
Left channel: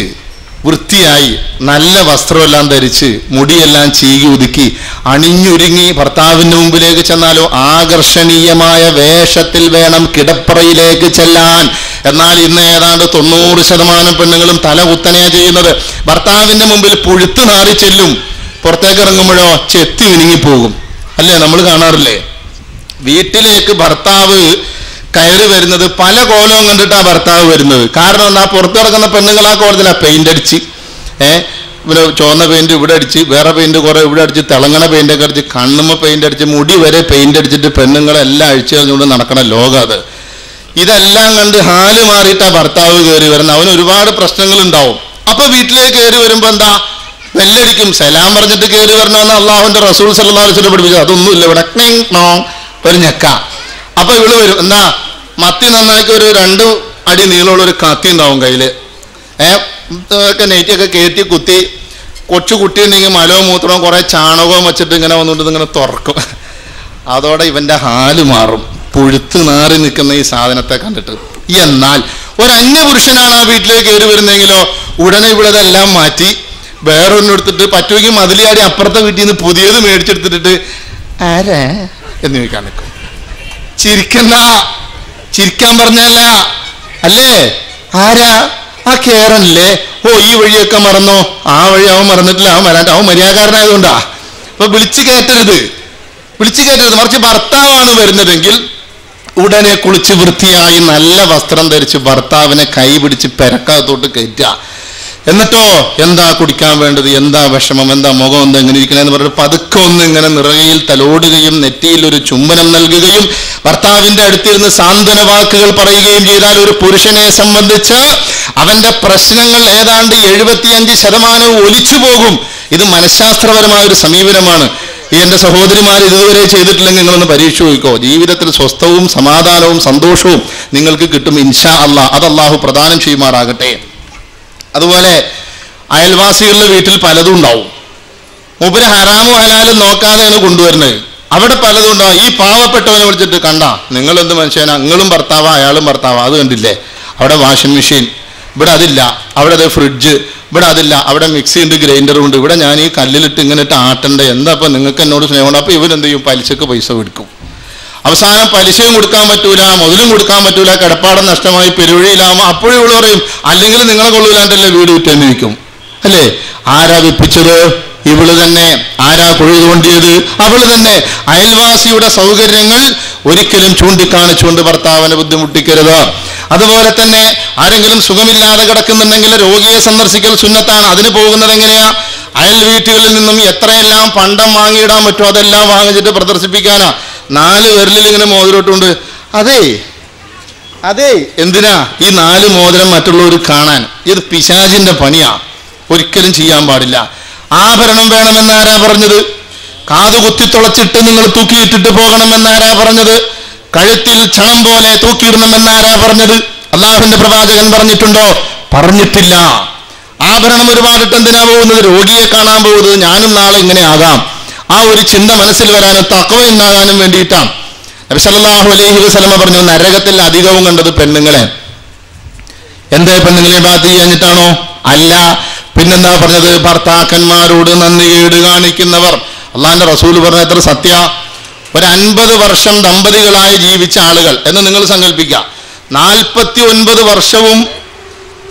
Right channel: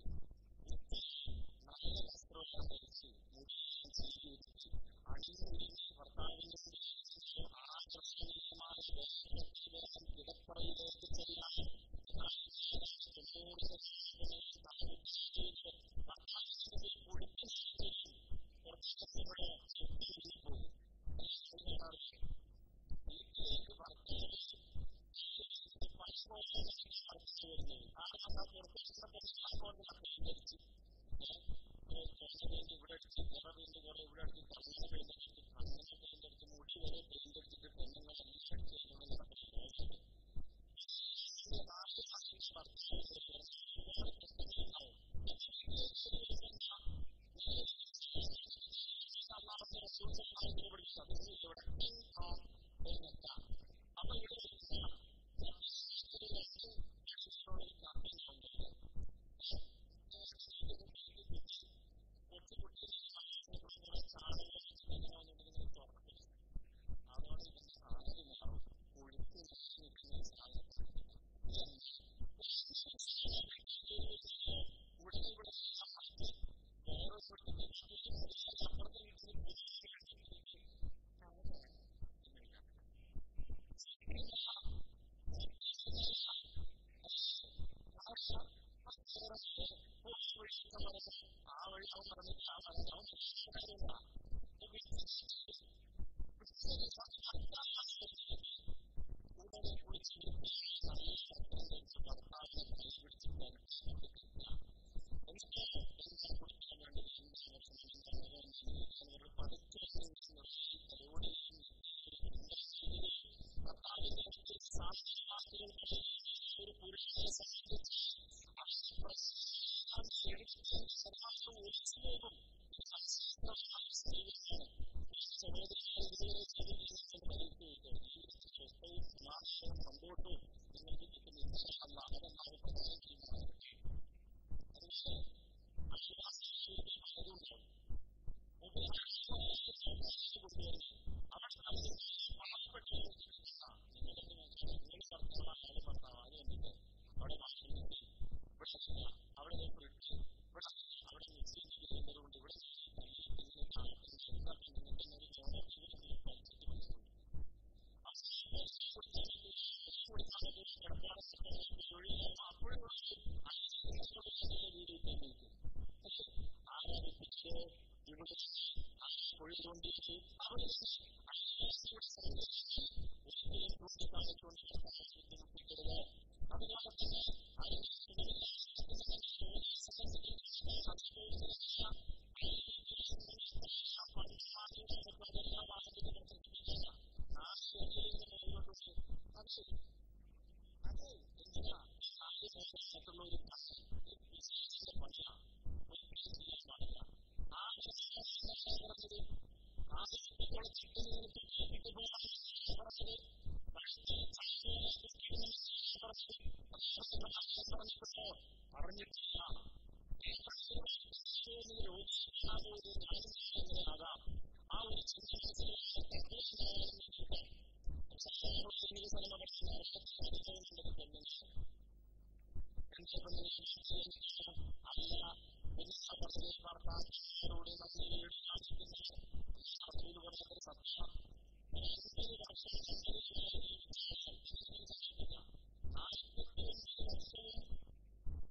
വൃത്തിയായി നല്ല വസ്ത്രമെല്ലാം ധരിച്ച് മുടിയെല്ലാം ചീകി ഒതുക്കി അണിഞ്ഞൊരുങ്ങി ഭർത്താവിൻ്റെ മുമ്പിലേക്ക് ചെന്നാലോ ആകർഷണീയമായ വേഷത്തിൽ വേണം കിടപ്പറയിലേക്ക് ചെല്ലാൻ. എന്നാൽ ഇന്ന് ഏതാണ്ട് 90% പെണ്ണുങ്ങളും തല കുത്തനെയാ ചെയ്യുന്നത്. ഭർത്താവിൻ്റെ മുമ്പിൽ പുഴുത്ത് നാറി ചെല്ലും, പുറത്തേക്ക് ഇറങ്ങുമ്പോഴോ ചെത്തി മിനുങ്ങിപ്പോകും. അല്ലേ, നമ്മൾ കാണാറില്ലേ? വീട്ടിലേക്ക് ഭർത്താവ് കയറി വരുന്നത് പല കോലവും കണ്ടിട്ടാണ് ഭർത്താവ് വരുന്നത്. കാരണം എന്താ, പുറത്ത് കിടക്കുന്ന പെണ്ണുങ്ങൾ ആ കോലത്തിലാണ് പെയിന്റ് അടിച്ച്, ഇവിടെ ചുവന്ന പെയിന്റ് ഇവിടെ അടിച്ച്, വേറെ പെയിന്റ് കുറെ ഇവിടെ അടിച്ച്, തിളങ്ങണ പെയിന്റൊക്കെ അടിച്ച്, കണ്ണുമ്മ പെയിന്റ് അടിച്ച്, മുടി വരെ പെയിന്റ് അടിച്ചിട്ട് പെണ്ണുങ്ങളെല്ലാം അഴിച്ചു കഴിഞ്ഞുകൊണ്ട് നടക്കണ ലോകം അത്. ഇതെല്ലാം കണ്ട് ഹാല് മാറിയിട്ടാ ഭർത്താവ് കയറി വരുന്നത്. അവന് ഒരുപാട് പ്രശ്നങ്ങൾ ഉണ്ടാവും. അപ്പൊ വീട്ടിലേക്ക് കയറി വരുമ്പോ എന്താ, ബെല്ലടിക്കും. സലാം പറഞ്ഞിട്ട് കയറി വരണമെന്ന് അള്ളാഹുവിന്റെ റസൂൽ സല്ലല്ലാഹു അലൈഹി വസല്ലം പഠിപ്പിച്ചു. അതൊന്നുമില്ല, ഇവിടെ ഒരു ഞെക്ക. അപ്പൊ ഇവള് വരും. എന്നാ മത്തി നന്നാക്കി ഒരു 2 അടി നീളമുള്ള ഒരു കത്തി ഉണ്ടാവും കയ്യില്. ഒക്കെ നെയ്റ്റിയൊക്കെ കയറ്റി കുത്തി, കൊച്ചു കുട്ടി ഉണ്ടെങ്കിൽ മലവും മൂത്രവും കുറെ ചാണകവും വെച്ചിട്ട് ഇങ്ങനെ വന്നുകൊണ്ട് ഇങ്ങനെ തുറക്കും. അതോടെ ഇവന്റെ ഹാല് മാറും, പുഴുത്ത് നാറി നിൽക്കുന്ന ഈ സാധനത്തെ കണ്ടിട്ട്. എന്നാൽ ഒരു അന്യപുരുഷനാണ് ആ വീട്ടിലേക്ക് കയറി വരുന്നെങ്കിലോ ഉടനെ ഇവിടെ ഇതെല്ലാം മാറ്റി വേറൊന്നും എടുത്തിട്ട് പറ്റുമെങ്കിൽ മതിലിയാടി അപ്പുറത്തെ വീട്ടിൽ നിന്ന് പുതിയത് മേടിച്ചെടുത്തിട്ട് ആരാ എന്ന് ചോദിക്കാൻ നിൽക്കും. ചിരിക്കണ്ട, ചിരിക്കാൻ പറഞ്ഞല്ല അല്ലേ. ആരാ? ആ കേറനല്ലേ. ഓ ഈ വഴിയൊക്കെ മറന്നോ? ആ വഴി അവൻ മറന്നിട്ടില്ല, അവൻ വരാണ്ട്, അവൻ മര്യാദക്കാരനായതുകൊണ്ടാ. അപ്പൊ വിളിച്ചു കയറ്റരുത്, മറിച്ച് ഭർത്താവാണ് വരുന്നതെങ്കിൽ ഉടനെ കുളിച്ച് വൃത്തിയായി നല്ല വസ്ത്രം ധരിച്ച് ഭർത്താവിനെ കൈ പിടിച്ച് പെരക്കകത്തോട്ട് കയറ്റുക. എന്നിട്ടോ എന്താ കുടിക്കാൻ വേണ്ടത്, എന്താ വിഷമം, എന്താ മുഖം, എന്താ എങ്ങനെ ഇരിക്കണെന്ന് പറഞ്ഞിട്ട് പതുക്കെ ഒന്ന് ഇങ്ങനെ നിറകയിൽ തലോടുകയും നെറ്റിയിൽ ഒരു ചുംബനം നൽകുകയും ഭർത്താവിന്റെ അടുത്തിരുന്ന് സാന്ത്വന വാക്കുകൾ പറയുകയും ചെയ്താൽ ഒരു പുരുഷനെ സംബന്ധിച്ച് അവന്റെ പ്രശ്നങ്ങൾ ഏതാണ്ട് 75% ഒലിച്ചു പോകും. ഇത് മനഃശാസ്ത്രപരമായ ഒരു സമീപനമാണ്. ഈ എൻ്റെ സഹോദരിമാർ ഇതുവരെ ചെയ്തിട്ടില്ലെങ്കിൽ നിങ്ങളൊന്ന് പരീക്ഷ നോക്കിക്കോ. ജീവിതത്തിൽ സ്വസ്ഥവും സമാധാനവും സന്തോഷവും നിങ്ങൾക്ക് കിട്ടും ഇൻഷാ അല്ലാഹ്. അത് അല്ലാഹു പ്രദാനം ചെയ്യുമാറാകട്ടെ. അതുപോലെ അയൽവാസികളുടെ വീട്ടിൽ പലതും ഉണ്ടാവും. മൂപ്പര് ഹറാമും ഹലാലും നോക്കാതെയാണ് കൊണ്ടുവരുന്നത്. അവിടെ പലതും ഉണ്ടാവും. ഈ പാവപ്പെട്ടവനെ വിളിച്ചിട്ട് കണ്ട നിങ്ങൾ എന്ത് മനുഷ്യനാ, നിങ്ങളും ഭർത്താവാ അയാളും ഭർത്താവാ, അത് കണ്ടില്ലേ, അവിടെ വാഷിംഗ് മെഷീൻ, ഇവിടെ അതില്ല, അവിടെ അത് ഫ്രിഡ്ജ്, ഇവിടെ അതില്ല, അവിടെ മിക്സി ഉണ്ട്, ഗ്രൈൻഡറും ഉണ്ട്, ഇവിടെ ഞാൻ ഈ കല്ലിലിട്ട് ഇങ്ങനെ ഇട്ട് ആട്ടണ്ടേ, എന്താ അപ്പം നിങ്ങൾക്ക് എന്നോട് സ്നേഹമുണ്ട്. അപ്പോൾ ഇവരെന്ത് ചെയ്യും, പലിശക്ക് പൈസ കൊടുക്കും. അവസാനം പലിശയും കൊടുക്കാൻ പറ്റൂല, മുതലും കൊടുക്കാൻ പറ്റൂല, കിടപ്പാടം നഷ്ടമായി പെരുവഴിയിലാകുമ്പോൾ അപ്പോഴും ഇവള് പറയും അല്ലെങ്കിൽ നിങ്ങളെ കൊള്ളൂലാണ്ടല്ലേ വീട് വിറ്റെന്ന് ചോദിക്കും അല്ലേ. ആരാ വിപ്പിച്ചത്? ഇവള് തന്നെ. ആരാ കുഴി തോണ്ടിയത്? അവള് തന്നെ. അയൽവാസിയുടെ സൗകര്യങ്ങൾ ഒരിക്കലും ചൂണ്ടിക്കാണിച്ചുകൊണ്ട് ഭർത്താവിനെ ബുദ്ധിമുട്ടിക്കരുത്. അതുപോലെ തന്നെ ആരെങ്കിലും സുഖമില്ലാതെ കിടക്കുന്നുണ്ടെങ്കിൽ രോഗിയെ സന്ദർശിക്കൽ സുന്നത്താണ്. അതിന് പോകുന്നത് എങ്ങനെയാ? അയൽ വീട്ടുകളിൽ നിന്നും എത്രയെല്ലാം പണ്ടം വാങ്ങിയിടാൻ പറ്റുമോ അതെല്ലാം വാങ്ങിച്ചിട്ട് പ്രദർശിപ്പിക്കാനാ. 4 വിരലിൽ ഇങ്ങനെ മോതിരട്ടുണ്ട്. അതെ എന്തിനാ ഈ 4 മോതിരം മറ്റുള്ളവർ കാണാൻ? ഇത് പിശാചിന്റെ പണിയാ, ഒരിക്കലും ചെയ്യാൻ പാടില്ല. ആഭരണം വേണമെന്നാരാ പറഞ്ഞത്? കാതുകുത്തി തുളച്ചിട്ട് നിങ്ങൾ തൂക്കിയിട്ടിട്ട് പോകണമെന്നാരാ പറഞ്ഞത്? കഴുത്തിൽ ക്ഷണം പോലെ തൂക്കിയിടണമെന്നാരാ പറഞ്ഞത്? അള്ളാഹുവിന്റെ പ്രവാചകൻ പറഞ്ഞിട്ടുണ്ടോ? പറഞ്ഞിട്ടില്ല. ആഭരണം ഒരുപാടിട്ട് എന്തിനാ പോകുന്നത്? രോഗിയെ കാണാൻ പോകുന്നത്. ഞാനും നാളെ ഇങ്ങനെ ആകാം, ആ ഒരു ചിന്ത മനസ്സിൽ വരാനും തഖ്വ ഉണ്ടാകാനും വേണ്ടിയിട്ടാണ്. നബി സല്ലല്ലാഹു അലൈഹി വസല്ലമ പറഞ്ഞു, നരകത്തിൽ അധികവും കണ്ടത് പെണ്ണുങ്ങളെ. എന്തേ പെണ്ണുങ്ങളെ ബാധ ചെയ്യാഞ്ഞിട്ടാണോ? അല്ല, പിന്നെന്താ പറഞ്ഞത്? ഭർത്താക്കന്മാരോട് നന്ദികേട് കാണിക്കുന്നവർ. അള്ളാഹിന്റെ റസൂൽ പറഞ്ഞ എത്ര സത്യ. ഒരു 50 വർഷം ദമ്പതികളായി ജീവിച്ച ആളുകൾ എന്ന് നിങ്ങൾ സങ്കല്പിക്കുക. 49 വർഷവും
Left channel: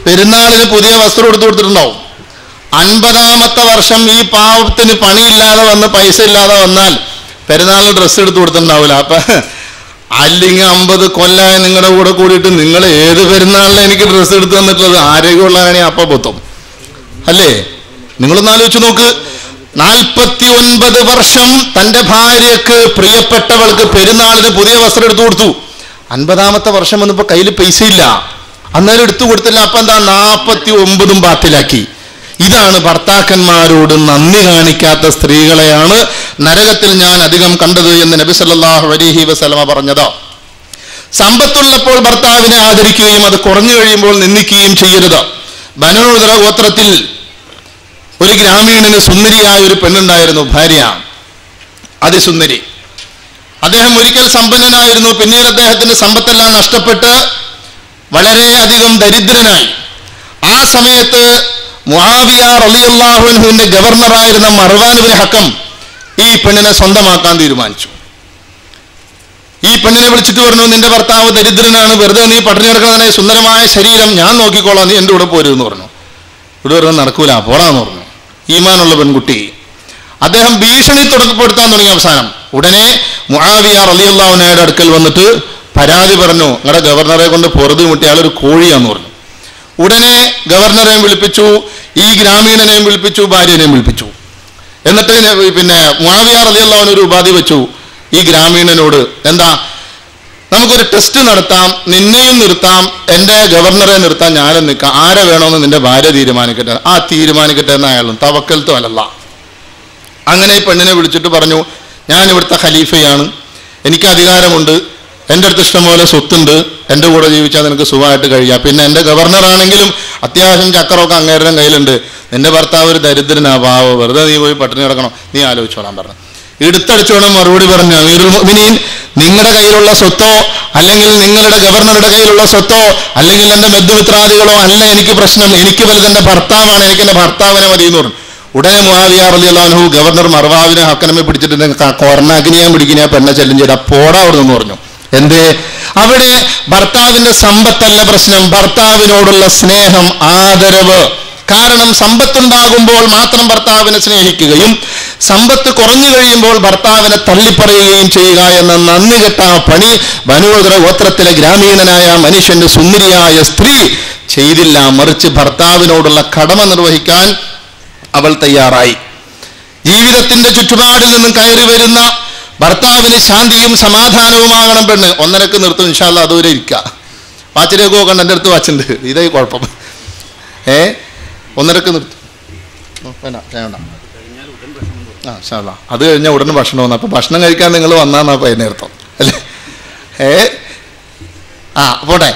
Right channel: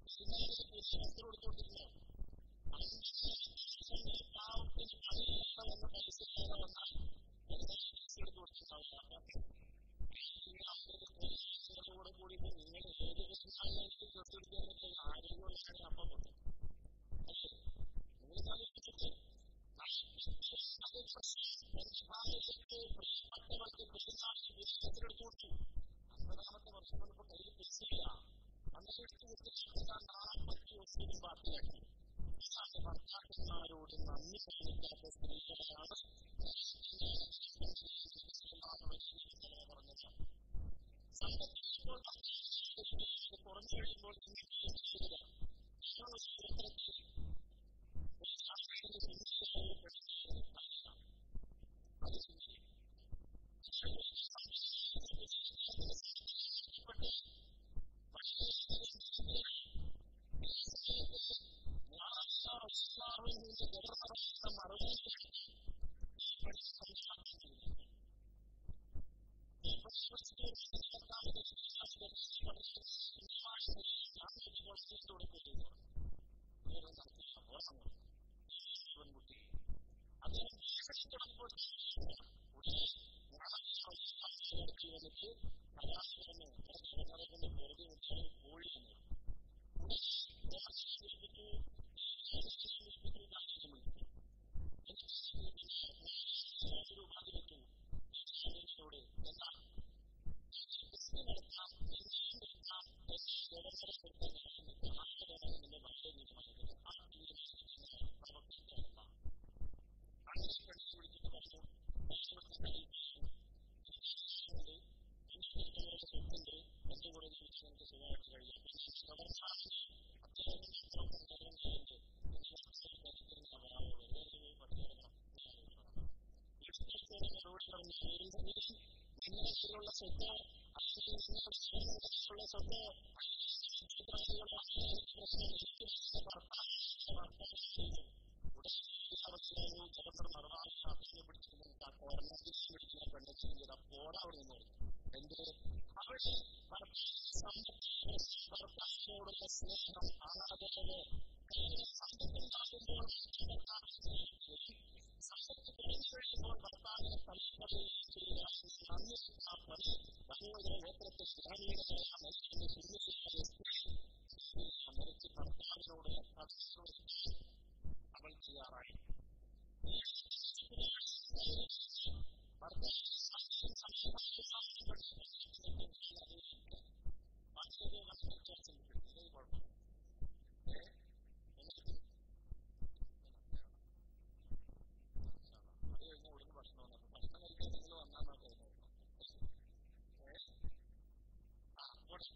പെരുന്നാളിന് പുതിയ വസ്ത്രം എടുത്തു കൊടുത്തിട്ടുണ്ടാവും. 50ാമത്തെ വർഷം ഈ പാവത്തിന് പണിയില്ലാതെ വന്ന് പൈസ ഇല്ലാതെ വന്നാൽ പെരുന്നാളിന് ഡ്രസ്സ് എടുത്തു കൊടുത്തിട്ടുണ്ടാവില്ല. അപ്പൊ അല്ലെങ്കിൽ 50 കൊല്ലമായി നിങ്ങളുടെ കൂടെ കൂടിയിട്ട് നിങ്ങൾ ഏത് പെരുന്നാളിന് എനിക്ക് ഡ്രസ്സ് എടുത്തു തന്നിട്ടുള്ളത്? ആരോഗ്യമുള്ളതാണെങ്കിൽ അപ്പ പൊത്തും അല്ലേ? നിങ്ങളൊന്ന് ആലോചിച്ച് നോക്ക്. 49 വർഷം തന്റെ ഭാര്യക്ക് പ്രിയപ്പെട്ടവൾക്ക് പെരുന്നാളിന് പുതിയ വസ്ത്രം എടുത്തു കൊടുത്തു. 50ാമത്തെ വർഷം വന്നപ്പോ കയ്യിൽ പൈസ ഇല്ല, അന്നേരം എടുത്തു കൊടുത്തില്ല. അപ്പൊ എന്താ? 49ഉം ബാത്തിലാക്കി. ഇതാണ് ഭർത്താക്കന്മാരോട് നന്ദി കാണിക്കാത്ത സ്ത്രീകളെയാണ് നരകത്തിൽ ഞാൻ അധികം കണ്ടത് എന്ന് നബി സല്ലല്ലാഹു അലൈഹി വസല്ലമ പറഞ്ഞത്. സമ്പത്തുള്ളപ്പോൾ ഭർത്താവിനെ ആദരിക്കുകയും അത് കുറഞ്ഞു കഴിയുമ്പോൾ നിന്ദിക്കുകയും ചെയ്യരുത്. ബനൂ ഉദ്റ ഗോത്രത്തിൽ ഒരു ഗ്രാമീണന് സുന്ദരിയായ ഒരു പെണ്ണുണ്ടായിരുന്നു, ഭാര്യ, അതിസുന്ദരി. അദ്ദേഹം ഒരിക്കൽ സമ്പന്നനായിരുന്നു. പിന്നീട് അദ്ദേഹത്തിന്റെ സമ്പത്തെല്ലാം നഷ്ടപ്പെട്ട് വളരെയധികം ദരിദ്രനായി. ആ സമയത്ത് മുആവിയ റളിയല്ലാഹു അൻഹുവിന്റെ ഗവർണറായിരുന്ന മർവാൻ ഇബ്നു ഹക്കം ഈ പെണ്ണിനെ സ്വന്തമാക്കാൻ തീരുമാനിച്ചു. ഈ പെണ്ണിനെ വിളിച്ചിട്ട് പറഞ്ഞു, നിന്റെ ഭർത്താവ് ദരിദ്രനാണ്, വെറുതെ നീ പട്ടിണി കിടക്കുന്നതിനെ സുന്ദരമായ ശരീരം ഞാൻ നോക്കിക്കോളാം, നീ എൻ്റെ കൂടെ പോരുമെന്ന് പറഞ്ഞു. ഇവിടെ പറഞ്ഞാൽ നടക്കൂല, പോടാന്ന് പറഞ്ഞു. ഈമാനുള്ള പെൺകുട്ടി. അദ്ദേഹം ഭീഷണി തുടക്കപ്പെടുത്താൻ തുടങ്ങി. അവസാനം ഉടനെ മുആവിയ റളിയല്ലാഹു അൻഹുവിന്റെ അടുക്കൽ വന്നിട്ട് പരാതി പറഞ്ഞു, നിങ്ങളുടെ ഗവർണറെ കൊണ്ട് പൊറുതി മുട്ടി, അയാളൊരു കോഴിയാന്ന് പറഞ്ഞു. ഉടനെ ഗവർണറെയും വിളിപ്പിച്ചു, ഈ ഗ്രാമീണനെയും വിളിപ്പിച്ചു, ഭാര്യനെയും വിളിപ്പിച്ചു. എന്നിട്ട് പിന്നെ മുആവിയ റളിയല്ലാഹു അൻഹു ഒരു ഉപാധി വെച്ചു ഈ ഗ്രാമീണനോട്. എന്താ? നമുക്കൊരു ടെസ്റ്റ് നടത്താം, നിന്നെയും നിർത്താം, എൻ്റെ ഗവർണറെ നിർത്താൻ ഞാനും നിൽക്കാം, ആരെ വേണമെന്ന് നിന്റെ ഭാര്യ തീരുമാനിക്കട്ടെ. ആ തീരുമാനിക്കട്ടെ എന്ന് അയാളും തവക്കൽത്തു അലല്ലാ. അങ്ങനെ ഈ പെണ്ണിനെ വിളിച്ചിട്ട് പറഞ്ഞു, ഞാൻ ഇവിടുത്തെ ഖലീഫയാണ്, എനിക്ക് അധികാരമുണ്ട്, എൻ്റെ അടുത്ത് ഇഷ്ടംപോലെ സ്വത്തുണ്ട്, എൻ്റെ കൂടെ ജീവിച്ചാൽ നിനക്ക് സുഖമായിട്ട് കഴിയാം. പിന്നെ എൻ്റെ ഗവർണറാണെങ്കിലും അത്യാവശ്യം ചക്കറൊക്കെ അങ്ങേരുടെ കയ്യിലുണ്ട്. നിന്റെ ഭർത്താവ് ഒരു ദരിദ്രനാ, പാവോ, വെറുതെ നീ പോയി പട്ടിണി കിടക്കണം, നീ ആലോചിച്ചോളാൻ പറഞ്ഞു. എടുത്തടിച്ചോണം മറുപടി പറഞ്ഞു, അമീറുൽ മുഅ്മിനീൻ, നിങ്ങളുടെ കയ്യിലുള്ള സ്വത്തോ അല്ലെങ്കിൽ നിങ്ങളുടെ ഗവർണറുടെ കയ്യിലുള്ള സ്വത്തോ അല്ലെങ്കിൽ എൻ്റെ ബന്ധുമിത്രാദികളോ അല്ല എനിക്ക് പ്രശ്നം, എനിക്ക് വലുത് എൻ്റെ ഭർത്താവാണ്, എനിക്ക് എൻ്റെ ഭർത്താവിനെ മതി എന്ന് പറഞ്ഞു. ഉടനെ മുആവിയ റളിയല്ലാഹു അൻഹു ഗവർണർ മർവാവിനെ ഹക്കനമെ പിടിച്ചിട്ട് കൊറനാക്കിനെ പിടിക്കുന്ന പെണ്ണെ ചെല്ലും ചെയ്ത പോടാ അവിടെ നിന്ന് പറഞ്ഞു. എന്തേ? അവിടെ ഭർത്താവിന്റെ സമ്പത്തല്ല പ്രശ്നം, ഭർത്താവിനോടുള്ള സ്നേഹം, ആദരവ്. കാരണം സമ്പത്തുണ്ടാകുമ്പോൾ മാത്രം ഭർത്താവിനെ സ്നേഹിക്കുകയും സമ്പത്ത് കുറഞ്ഞു കഴിയുമ്പോൾ ഭർത്താവിനെ തള്ളിപ്പറയുകയും ചെയ്യുക എന്ന നന്ദി കെട്ട പണി ബനൂദർ ഗോത്രത്തിലെ ഗ്രാമീണനായ മനുഷ്യന്റെ സുന്ദരിയായ സ്ത്രീ ചെയ്തില്ല. മറിച്ച് ഭർത്താവിനോടുള്ള കടമ നിർവഹിക്കാൻ അവൾ തയ്യാറായി. ജീവിതത്തിന്റെ ചുറ്റുപാടിൽ നിന്നും കയറി വരുന്ന ഭർത്താവിന് ശാന്തിയും സമാധാനവുമാകണം പെണ്ണ്. 1:30 നിർത്തും ഇൻഷാ അല്ലാഹ്, അതുവരെ ഇരിക്കുക. വാച്ചിലേക്ക് പോകണ്ട, എൻ്റെ അടുത്ത് വാച്ചുണ്ട്, ഇതേ കുഴപ്പം. 1:30 നിർത്തും. വേണ്ട വേണ്ട, ഇൻഷാ അല്ലാഹ് അത് കഴിഞ്ഞാൽ ഉടനെ ഭക്ഷണം വന്നു. അപ്പോൾ ഭക്ഷണം കഴിക്കാൻ നിങ്ങൾ വന്നാന്നാ നേരത്തം അല്ലേ? പോട്ടെ.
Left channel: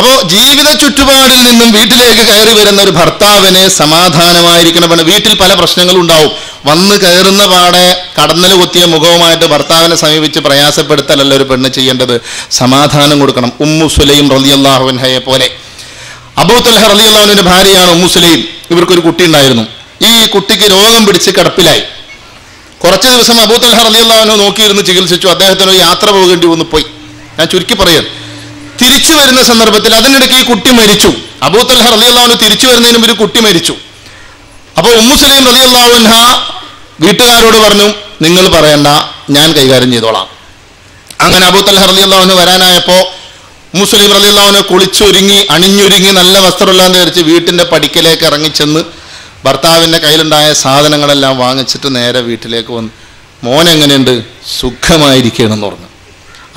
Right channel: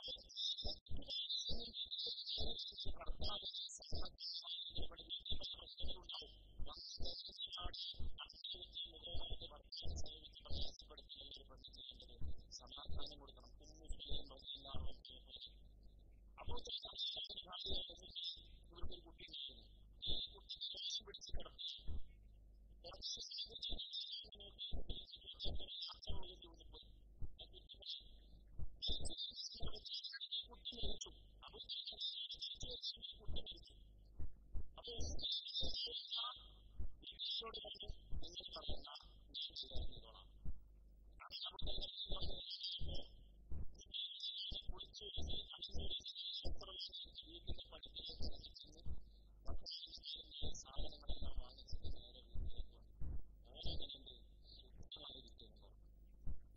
അപ്പോൾ ജീവിത ചുറ്റുപാടിൽ നിന്നും വീട്ടിലേക്ക് കയറി വരുന്ന ഒരു ഭർത്താവിന് സമാധാനമായിരിക്കണം. വീട്ടിൽ പല പ്രശ്നങ്ങളും ഉണ്ടാവും. വന്ന് കയറുന്ന പാടെ കടന്നൽ കൊത്തിയ മുഖവുമായിട്ട് ഭർത്താവിനെ സമീപിച്ച് പ്രയാസപ്പെടുത്തലല്ല ഒരു പെണ്ണ് ചെയ്യേണ്ടത്, സമാധാനം കൊടുക്കണം. ഉമ്മു സുലൈം റളിയല്ലാഹു അൻഹയെ പോലെ. അബൂ തൽഹ റളിയല്ലാഹു അൻഹുവിന്റെ ഭാര്യയാണ് ഉമ്മു സുലൈം. ഇവർക്കൊരു കുട്ടി ഉണ്ടായിരുന്നു. ഈ കുട്ടിക്ക് രോഗം പിടിച്ച് കിടപ്പിലായി. കുറച്ച് ദിവസം അബൂ തൽഹ റളിയല്ലാഹു അൻഹു നോക്കിയിരുന്ന് ചികിത്സിച്ചു. അദ്ദേഹത്തിന് ഒരു യാത്ര പോകേണ്ടി വന്നു പോയി. ഞാൻ ചുരുക്കി പറയാം. തിരിച്ചു വരുന്ന സന്ദർഭത്തിൽ അതിനിടയ്ക്ക് ഈ കുട്ടി മരിച്ചു. അബൂ തൽഹ റളിയല്ലാഹു അൻഹു തിരിച്ചു വരുന്നതിന് മുമ്പ് ഒരു കുട്ടി മരിച്ചു. അപ്പോൾ ഉമ്മു സുലൈം റളിയല്ലാഹു അൻഹ വീട്ടുകാരോട് പറഞ്ഞു, നിങ്ങൾ പറയണ്ട, ഞാൻ കൈകാര്യം ചെയ്തോളാം. അങ്ങനെ അബൂ തൽഹ റളിയല്ലാഹു അൻഹു വരാനായപ്പോൾ ഉമ്മു സുലൈം റളിയല്ലാഹു അൻഹു കുളിച്ചൊരുങ്ങി അണിഞ്ഞൊരുങ്ങി നല്ല വസ്ത്രമെല്ലാം ധരിച്ച് വീട്ടിൻ്റെ പടിക്കലേക്ക് ഇറങ്ങിച്ചെന്ന് ഭർത്താവിൻ്റെ കയ്യിലുണ്ടായ സാധനങ്ങളെല്ലാം വാങ്ങിച്ചിട്ട് നേരെ വീട്ടിലേക്ക് വന്നു. മോൻ എങ്ങനെയുണ്ട്? സുഖമായിരിക്കണമെന്ന് പറഞ്ഞു.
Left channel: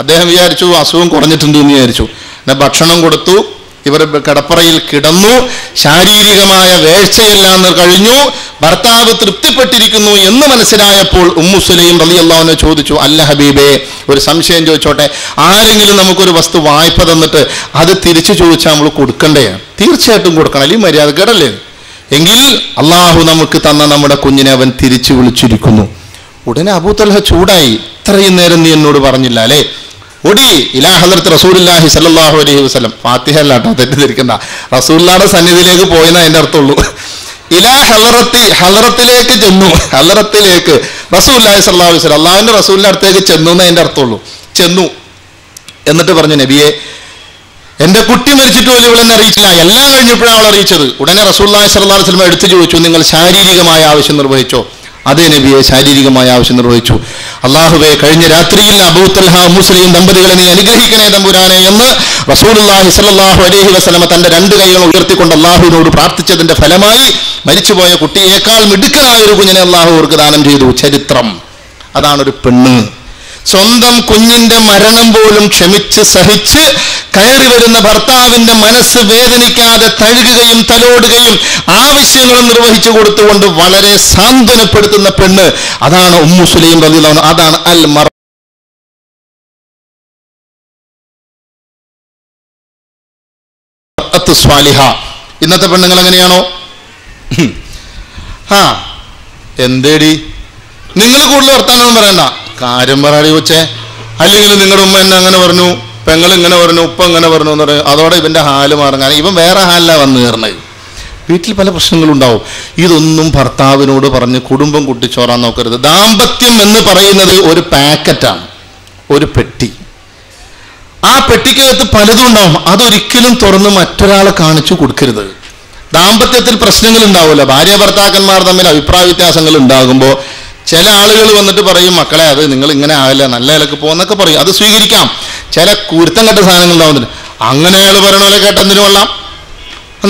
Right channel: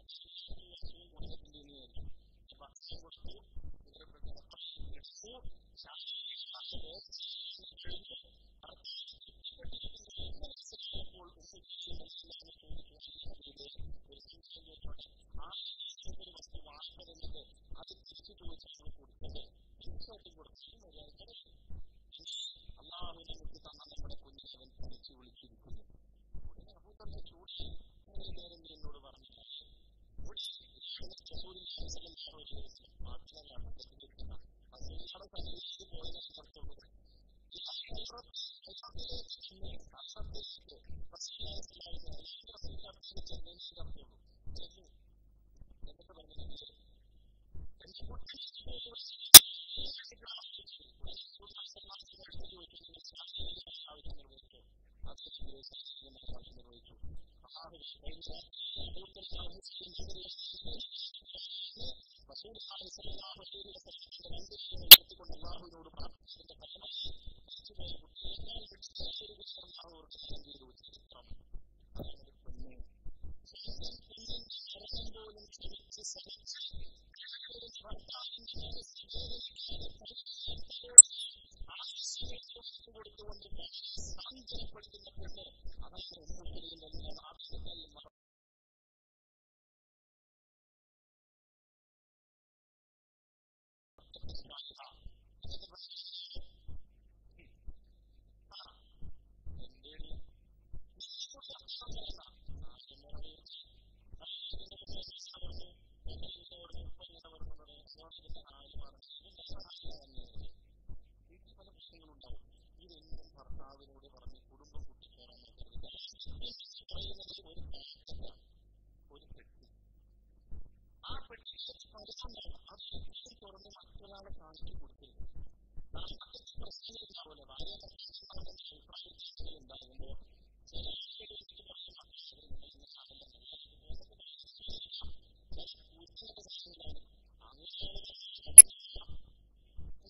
അദ്ദേഹം വിചാരിച്ചു അസുഖം കുറഞ്ഞിട്ടുണ്ട് എന്ന് വിചാരിച്ചു. പിന്നെ ഭക്ഷണം കൊടുത്തു. ഇവർ കിടപ്പറയിൽ കിടന്നു. ശാരീരികമായ വേഴ്ചയെല്ലാം കഴിഞ്ഞു. ഭർത്താവ് തൃപ്തിപ്പെട്ടിരിക്കുന്നു എന്ന് മനസ്സിലായപ്പോൾ ഉമ്മു സുലൈം റളിയല്ലാഹു അൻഹ ചോദിച്ചു, അല്ല ഹബീബേ, ഒരു സംശയം ചോദിച്ചോട്ടെ, ആരെങ്കിലും നമുക്കൊരു വസ്തു വായ്പ തന്നിട്ട് അത് തിരിച്ചു ചോദിച്ചാൽ നമ്മൾ കൊടുക്കണ്ടേ? തീർച്ചയായിട്ടും കൊടുക്കണം, അല്ലെങ്കിൽ മര്യാദ കേടല്ലേ? എങ്കിൽ അള്ളാഹു നമുക്ക് തന്ന നമ്മുടെ കുഞ്ഞിനെ അവൻ തിരിച്ചു വിളിച്ചിരിക്കുന്നു. ഉടനെ അബൂ തൽഹ ചൂടായി, ഇത്രയും നേരം നീ എന്നോട് പറഞ്ഞില്ല അല്ലേ? ഒടി ഇലാ ഹളറത്ത് റസൂലുള്ളാഹി സ്വല്ലല്ലാഹു അലൈഹി വസല്ലം, ഫാത്തിഹ അല്ലാട്ടോ, തെറ്റിദ്ധരിക്കണ്ട, റസൂലുള്ളാഹിയുടെ സന്നിധിയിലേക്ക് പോയെന്നാ അതിൻ്റെ അർത്ഥമുള്ളൂ. ഇലാ ഹളറത്തിലേക്ക് ചെന്നു, ഹളറത്തിലേക്ക് റസൂലുള്ളാഹി സ്വല്ലല്ലാഹു അലൈഹി വസല്ലം, അള്ളാഹുവിൻ്റെ റസൂലിൻ്റെ അടുത്തേക്ക് ചെന്നു എന്നേ അതിൻ്റെ അർത്ഥമുള്ളൂ. ചെന്നു എന്നിട്ട് പറഞ്ഞു, നബിയെ, എൻ്റെ കുട്ടി മരിച്ചിട്ട് പോലും ഇവളെന്നെ അറിയിച്ചില്ല, എല്ലാം കഴിഞ്ഞപ്പോഴാണ് അവൾ അറിയിച്ചത്. ഉടനെ റസൂലുള്ളാഹി സ്വല്ലല്ലാഹു അലൈഹി വസല്ലം എടുത്തു ചോദിച്ചു, നിങ്ങൾ ശാരീരികമായ ആവശ്യം നിർവഹിച്ചോ? അതേ നബിയെ, ശാരീരികമായ ആവശ്യം നിർവഹിച്ചു. അള്ളാഹുവേ, കഴിഞ്ഞ രാത്രിയിൽ അബൂ തൽഹ മുസ്ലിം ദമ്പതികളെ നീ അനുഗ്രഹിക്കണേ തമ്പുരാനെ എന്ന് റസൂലുള്ളാഹി സ്വല്ലല്ലാഹു അലൈഹി വസല്ലം തന്റെ 2 കൈകൾ ഉയർത്തിക്കൊണ്ട് അള്ളാഹുവിനോട് പ്രാർത്ഥിച്ചതിന്റെ ഫലമായി മരിച്ചുപോയ കുട്ടിയേക്കാൾ മിടുക്കനായ ഒരു കുഞ്ഞിനെ അള്ളാഹു അവർക്ക് ദാനം ചെയ്തു. ചരിത്രം അതാണൊരു പെണ്ണ്. സ്വന്തം കുഞ്ഞിന്റെ മരണം പോലും ക്ഷമിച്ച് സഹിച്ച് കയറി വരുന്ന ഭർത്താവിന്റെ മനസ്സ് വേദനിക്കാതെ തഴുകുകയും തലോടുകയും ആവശ്യങ്ങളും നിർവഹിച്ചു കൊടുത്തുകൊണ്ട് വളരെ സാന്ത്വനപ്പെടുത്തുന്ന പെണ്ണ്, അതാണ് ഉമ്മു സുലൈം റളിയല്ലാഹു അൻഹ. അതാണ് അൽ മർഅത്തു സ്വാലിഹ. ഇന്നത്തെ പെണ്ണുങ്ങൾ എങ്ങനെയാണോ? എന്തേടി നിങ്ങൾ കൂടുതൽ വർത്താനൊന്നും പറയണ്ട, കാര്യം പറയാടി വെച്ചേ. അല്ലെങ്കിൽ നിങ്ങളുടെ ഉമ്മ എന്നെ അങ്ങനെ പറഞ്ഞു, പെങ്ങൾ ഇങ്ങനെ പറഞ്ഞു, ഉപ്പ ഇങ്ങനെ പറഞ്ഞു എന്ന് പറയും. അതോടെ ഇവന്റെ ഹാല് മാറും. കാരണം ഇവൻ വേറെ ഹാലിലാണ് വന്നു കയറണത്. വീട്ടിൽ പല പ്രശ്നങ്ങളുണ്ടാവും. ഇതൊന്നും ഭർത്താവിനോട് പറഞ്ഞ് കുടുംബം കുട്ടിച്ചോറാൻ നോക്കരുത്. ദാമ്പത്യം എന്ന് പറയുന്നത് ഒരു പാക്കറ്റാണ്, ഒരു പെട്ടി. ആ പെട്ടിക്കകത്ത് പലതും ഉണ്ടാവും. അതൊരിക്കലും തുറന്ന് മറ്റൊരാളെ കാണിച്ചു കൊടുക്കരുത്. ദാമ്പത്യത്തിൽ പ്രശ്നങ്ങൾ ഉണ്ടാവില്ല. ഭാര്യ ഭർത്താക്കന്മാർ തമ്മിൽ അഭിപ്രായ വ്യത്യാസങ്ങൾ ഉണ്ടാകുമ്പോൾ ചില ആളുകൾ വന്നിട്ട് പറയും, മക്കളെ അത് നിങ്ങൾ ഇങ്ങനെ ആവില്ല, നല്ല നിലക്ക് പോകുന്നൊക്കെ പറയും. അത് സ്വീകരിക്കാം. ചില കുരുത്തം കെട്ട സാധനങ്ങൾ ഉണ്ടാവുന്നുണ്ട്. അങ്ങനെ അയാൾ പറയണ പോലെ കേട്ടെന്തിനു കൊള്ളാം,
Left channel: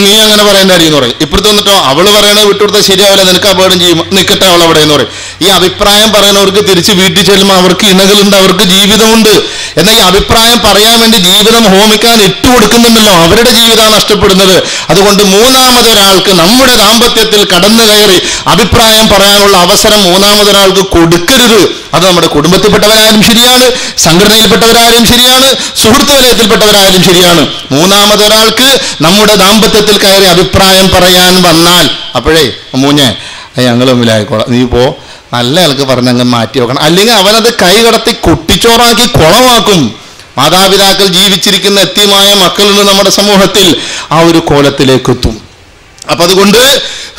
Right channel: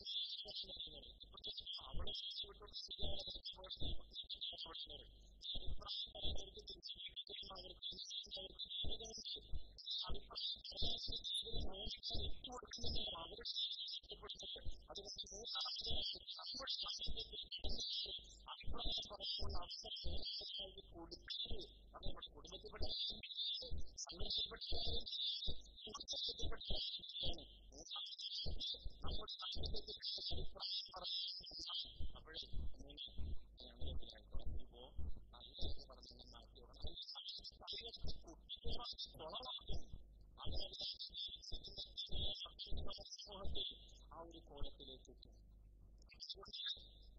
നീ അങ്ങനെ പറയേണ്ട അടിയെന്ന് പറയും. ഇപ്പുറത്ത് വന്നിട്ടോ അവള് പറയണത് വിട്ടുകൊടുത്താൽ ശരിയാവില്ല, നിനക്ക് അപകടം ചെയ്യും, നിൽക്കട്ടെ അവൾ അവിടെ എന്ന് പറയും. ഈ അഭിപ്രായം പറയുന്നവർക്ക് തിരിച്ച് വീട്ടിൽ ചെല്ലുമ്പോൾ അവർക്ക് ഇണകളുണ്ട്, അവർക്ക് ജീവിതമുണ്ട്. എന്നാൽ ഈ അഭിപ്രായം പറയാൻ വേണ്ടി ജീവിതം ഹോമിക്കാൻ ഇട്ടുകൊടുക്കുന്നുണ്ടല്ലോ, അവരുടെ ജീവിതമാണ് നഷ്ടപ്പെടുന്നത്. അതുകൊണ്ട് മൂന്നാമതൊരാൾക്ക് നമ്മുടെ ദാമ്പത്യത്തിൽ കടന്നു കയറി അഭിപ്രായം പറയാനുള്ള അവസരം മൂന്നാമതൊരാൾക്ക് കൊടുക്കരുത്. അത് നമ്മുടെ കുടുംബത്തിൽപ്പെട്ടവരായാലും ശരിയാണ്, സംഘടനയിൽപ്പെട്ടവരായാലും ശരിയാണ്, സുഹൃത്ത് വലയത്തിൽപ്പെട്ടവരായാലും ശരിയാണ്. മൂന്നാമതൊരാൾക്ക് നമ്മുടെ ദാമ്പത്യത്തിൽ കയറി അഭിപ്രായം പറയാൻ വന്നാൽ അപ്പോഴേ മൂഞ്ഞേ ഞങ്ങൾ തമ്മിലായിക്കോളാം, നീ പോ, നല്ല ആൾക്ക് പറഞ്ഞങ്ങ് മാറ്റി വെക്കണം. അല്ലെങ്കിൽ അവനത് കൈ കടത്തി കുട്ടിച്ചോറാക്കി കുളമാക്കും. മാതാപിതാക്കൾ ജീവിച്ചിരിക്കുന്ന എത്തിയമായ മക്കളുണ്ട് നമ്മുടെ സമൂഹത്തിൽ, ആ ഒരു കോലത്തിലേക്ക് എത്തും. അപ്പൊ അതുകൊണ്ട്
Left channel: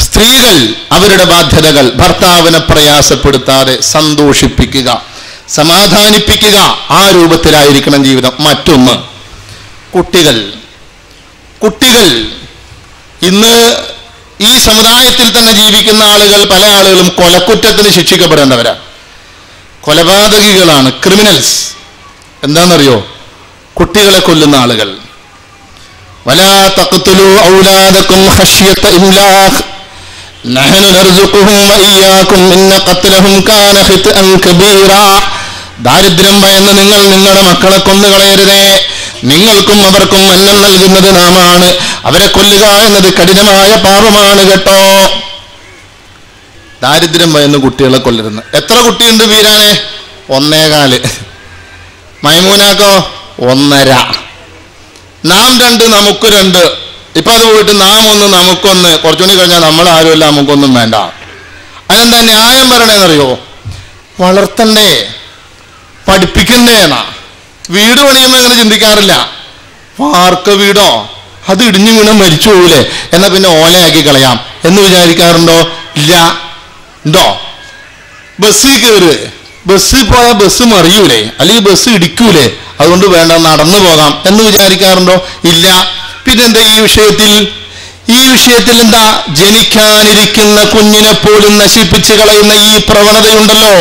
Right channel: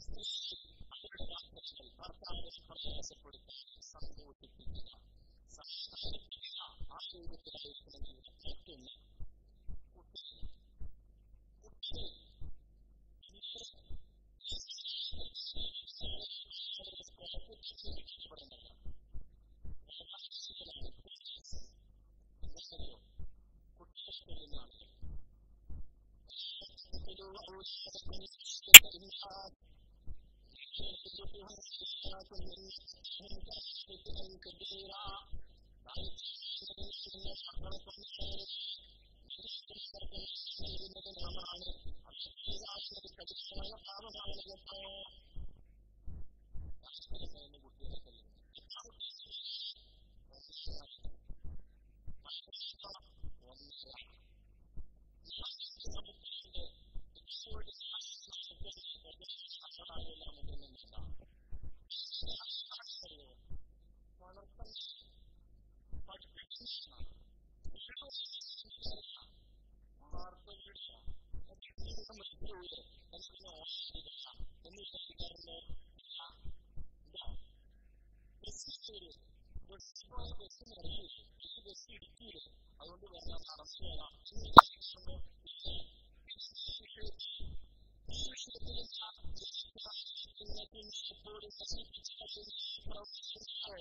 സ്ത്രീകൾ അവരുടെ ബാധ്യതകൾ ഭർത്താവിനെ പ്രയാസപ്പെടുത്താതെ സന്തോഷിപ്പിക്കുക, സമാധാനിപ്പിക്കുക, ആ രൂപത്തിലായിരിക്കണം ജീവിതം. മറ്റൊന്ന്, കുട്ടികൾ ഇന്ന് ഈ സമുദായത്തിൽ തന്നെ ജീവിക്കുന്ന ആളുകൾ, പല ആളുകളും കൊലക്കുറ്റത്തിന് ശിക്ഷിക്കപ്പെടേണ്ടവരാ, കൊലപാതകികളാണ്, ക്രിമിനൽസ്. എന്താണെന്നറിയോ? കുട്ടികളെ കൊല്ലുന്ന ആളുകൾ. വലാ തഖ്തുലൂ ഔലാദകും ഖശ്യത ഇംലാഖ് നഹ്നു നർസുഖുഹും വഇയ്യാകും ഇന്ന ഖത്ലഹും കാന ഖിത്അൻ കബീറാ. ദാരിദ്ര്യം ഭയന്ന് നിങ്ങൾ നിങ്ങളുടെ മക്കളെ കൊന്നുകളയരുതേ, നിങ്ങൾക്കും അവർക്കും അന്നം നൽകുന്നത് നാമാണ്, അവരെ കൊല്ലുക എന്നത് കഠിനമായ പാപമാണ് കേട്ടോ. ദാരിദ്ര്യം ഭയന്ന് കുട്ടികളെ കൊല്ലരുന്ന്. എത്ര കുട്ടിയുണ്ട് വീരാനെ? 1.25. മൈമൂനാക്കോ 1.5. നാം 2 നമുക്ക് 2. ഇപ്പൊ അത് പോയിട്ട് നാം 1 നമുക്കൊന്ന്, കുറച്ചുകൂടി കഴിഞ്ഞാൽ നമ്മൾ ആരുമല്ല, നമുക്കൊന്നും വേണ്ട. അതെന്താ ന്യായം പറയണേന്നറിയോ? വളർത്തണ്ടേ, പഠിപ്പിക്കണ്ടേ എന്നാ. വീട് പണിയുമ്പോൾ അങ്ങനെ ചിന്തിക്കാറില്ല. വാർക്ക വീടോ, അത് ഇടിഞ്ഞു വീണ മരിച്ചു പോകൂലേ, എന്നാ പിന്നെ ഓലയാക്കി കളയാം എന്ന് വിചാരിക്കാറുണ്ടോ? ഇല്ല. ഉണ്ടോ? ബസ്സിൽ കയറ്, ബസ്സിൽ പോയാൽ ബസ് മറിയൂലേ, അല്ലെങ്കിൽ ബസ് ഇടിക്കൂലേ, അതുകൊണ്ട് വേണ്ട നടന്നു പോകാം എന്ന് വിചാരിക്കാറുണ്ടോ? ഇല്ല. പിന്നെന്താ ഈ വിഷയത്തിൽ എന്താ? ജനിക്കാനിരിക്കുന്ന കുഞ്ഞിനെ പോലും നശിപ്പിച്ച് കളയുന്ന ഈ പ്രവണതയുണ്ടല്ലോ.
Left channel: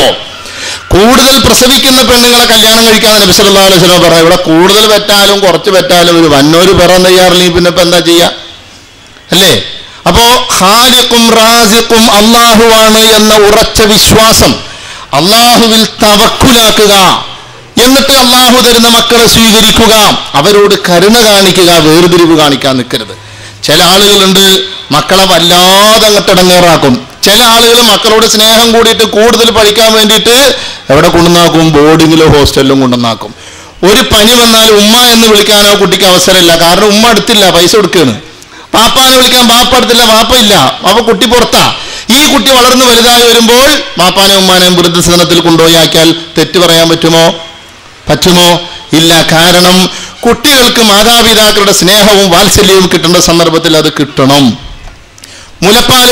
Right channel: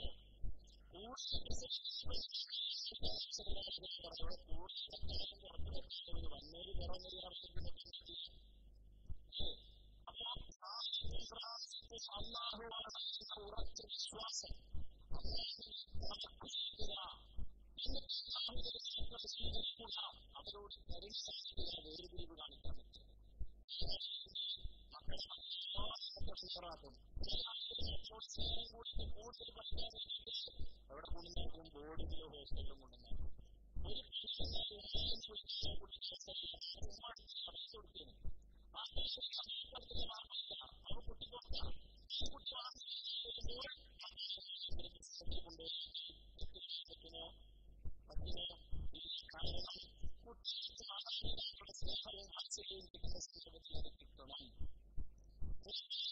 കൂടുതൽ പ്രസവിക്കുന്ന പെണ്ണുങ്ങളെ കല്യാണം കഴിക്കാൻ നബി സല്ലല്ലാഹു അലൈഹി വസല്ലം പറഞ്ഞു. ഇവിടെ കൂടുതൽ പെറ്റാലും കുറച്ച് പെറ്റാലും ഒരു വന്നോര് പറയാൻ തയ്യാറില്ലെങ്കിൽ പിന്നെ ഇപ്പൊ എന്താ ചെയ്യാ? അല്ലേ? അപ്പോ ഖാലിഖും റാസിഖും അള്ളാഹുവാണ് എന്ന ഉറച്ച വിശ്വാസം, അള്ളാഹുവിൽ തവക്കുലാക്കുക, എന്നിട്ട് അള്ളാഹു തരുന്ന മക്കളെ സ്വീകരിക്കുക, അവരോട് കരുണ കാണിക്കുക, വേർതിരിവ് കാണിക്കാൻ നിൽക്കരുത്. ചില ആളുകളുണ്ട് മക്കളെ വല്ലാതെ അങ്ങോട്ടിടങ്ങേറാക്കും. ചില ആളുകൾ മക്കളോട് സ്നേഹം കൂടിയിട്ട് കൂടുതൽ പഠിക്കാൻ വേണ്ടിയിട്ട് എവിടെ കൊണ്ടുവന്നാക്കും? ബോർഡിങ്ങിലോ ഹോസ്റ്റലിലും കൊണ്ടുവന്നാക്കും. ഒരു പനി വന്നാൽ ഉമ്മ എന്ന് വിളിക്കാനോ കുട്ടിക്ക് അവസരമില്ല, കാരണം ഉമ്മ അടുത്തില്ല, പൈസ കൊടുക്കുകയാണ്. പാപ്പാനെ വിളിക്കാൻ പാപ്പ അടുത്തില്ല, പാപ്പ ഇല്ല, അപ്പൊ കുട്ടി പുറത്താ. ഈ കുട്ടി വളർന്നു വലുതായി വരുമ്പോൾ പാപ്പാനെ ഉമ്മാനെയും വൃദ്ധസദനത്തിൽ കൊണ്ടുപോയി ആക്കിയാൽ തെറ്റ് പറയാൻ പറ്റുമോ? ഇല്ല. കാരണം കുട്ടികൾക്ക് മാതാപിതാക്കളുടെ സ്നേഹവും വാത്സല്യവും കിട്ടേണ്ട സന്ദർഭത്തിൽ അത് കിട്ടണം. മുലപ്പാല്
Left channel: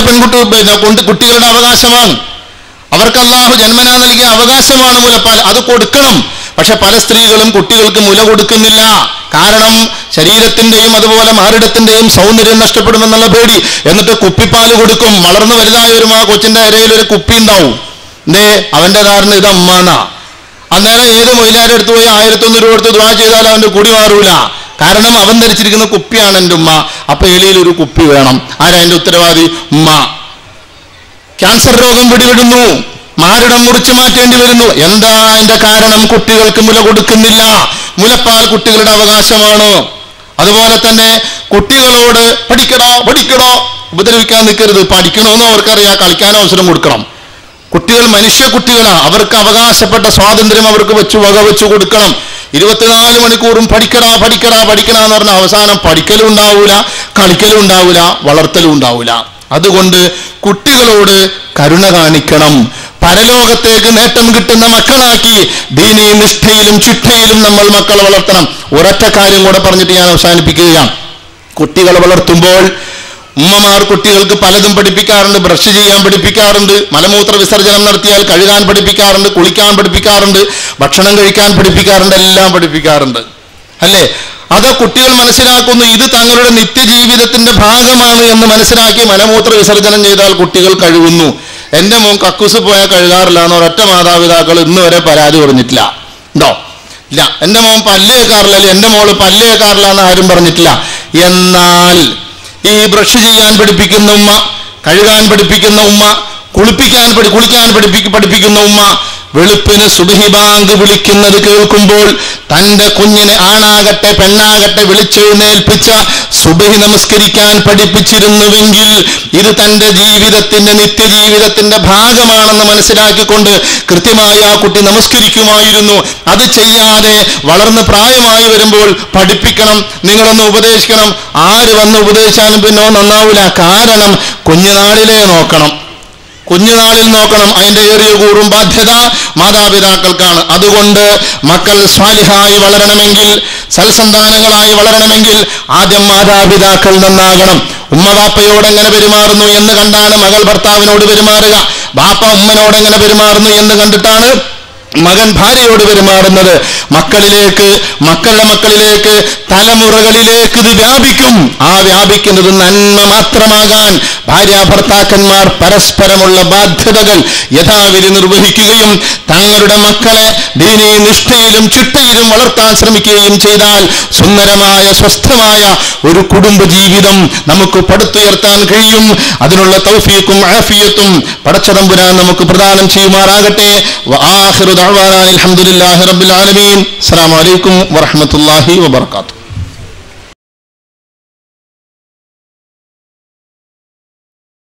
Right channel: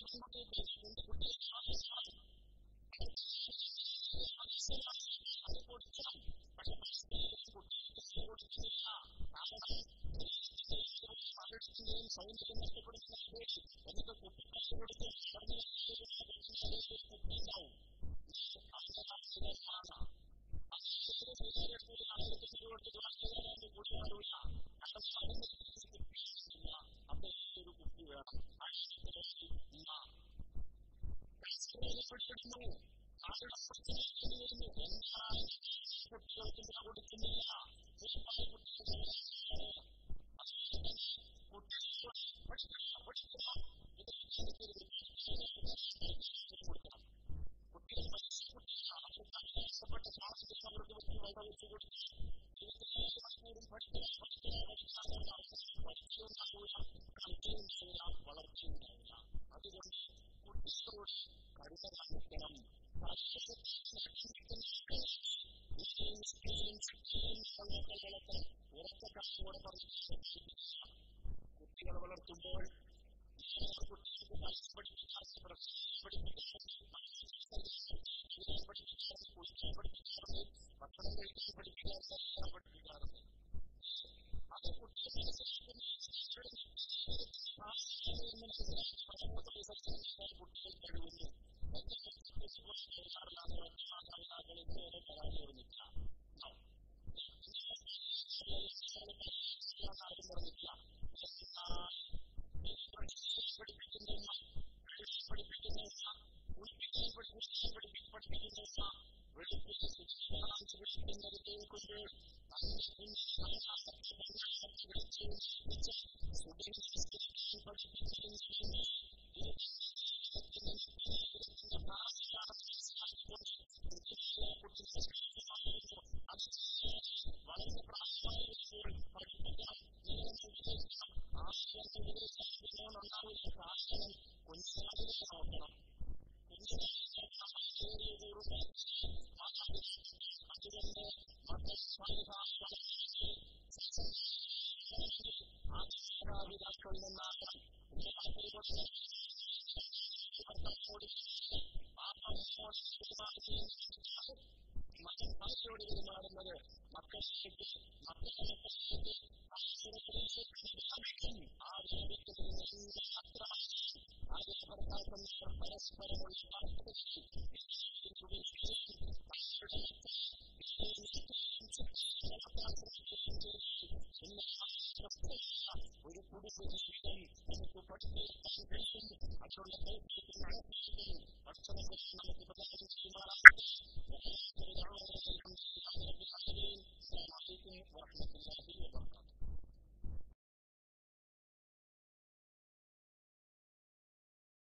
കുട്ടികളുടെ അവകാശമാണ്. അവർക്ക് അല്ലാഹു ജന്മനാ നൽകിയ അവകാശമാണ് മുലപ്പാൽ, അത് കൊടുക്കണം. പക്ഷെ പല സ്ത്രീകളും കുട്ടികൾക്ക് മുല കൊടുക്കുന്നില്ല. കാരണം ശരീരത്തിന്റെയും അതുപോലെ മാറിടത്തിന്റെയും സൗന്ദര്യം നഷ്ടപ്പെടുമെന്നുള്ള പേടി. എന്നിട്ട് കുപ്പിപ്പാല് കൊടുക്കും. വളർന്നു വലുതായ ഒരു കൊച്ചിന്റെ ഇരയിൽ ഒരു കുപ്പി ഉണ്ടാവും. അവന്റെ ധാരണ ഇത് അമ്മാനാ. അന്നേരം ഏത് മൊയിലാരുടെ അടുത്ത് പോയി 1100 രൂപ കൊടുത്ത് ദുആ ചെയ്താൽ അവന്റെ കുടി മാറൂല. കാരണം അവൻ ധരിച്ചിരിക്കുന്ന കുപ്പിയാണ് എൻ്റെ ഉമ്മ. അപ്പൊ എളിയിൽ ഒരു കുപ്പി വേണം. ആരാ അതിന്റെ ഉത്തരവാദി? ഉമ്മ. ക്യാൻസർ രോഗം പിടിപെടുന്നു, മാറിടം മുറിച്ചു മാറ്റേണ്ടി വരുന്നു. എന്താ അതിന്റെ കാരണം? കുട്ടികൾക്ക് മുല കൊടുക്കുന്നില്ല. മുലപ്പാൽ കുട്ടികളുടെ അവകാശമാണ്. അതുപോലെ തന്നെ കുട്ടികളോട് പഠിക്കടോ ഉപദ്രവിക്കാൻ നിൽക്കരുത്. പഠിക്കണമെന്ന് അവർക്കറിയാം, കളിക്കാനോ അവസരം കൊടുക്കണം. കുട്ടികൾ മനുഷ്യ കുട്ടികളാണ്, അവർക്ക് അവകാശപ്പെട്ട സ്വാതന്ത്ര്യം അവർക്ക് വകവെച്ചു കൊടുക്കണം. 24 മണിക്കൂറും പഠിക്കടാ എന്ന് പറഞ്ഞാൽ അവസാനം പഠിക്കലും ഉണ്ടാവൂല, കളിക്കലും ഉണ്ടാവൂല, വളർത്തലും ഉണ്ടാവൂല. അതുകൊണ്ട് കുട്ടികളോട് കരുണ കാണിക്കണം. പരലോകത്തേക്ക് നേട്ടം കിട്ടുന്ന മക്കളാക്കി ദീനീ നിഷ്ഠയിലും ചിട്ടയിലും നമ്മൾ മക്കളെ വളർത്തണം. ഒരൊറ്റ കാര്യം കൂടെ പറഞ്ഞിട്ട് ഞാൻ അവസാനിപ്പിക്കുകയാണ്. കുട്ടികളെ വളർത്തുമ്പോൾ ഉമ്മമാർ കുട്ടികൾക്ക് പലതും പഠിപ്പിക്കാറുണ്ട്. ബ്രഷ് ചെയ്യാൻ പഠിപ്പിക്കാറുണ്ട്, മലമൂത്ര വിസർജനം നടത്തിയാൽ കഴുകാൻ പഠിപ്പിക്കാറുണ്ട്, കുളിക്കാൻ പഠിപ്പിക്കാറുണ്ട്, ഭക്ഷണം കഴിക്കാൻ പഠിപ്പിക്കാറുണ്ട്, എല്ലാം പഠിപ്പിക്കാറുണ്ട്. അല്ലേ? അത് കുട്ടികൾ മനസ്സിലാക്കുന്നു ഇത് തങ്ങളുടെ നിത്യജീവിതത്തിന്റെ ഭാഗമാണ് എന്ന് മനസ്സിലാക്കി മലമൂത്ര വിസർജനം ചെയ്താൽ കുട്ടികൾ കഴുകുന്നു. എൻ്റെ മോൻ കക്കൂസ് പോയാൽ കഴുകാറില്ല എന്ന് ഒരൊറ്റ മാതാപിതാക്കൾ ഇന്ന് വരെ പരാതി പറഞ്ഞിട്ടില്ല. ഉണ്ടോ? ഇല്ല. എൻ്റെ മോൻ പല്ല് കേൾക്കാറില്ല, അല്ലെങ്കിൽ എൻ്റെ മോള് പല്ല് കേൾക്കാറില്ല എന്ന് ആരും പറഞ്ഞിട്ടില്ല. എന്നാൽ ഈ ബ്രഷ് ചെയ്യാൻ പഠിപ്പിക്കുന്ന ഉമ്മ, കഴുകാൻ പഠിപ്പിക്കുന്ന ഉമ്മ, കുളിക്കാൻ പഠിപ്പിക്കുന്ന ഉമ്മ, വെളുപ്പിന് സുബ്ഹി ബാങ്ക് വിളിക്കുന്നത് കേൾക്കുമ്പോൾ തൻ്റെ കുഞ്ഞിനെ ആണാകട്ടെ പെണ്ണാകട്ടെ വിളിച്ചെഴുന്നേൽപ്പിച്ച സുബ്ഹി നമസ്കരിക്കാൻ പഠിപ്പിച്ചിരുന്നുവെങ്കിൽ ഇത് തൻ്റെ ജീവിതത്തിന്റെ നിത്യജീവിതത്തിന്റെ ഭാഗമാണെന്ന് മനസ്സിലാക്കിക്കൊണ്ട് കൃത്യമായി ആ കുട്ടി നമസ്കരിക്കുമായിരുന്നു. അത് ചെയ്യാതെ വളർന്ന് പ്രായമായി വരുമ്പോൾ പഠിപ്പിക്കണം, നിങ്ങളൊന്ന് ഉപദേശിക്കണം. ആര് വന്ന് ഉപദേശിച്ചാലും പിന്നെ നന്നാവൂല. കാരണം കുഞ്ഞുനാളിലേ നോക്കണം, കുഞ്ഞുനാളിൽ നോക്കണം. അതിൻ്റെ ഏറിയ കൂറും ബാധ്യത മാതാപിതാക്കൾക്കാണ്. അതുകൊണ്ട് മക്കൾ സ്വാലിഹായി വളരണമെങ്കിൽ, സൽസന്താനങ്ങളായി വളരണമെങ്കിൽ ആദ്യം മാതാപിതാക്കൾ നന്നാകണം. ഉമ്മ ബാപ്പയോട് എങ്ങനെ പെരുമാറുന്നു എന്ന് കണ്ടാണ് മകൾ ഭർത്താവിനോട് പെരുമാറുക. ബാപ്പ ഉമ്മനോട് എങ്ങനെ പെരുമാറുന്നു എന്ന് കണ്ടിട്ടാണ് മകൻ ഭാര്യയോട് പെരുമാറുന്നത്. മക്കളിലേക്ക്, മക്കളുടെ മക്കളിലേക്ക്, തലമുറകളിലേക്ക് ഇത് വ്യാപിക്കും. ആ വ്യാപിക്കുന്നത് നന്മ മാത്രമാകാൻ ഭാര്യ ഭർത്താക്കന്മാർ പരസ്പരമുള്ള ബാധ്യതകൾ യഥാവിധി നിർവഹിക്കുകയും തങ്ങളുടെ മക്കളെ ദീനീ നിഷ്ഠയിലും ചിട്ടയിലും വളർത്താൻ ശ്രമിക്കുകയും ചെയ്താൽ സുന്ദരമായ സ്വസ്ഥമായ ഒരു കുടുംബ ജീവിതം നമുക്ക് പടുത്തുയർത്താൻ കഴിയും. അതിനുള്ള തൗഫീഖും ആഫിയത്തും പടച്ചതമ്പുരാൻ നമുക്ക് പ്രദാനം ചെയ്യുമാറാകട്ടെ. വആഖിറു ദഅ്വാനാ അൽഹംദുലില്ലാഹി റബ്ബിൽ ആലമീൻ. അസ്സലാമു അലൈക്കും വറഹ്മത്തുള്ളാഹി വബറകാതുഹു.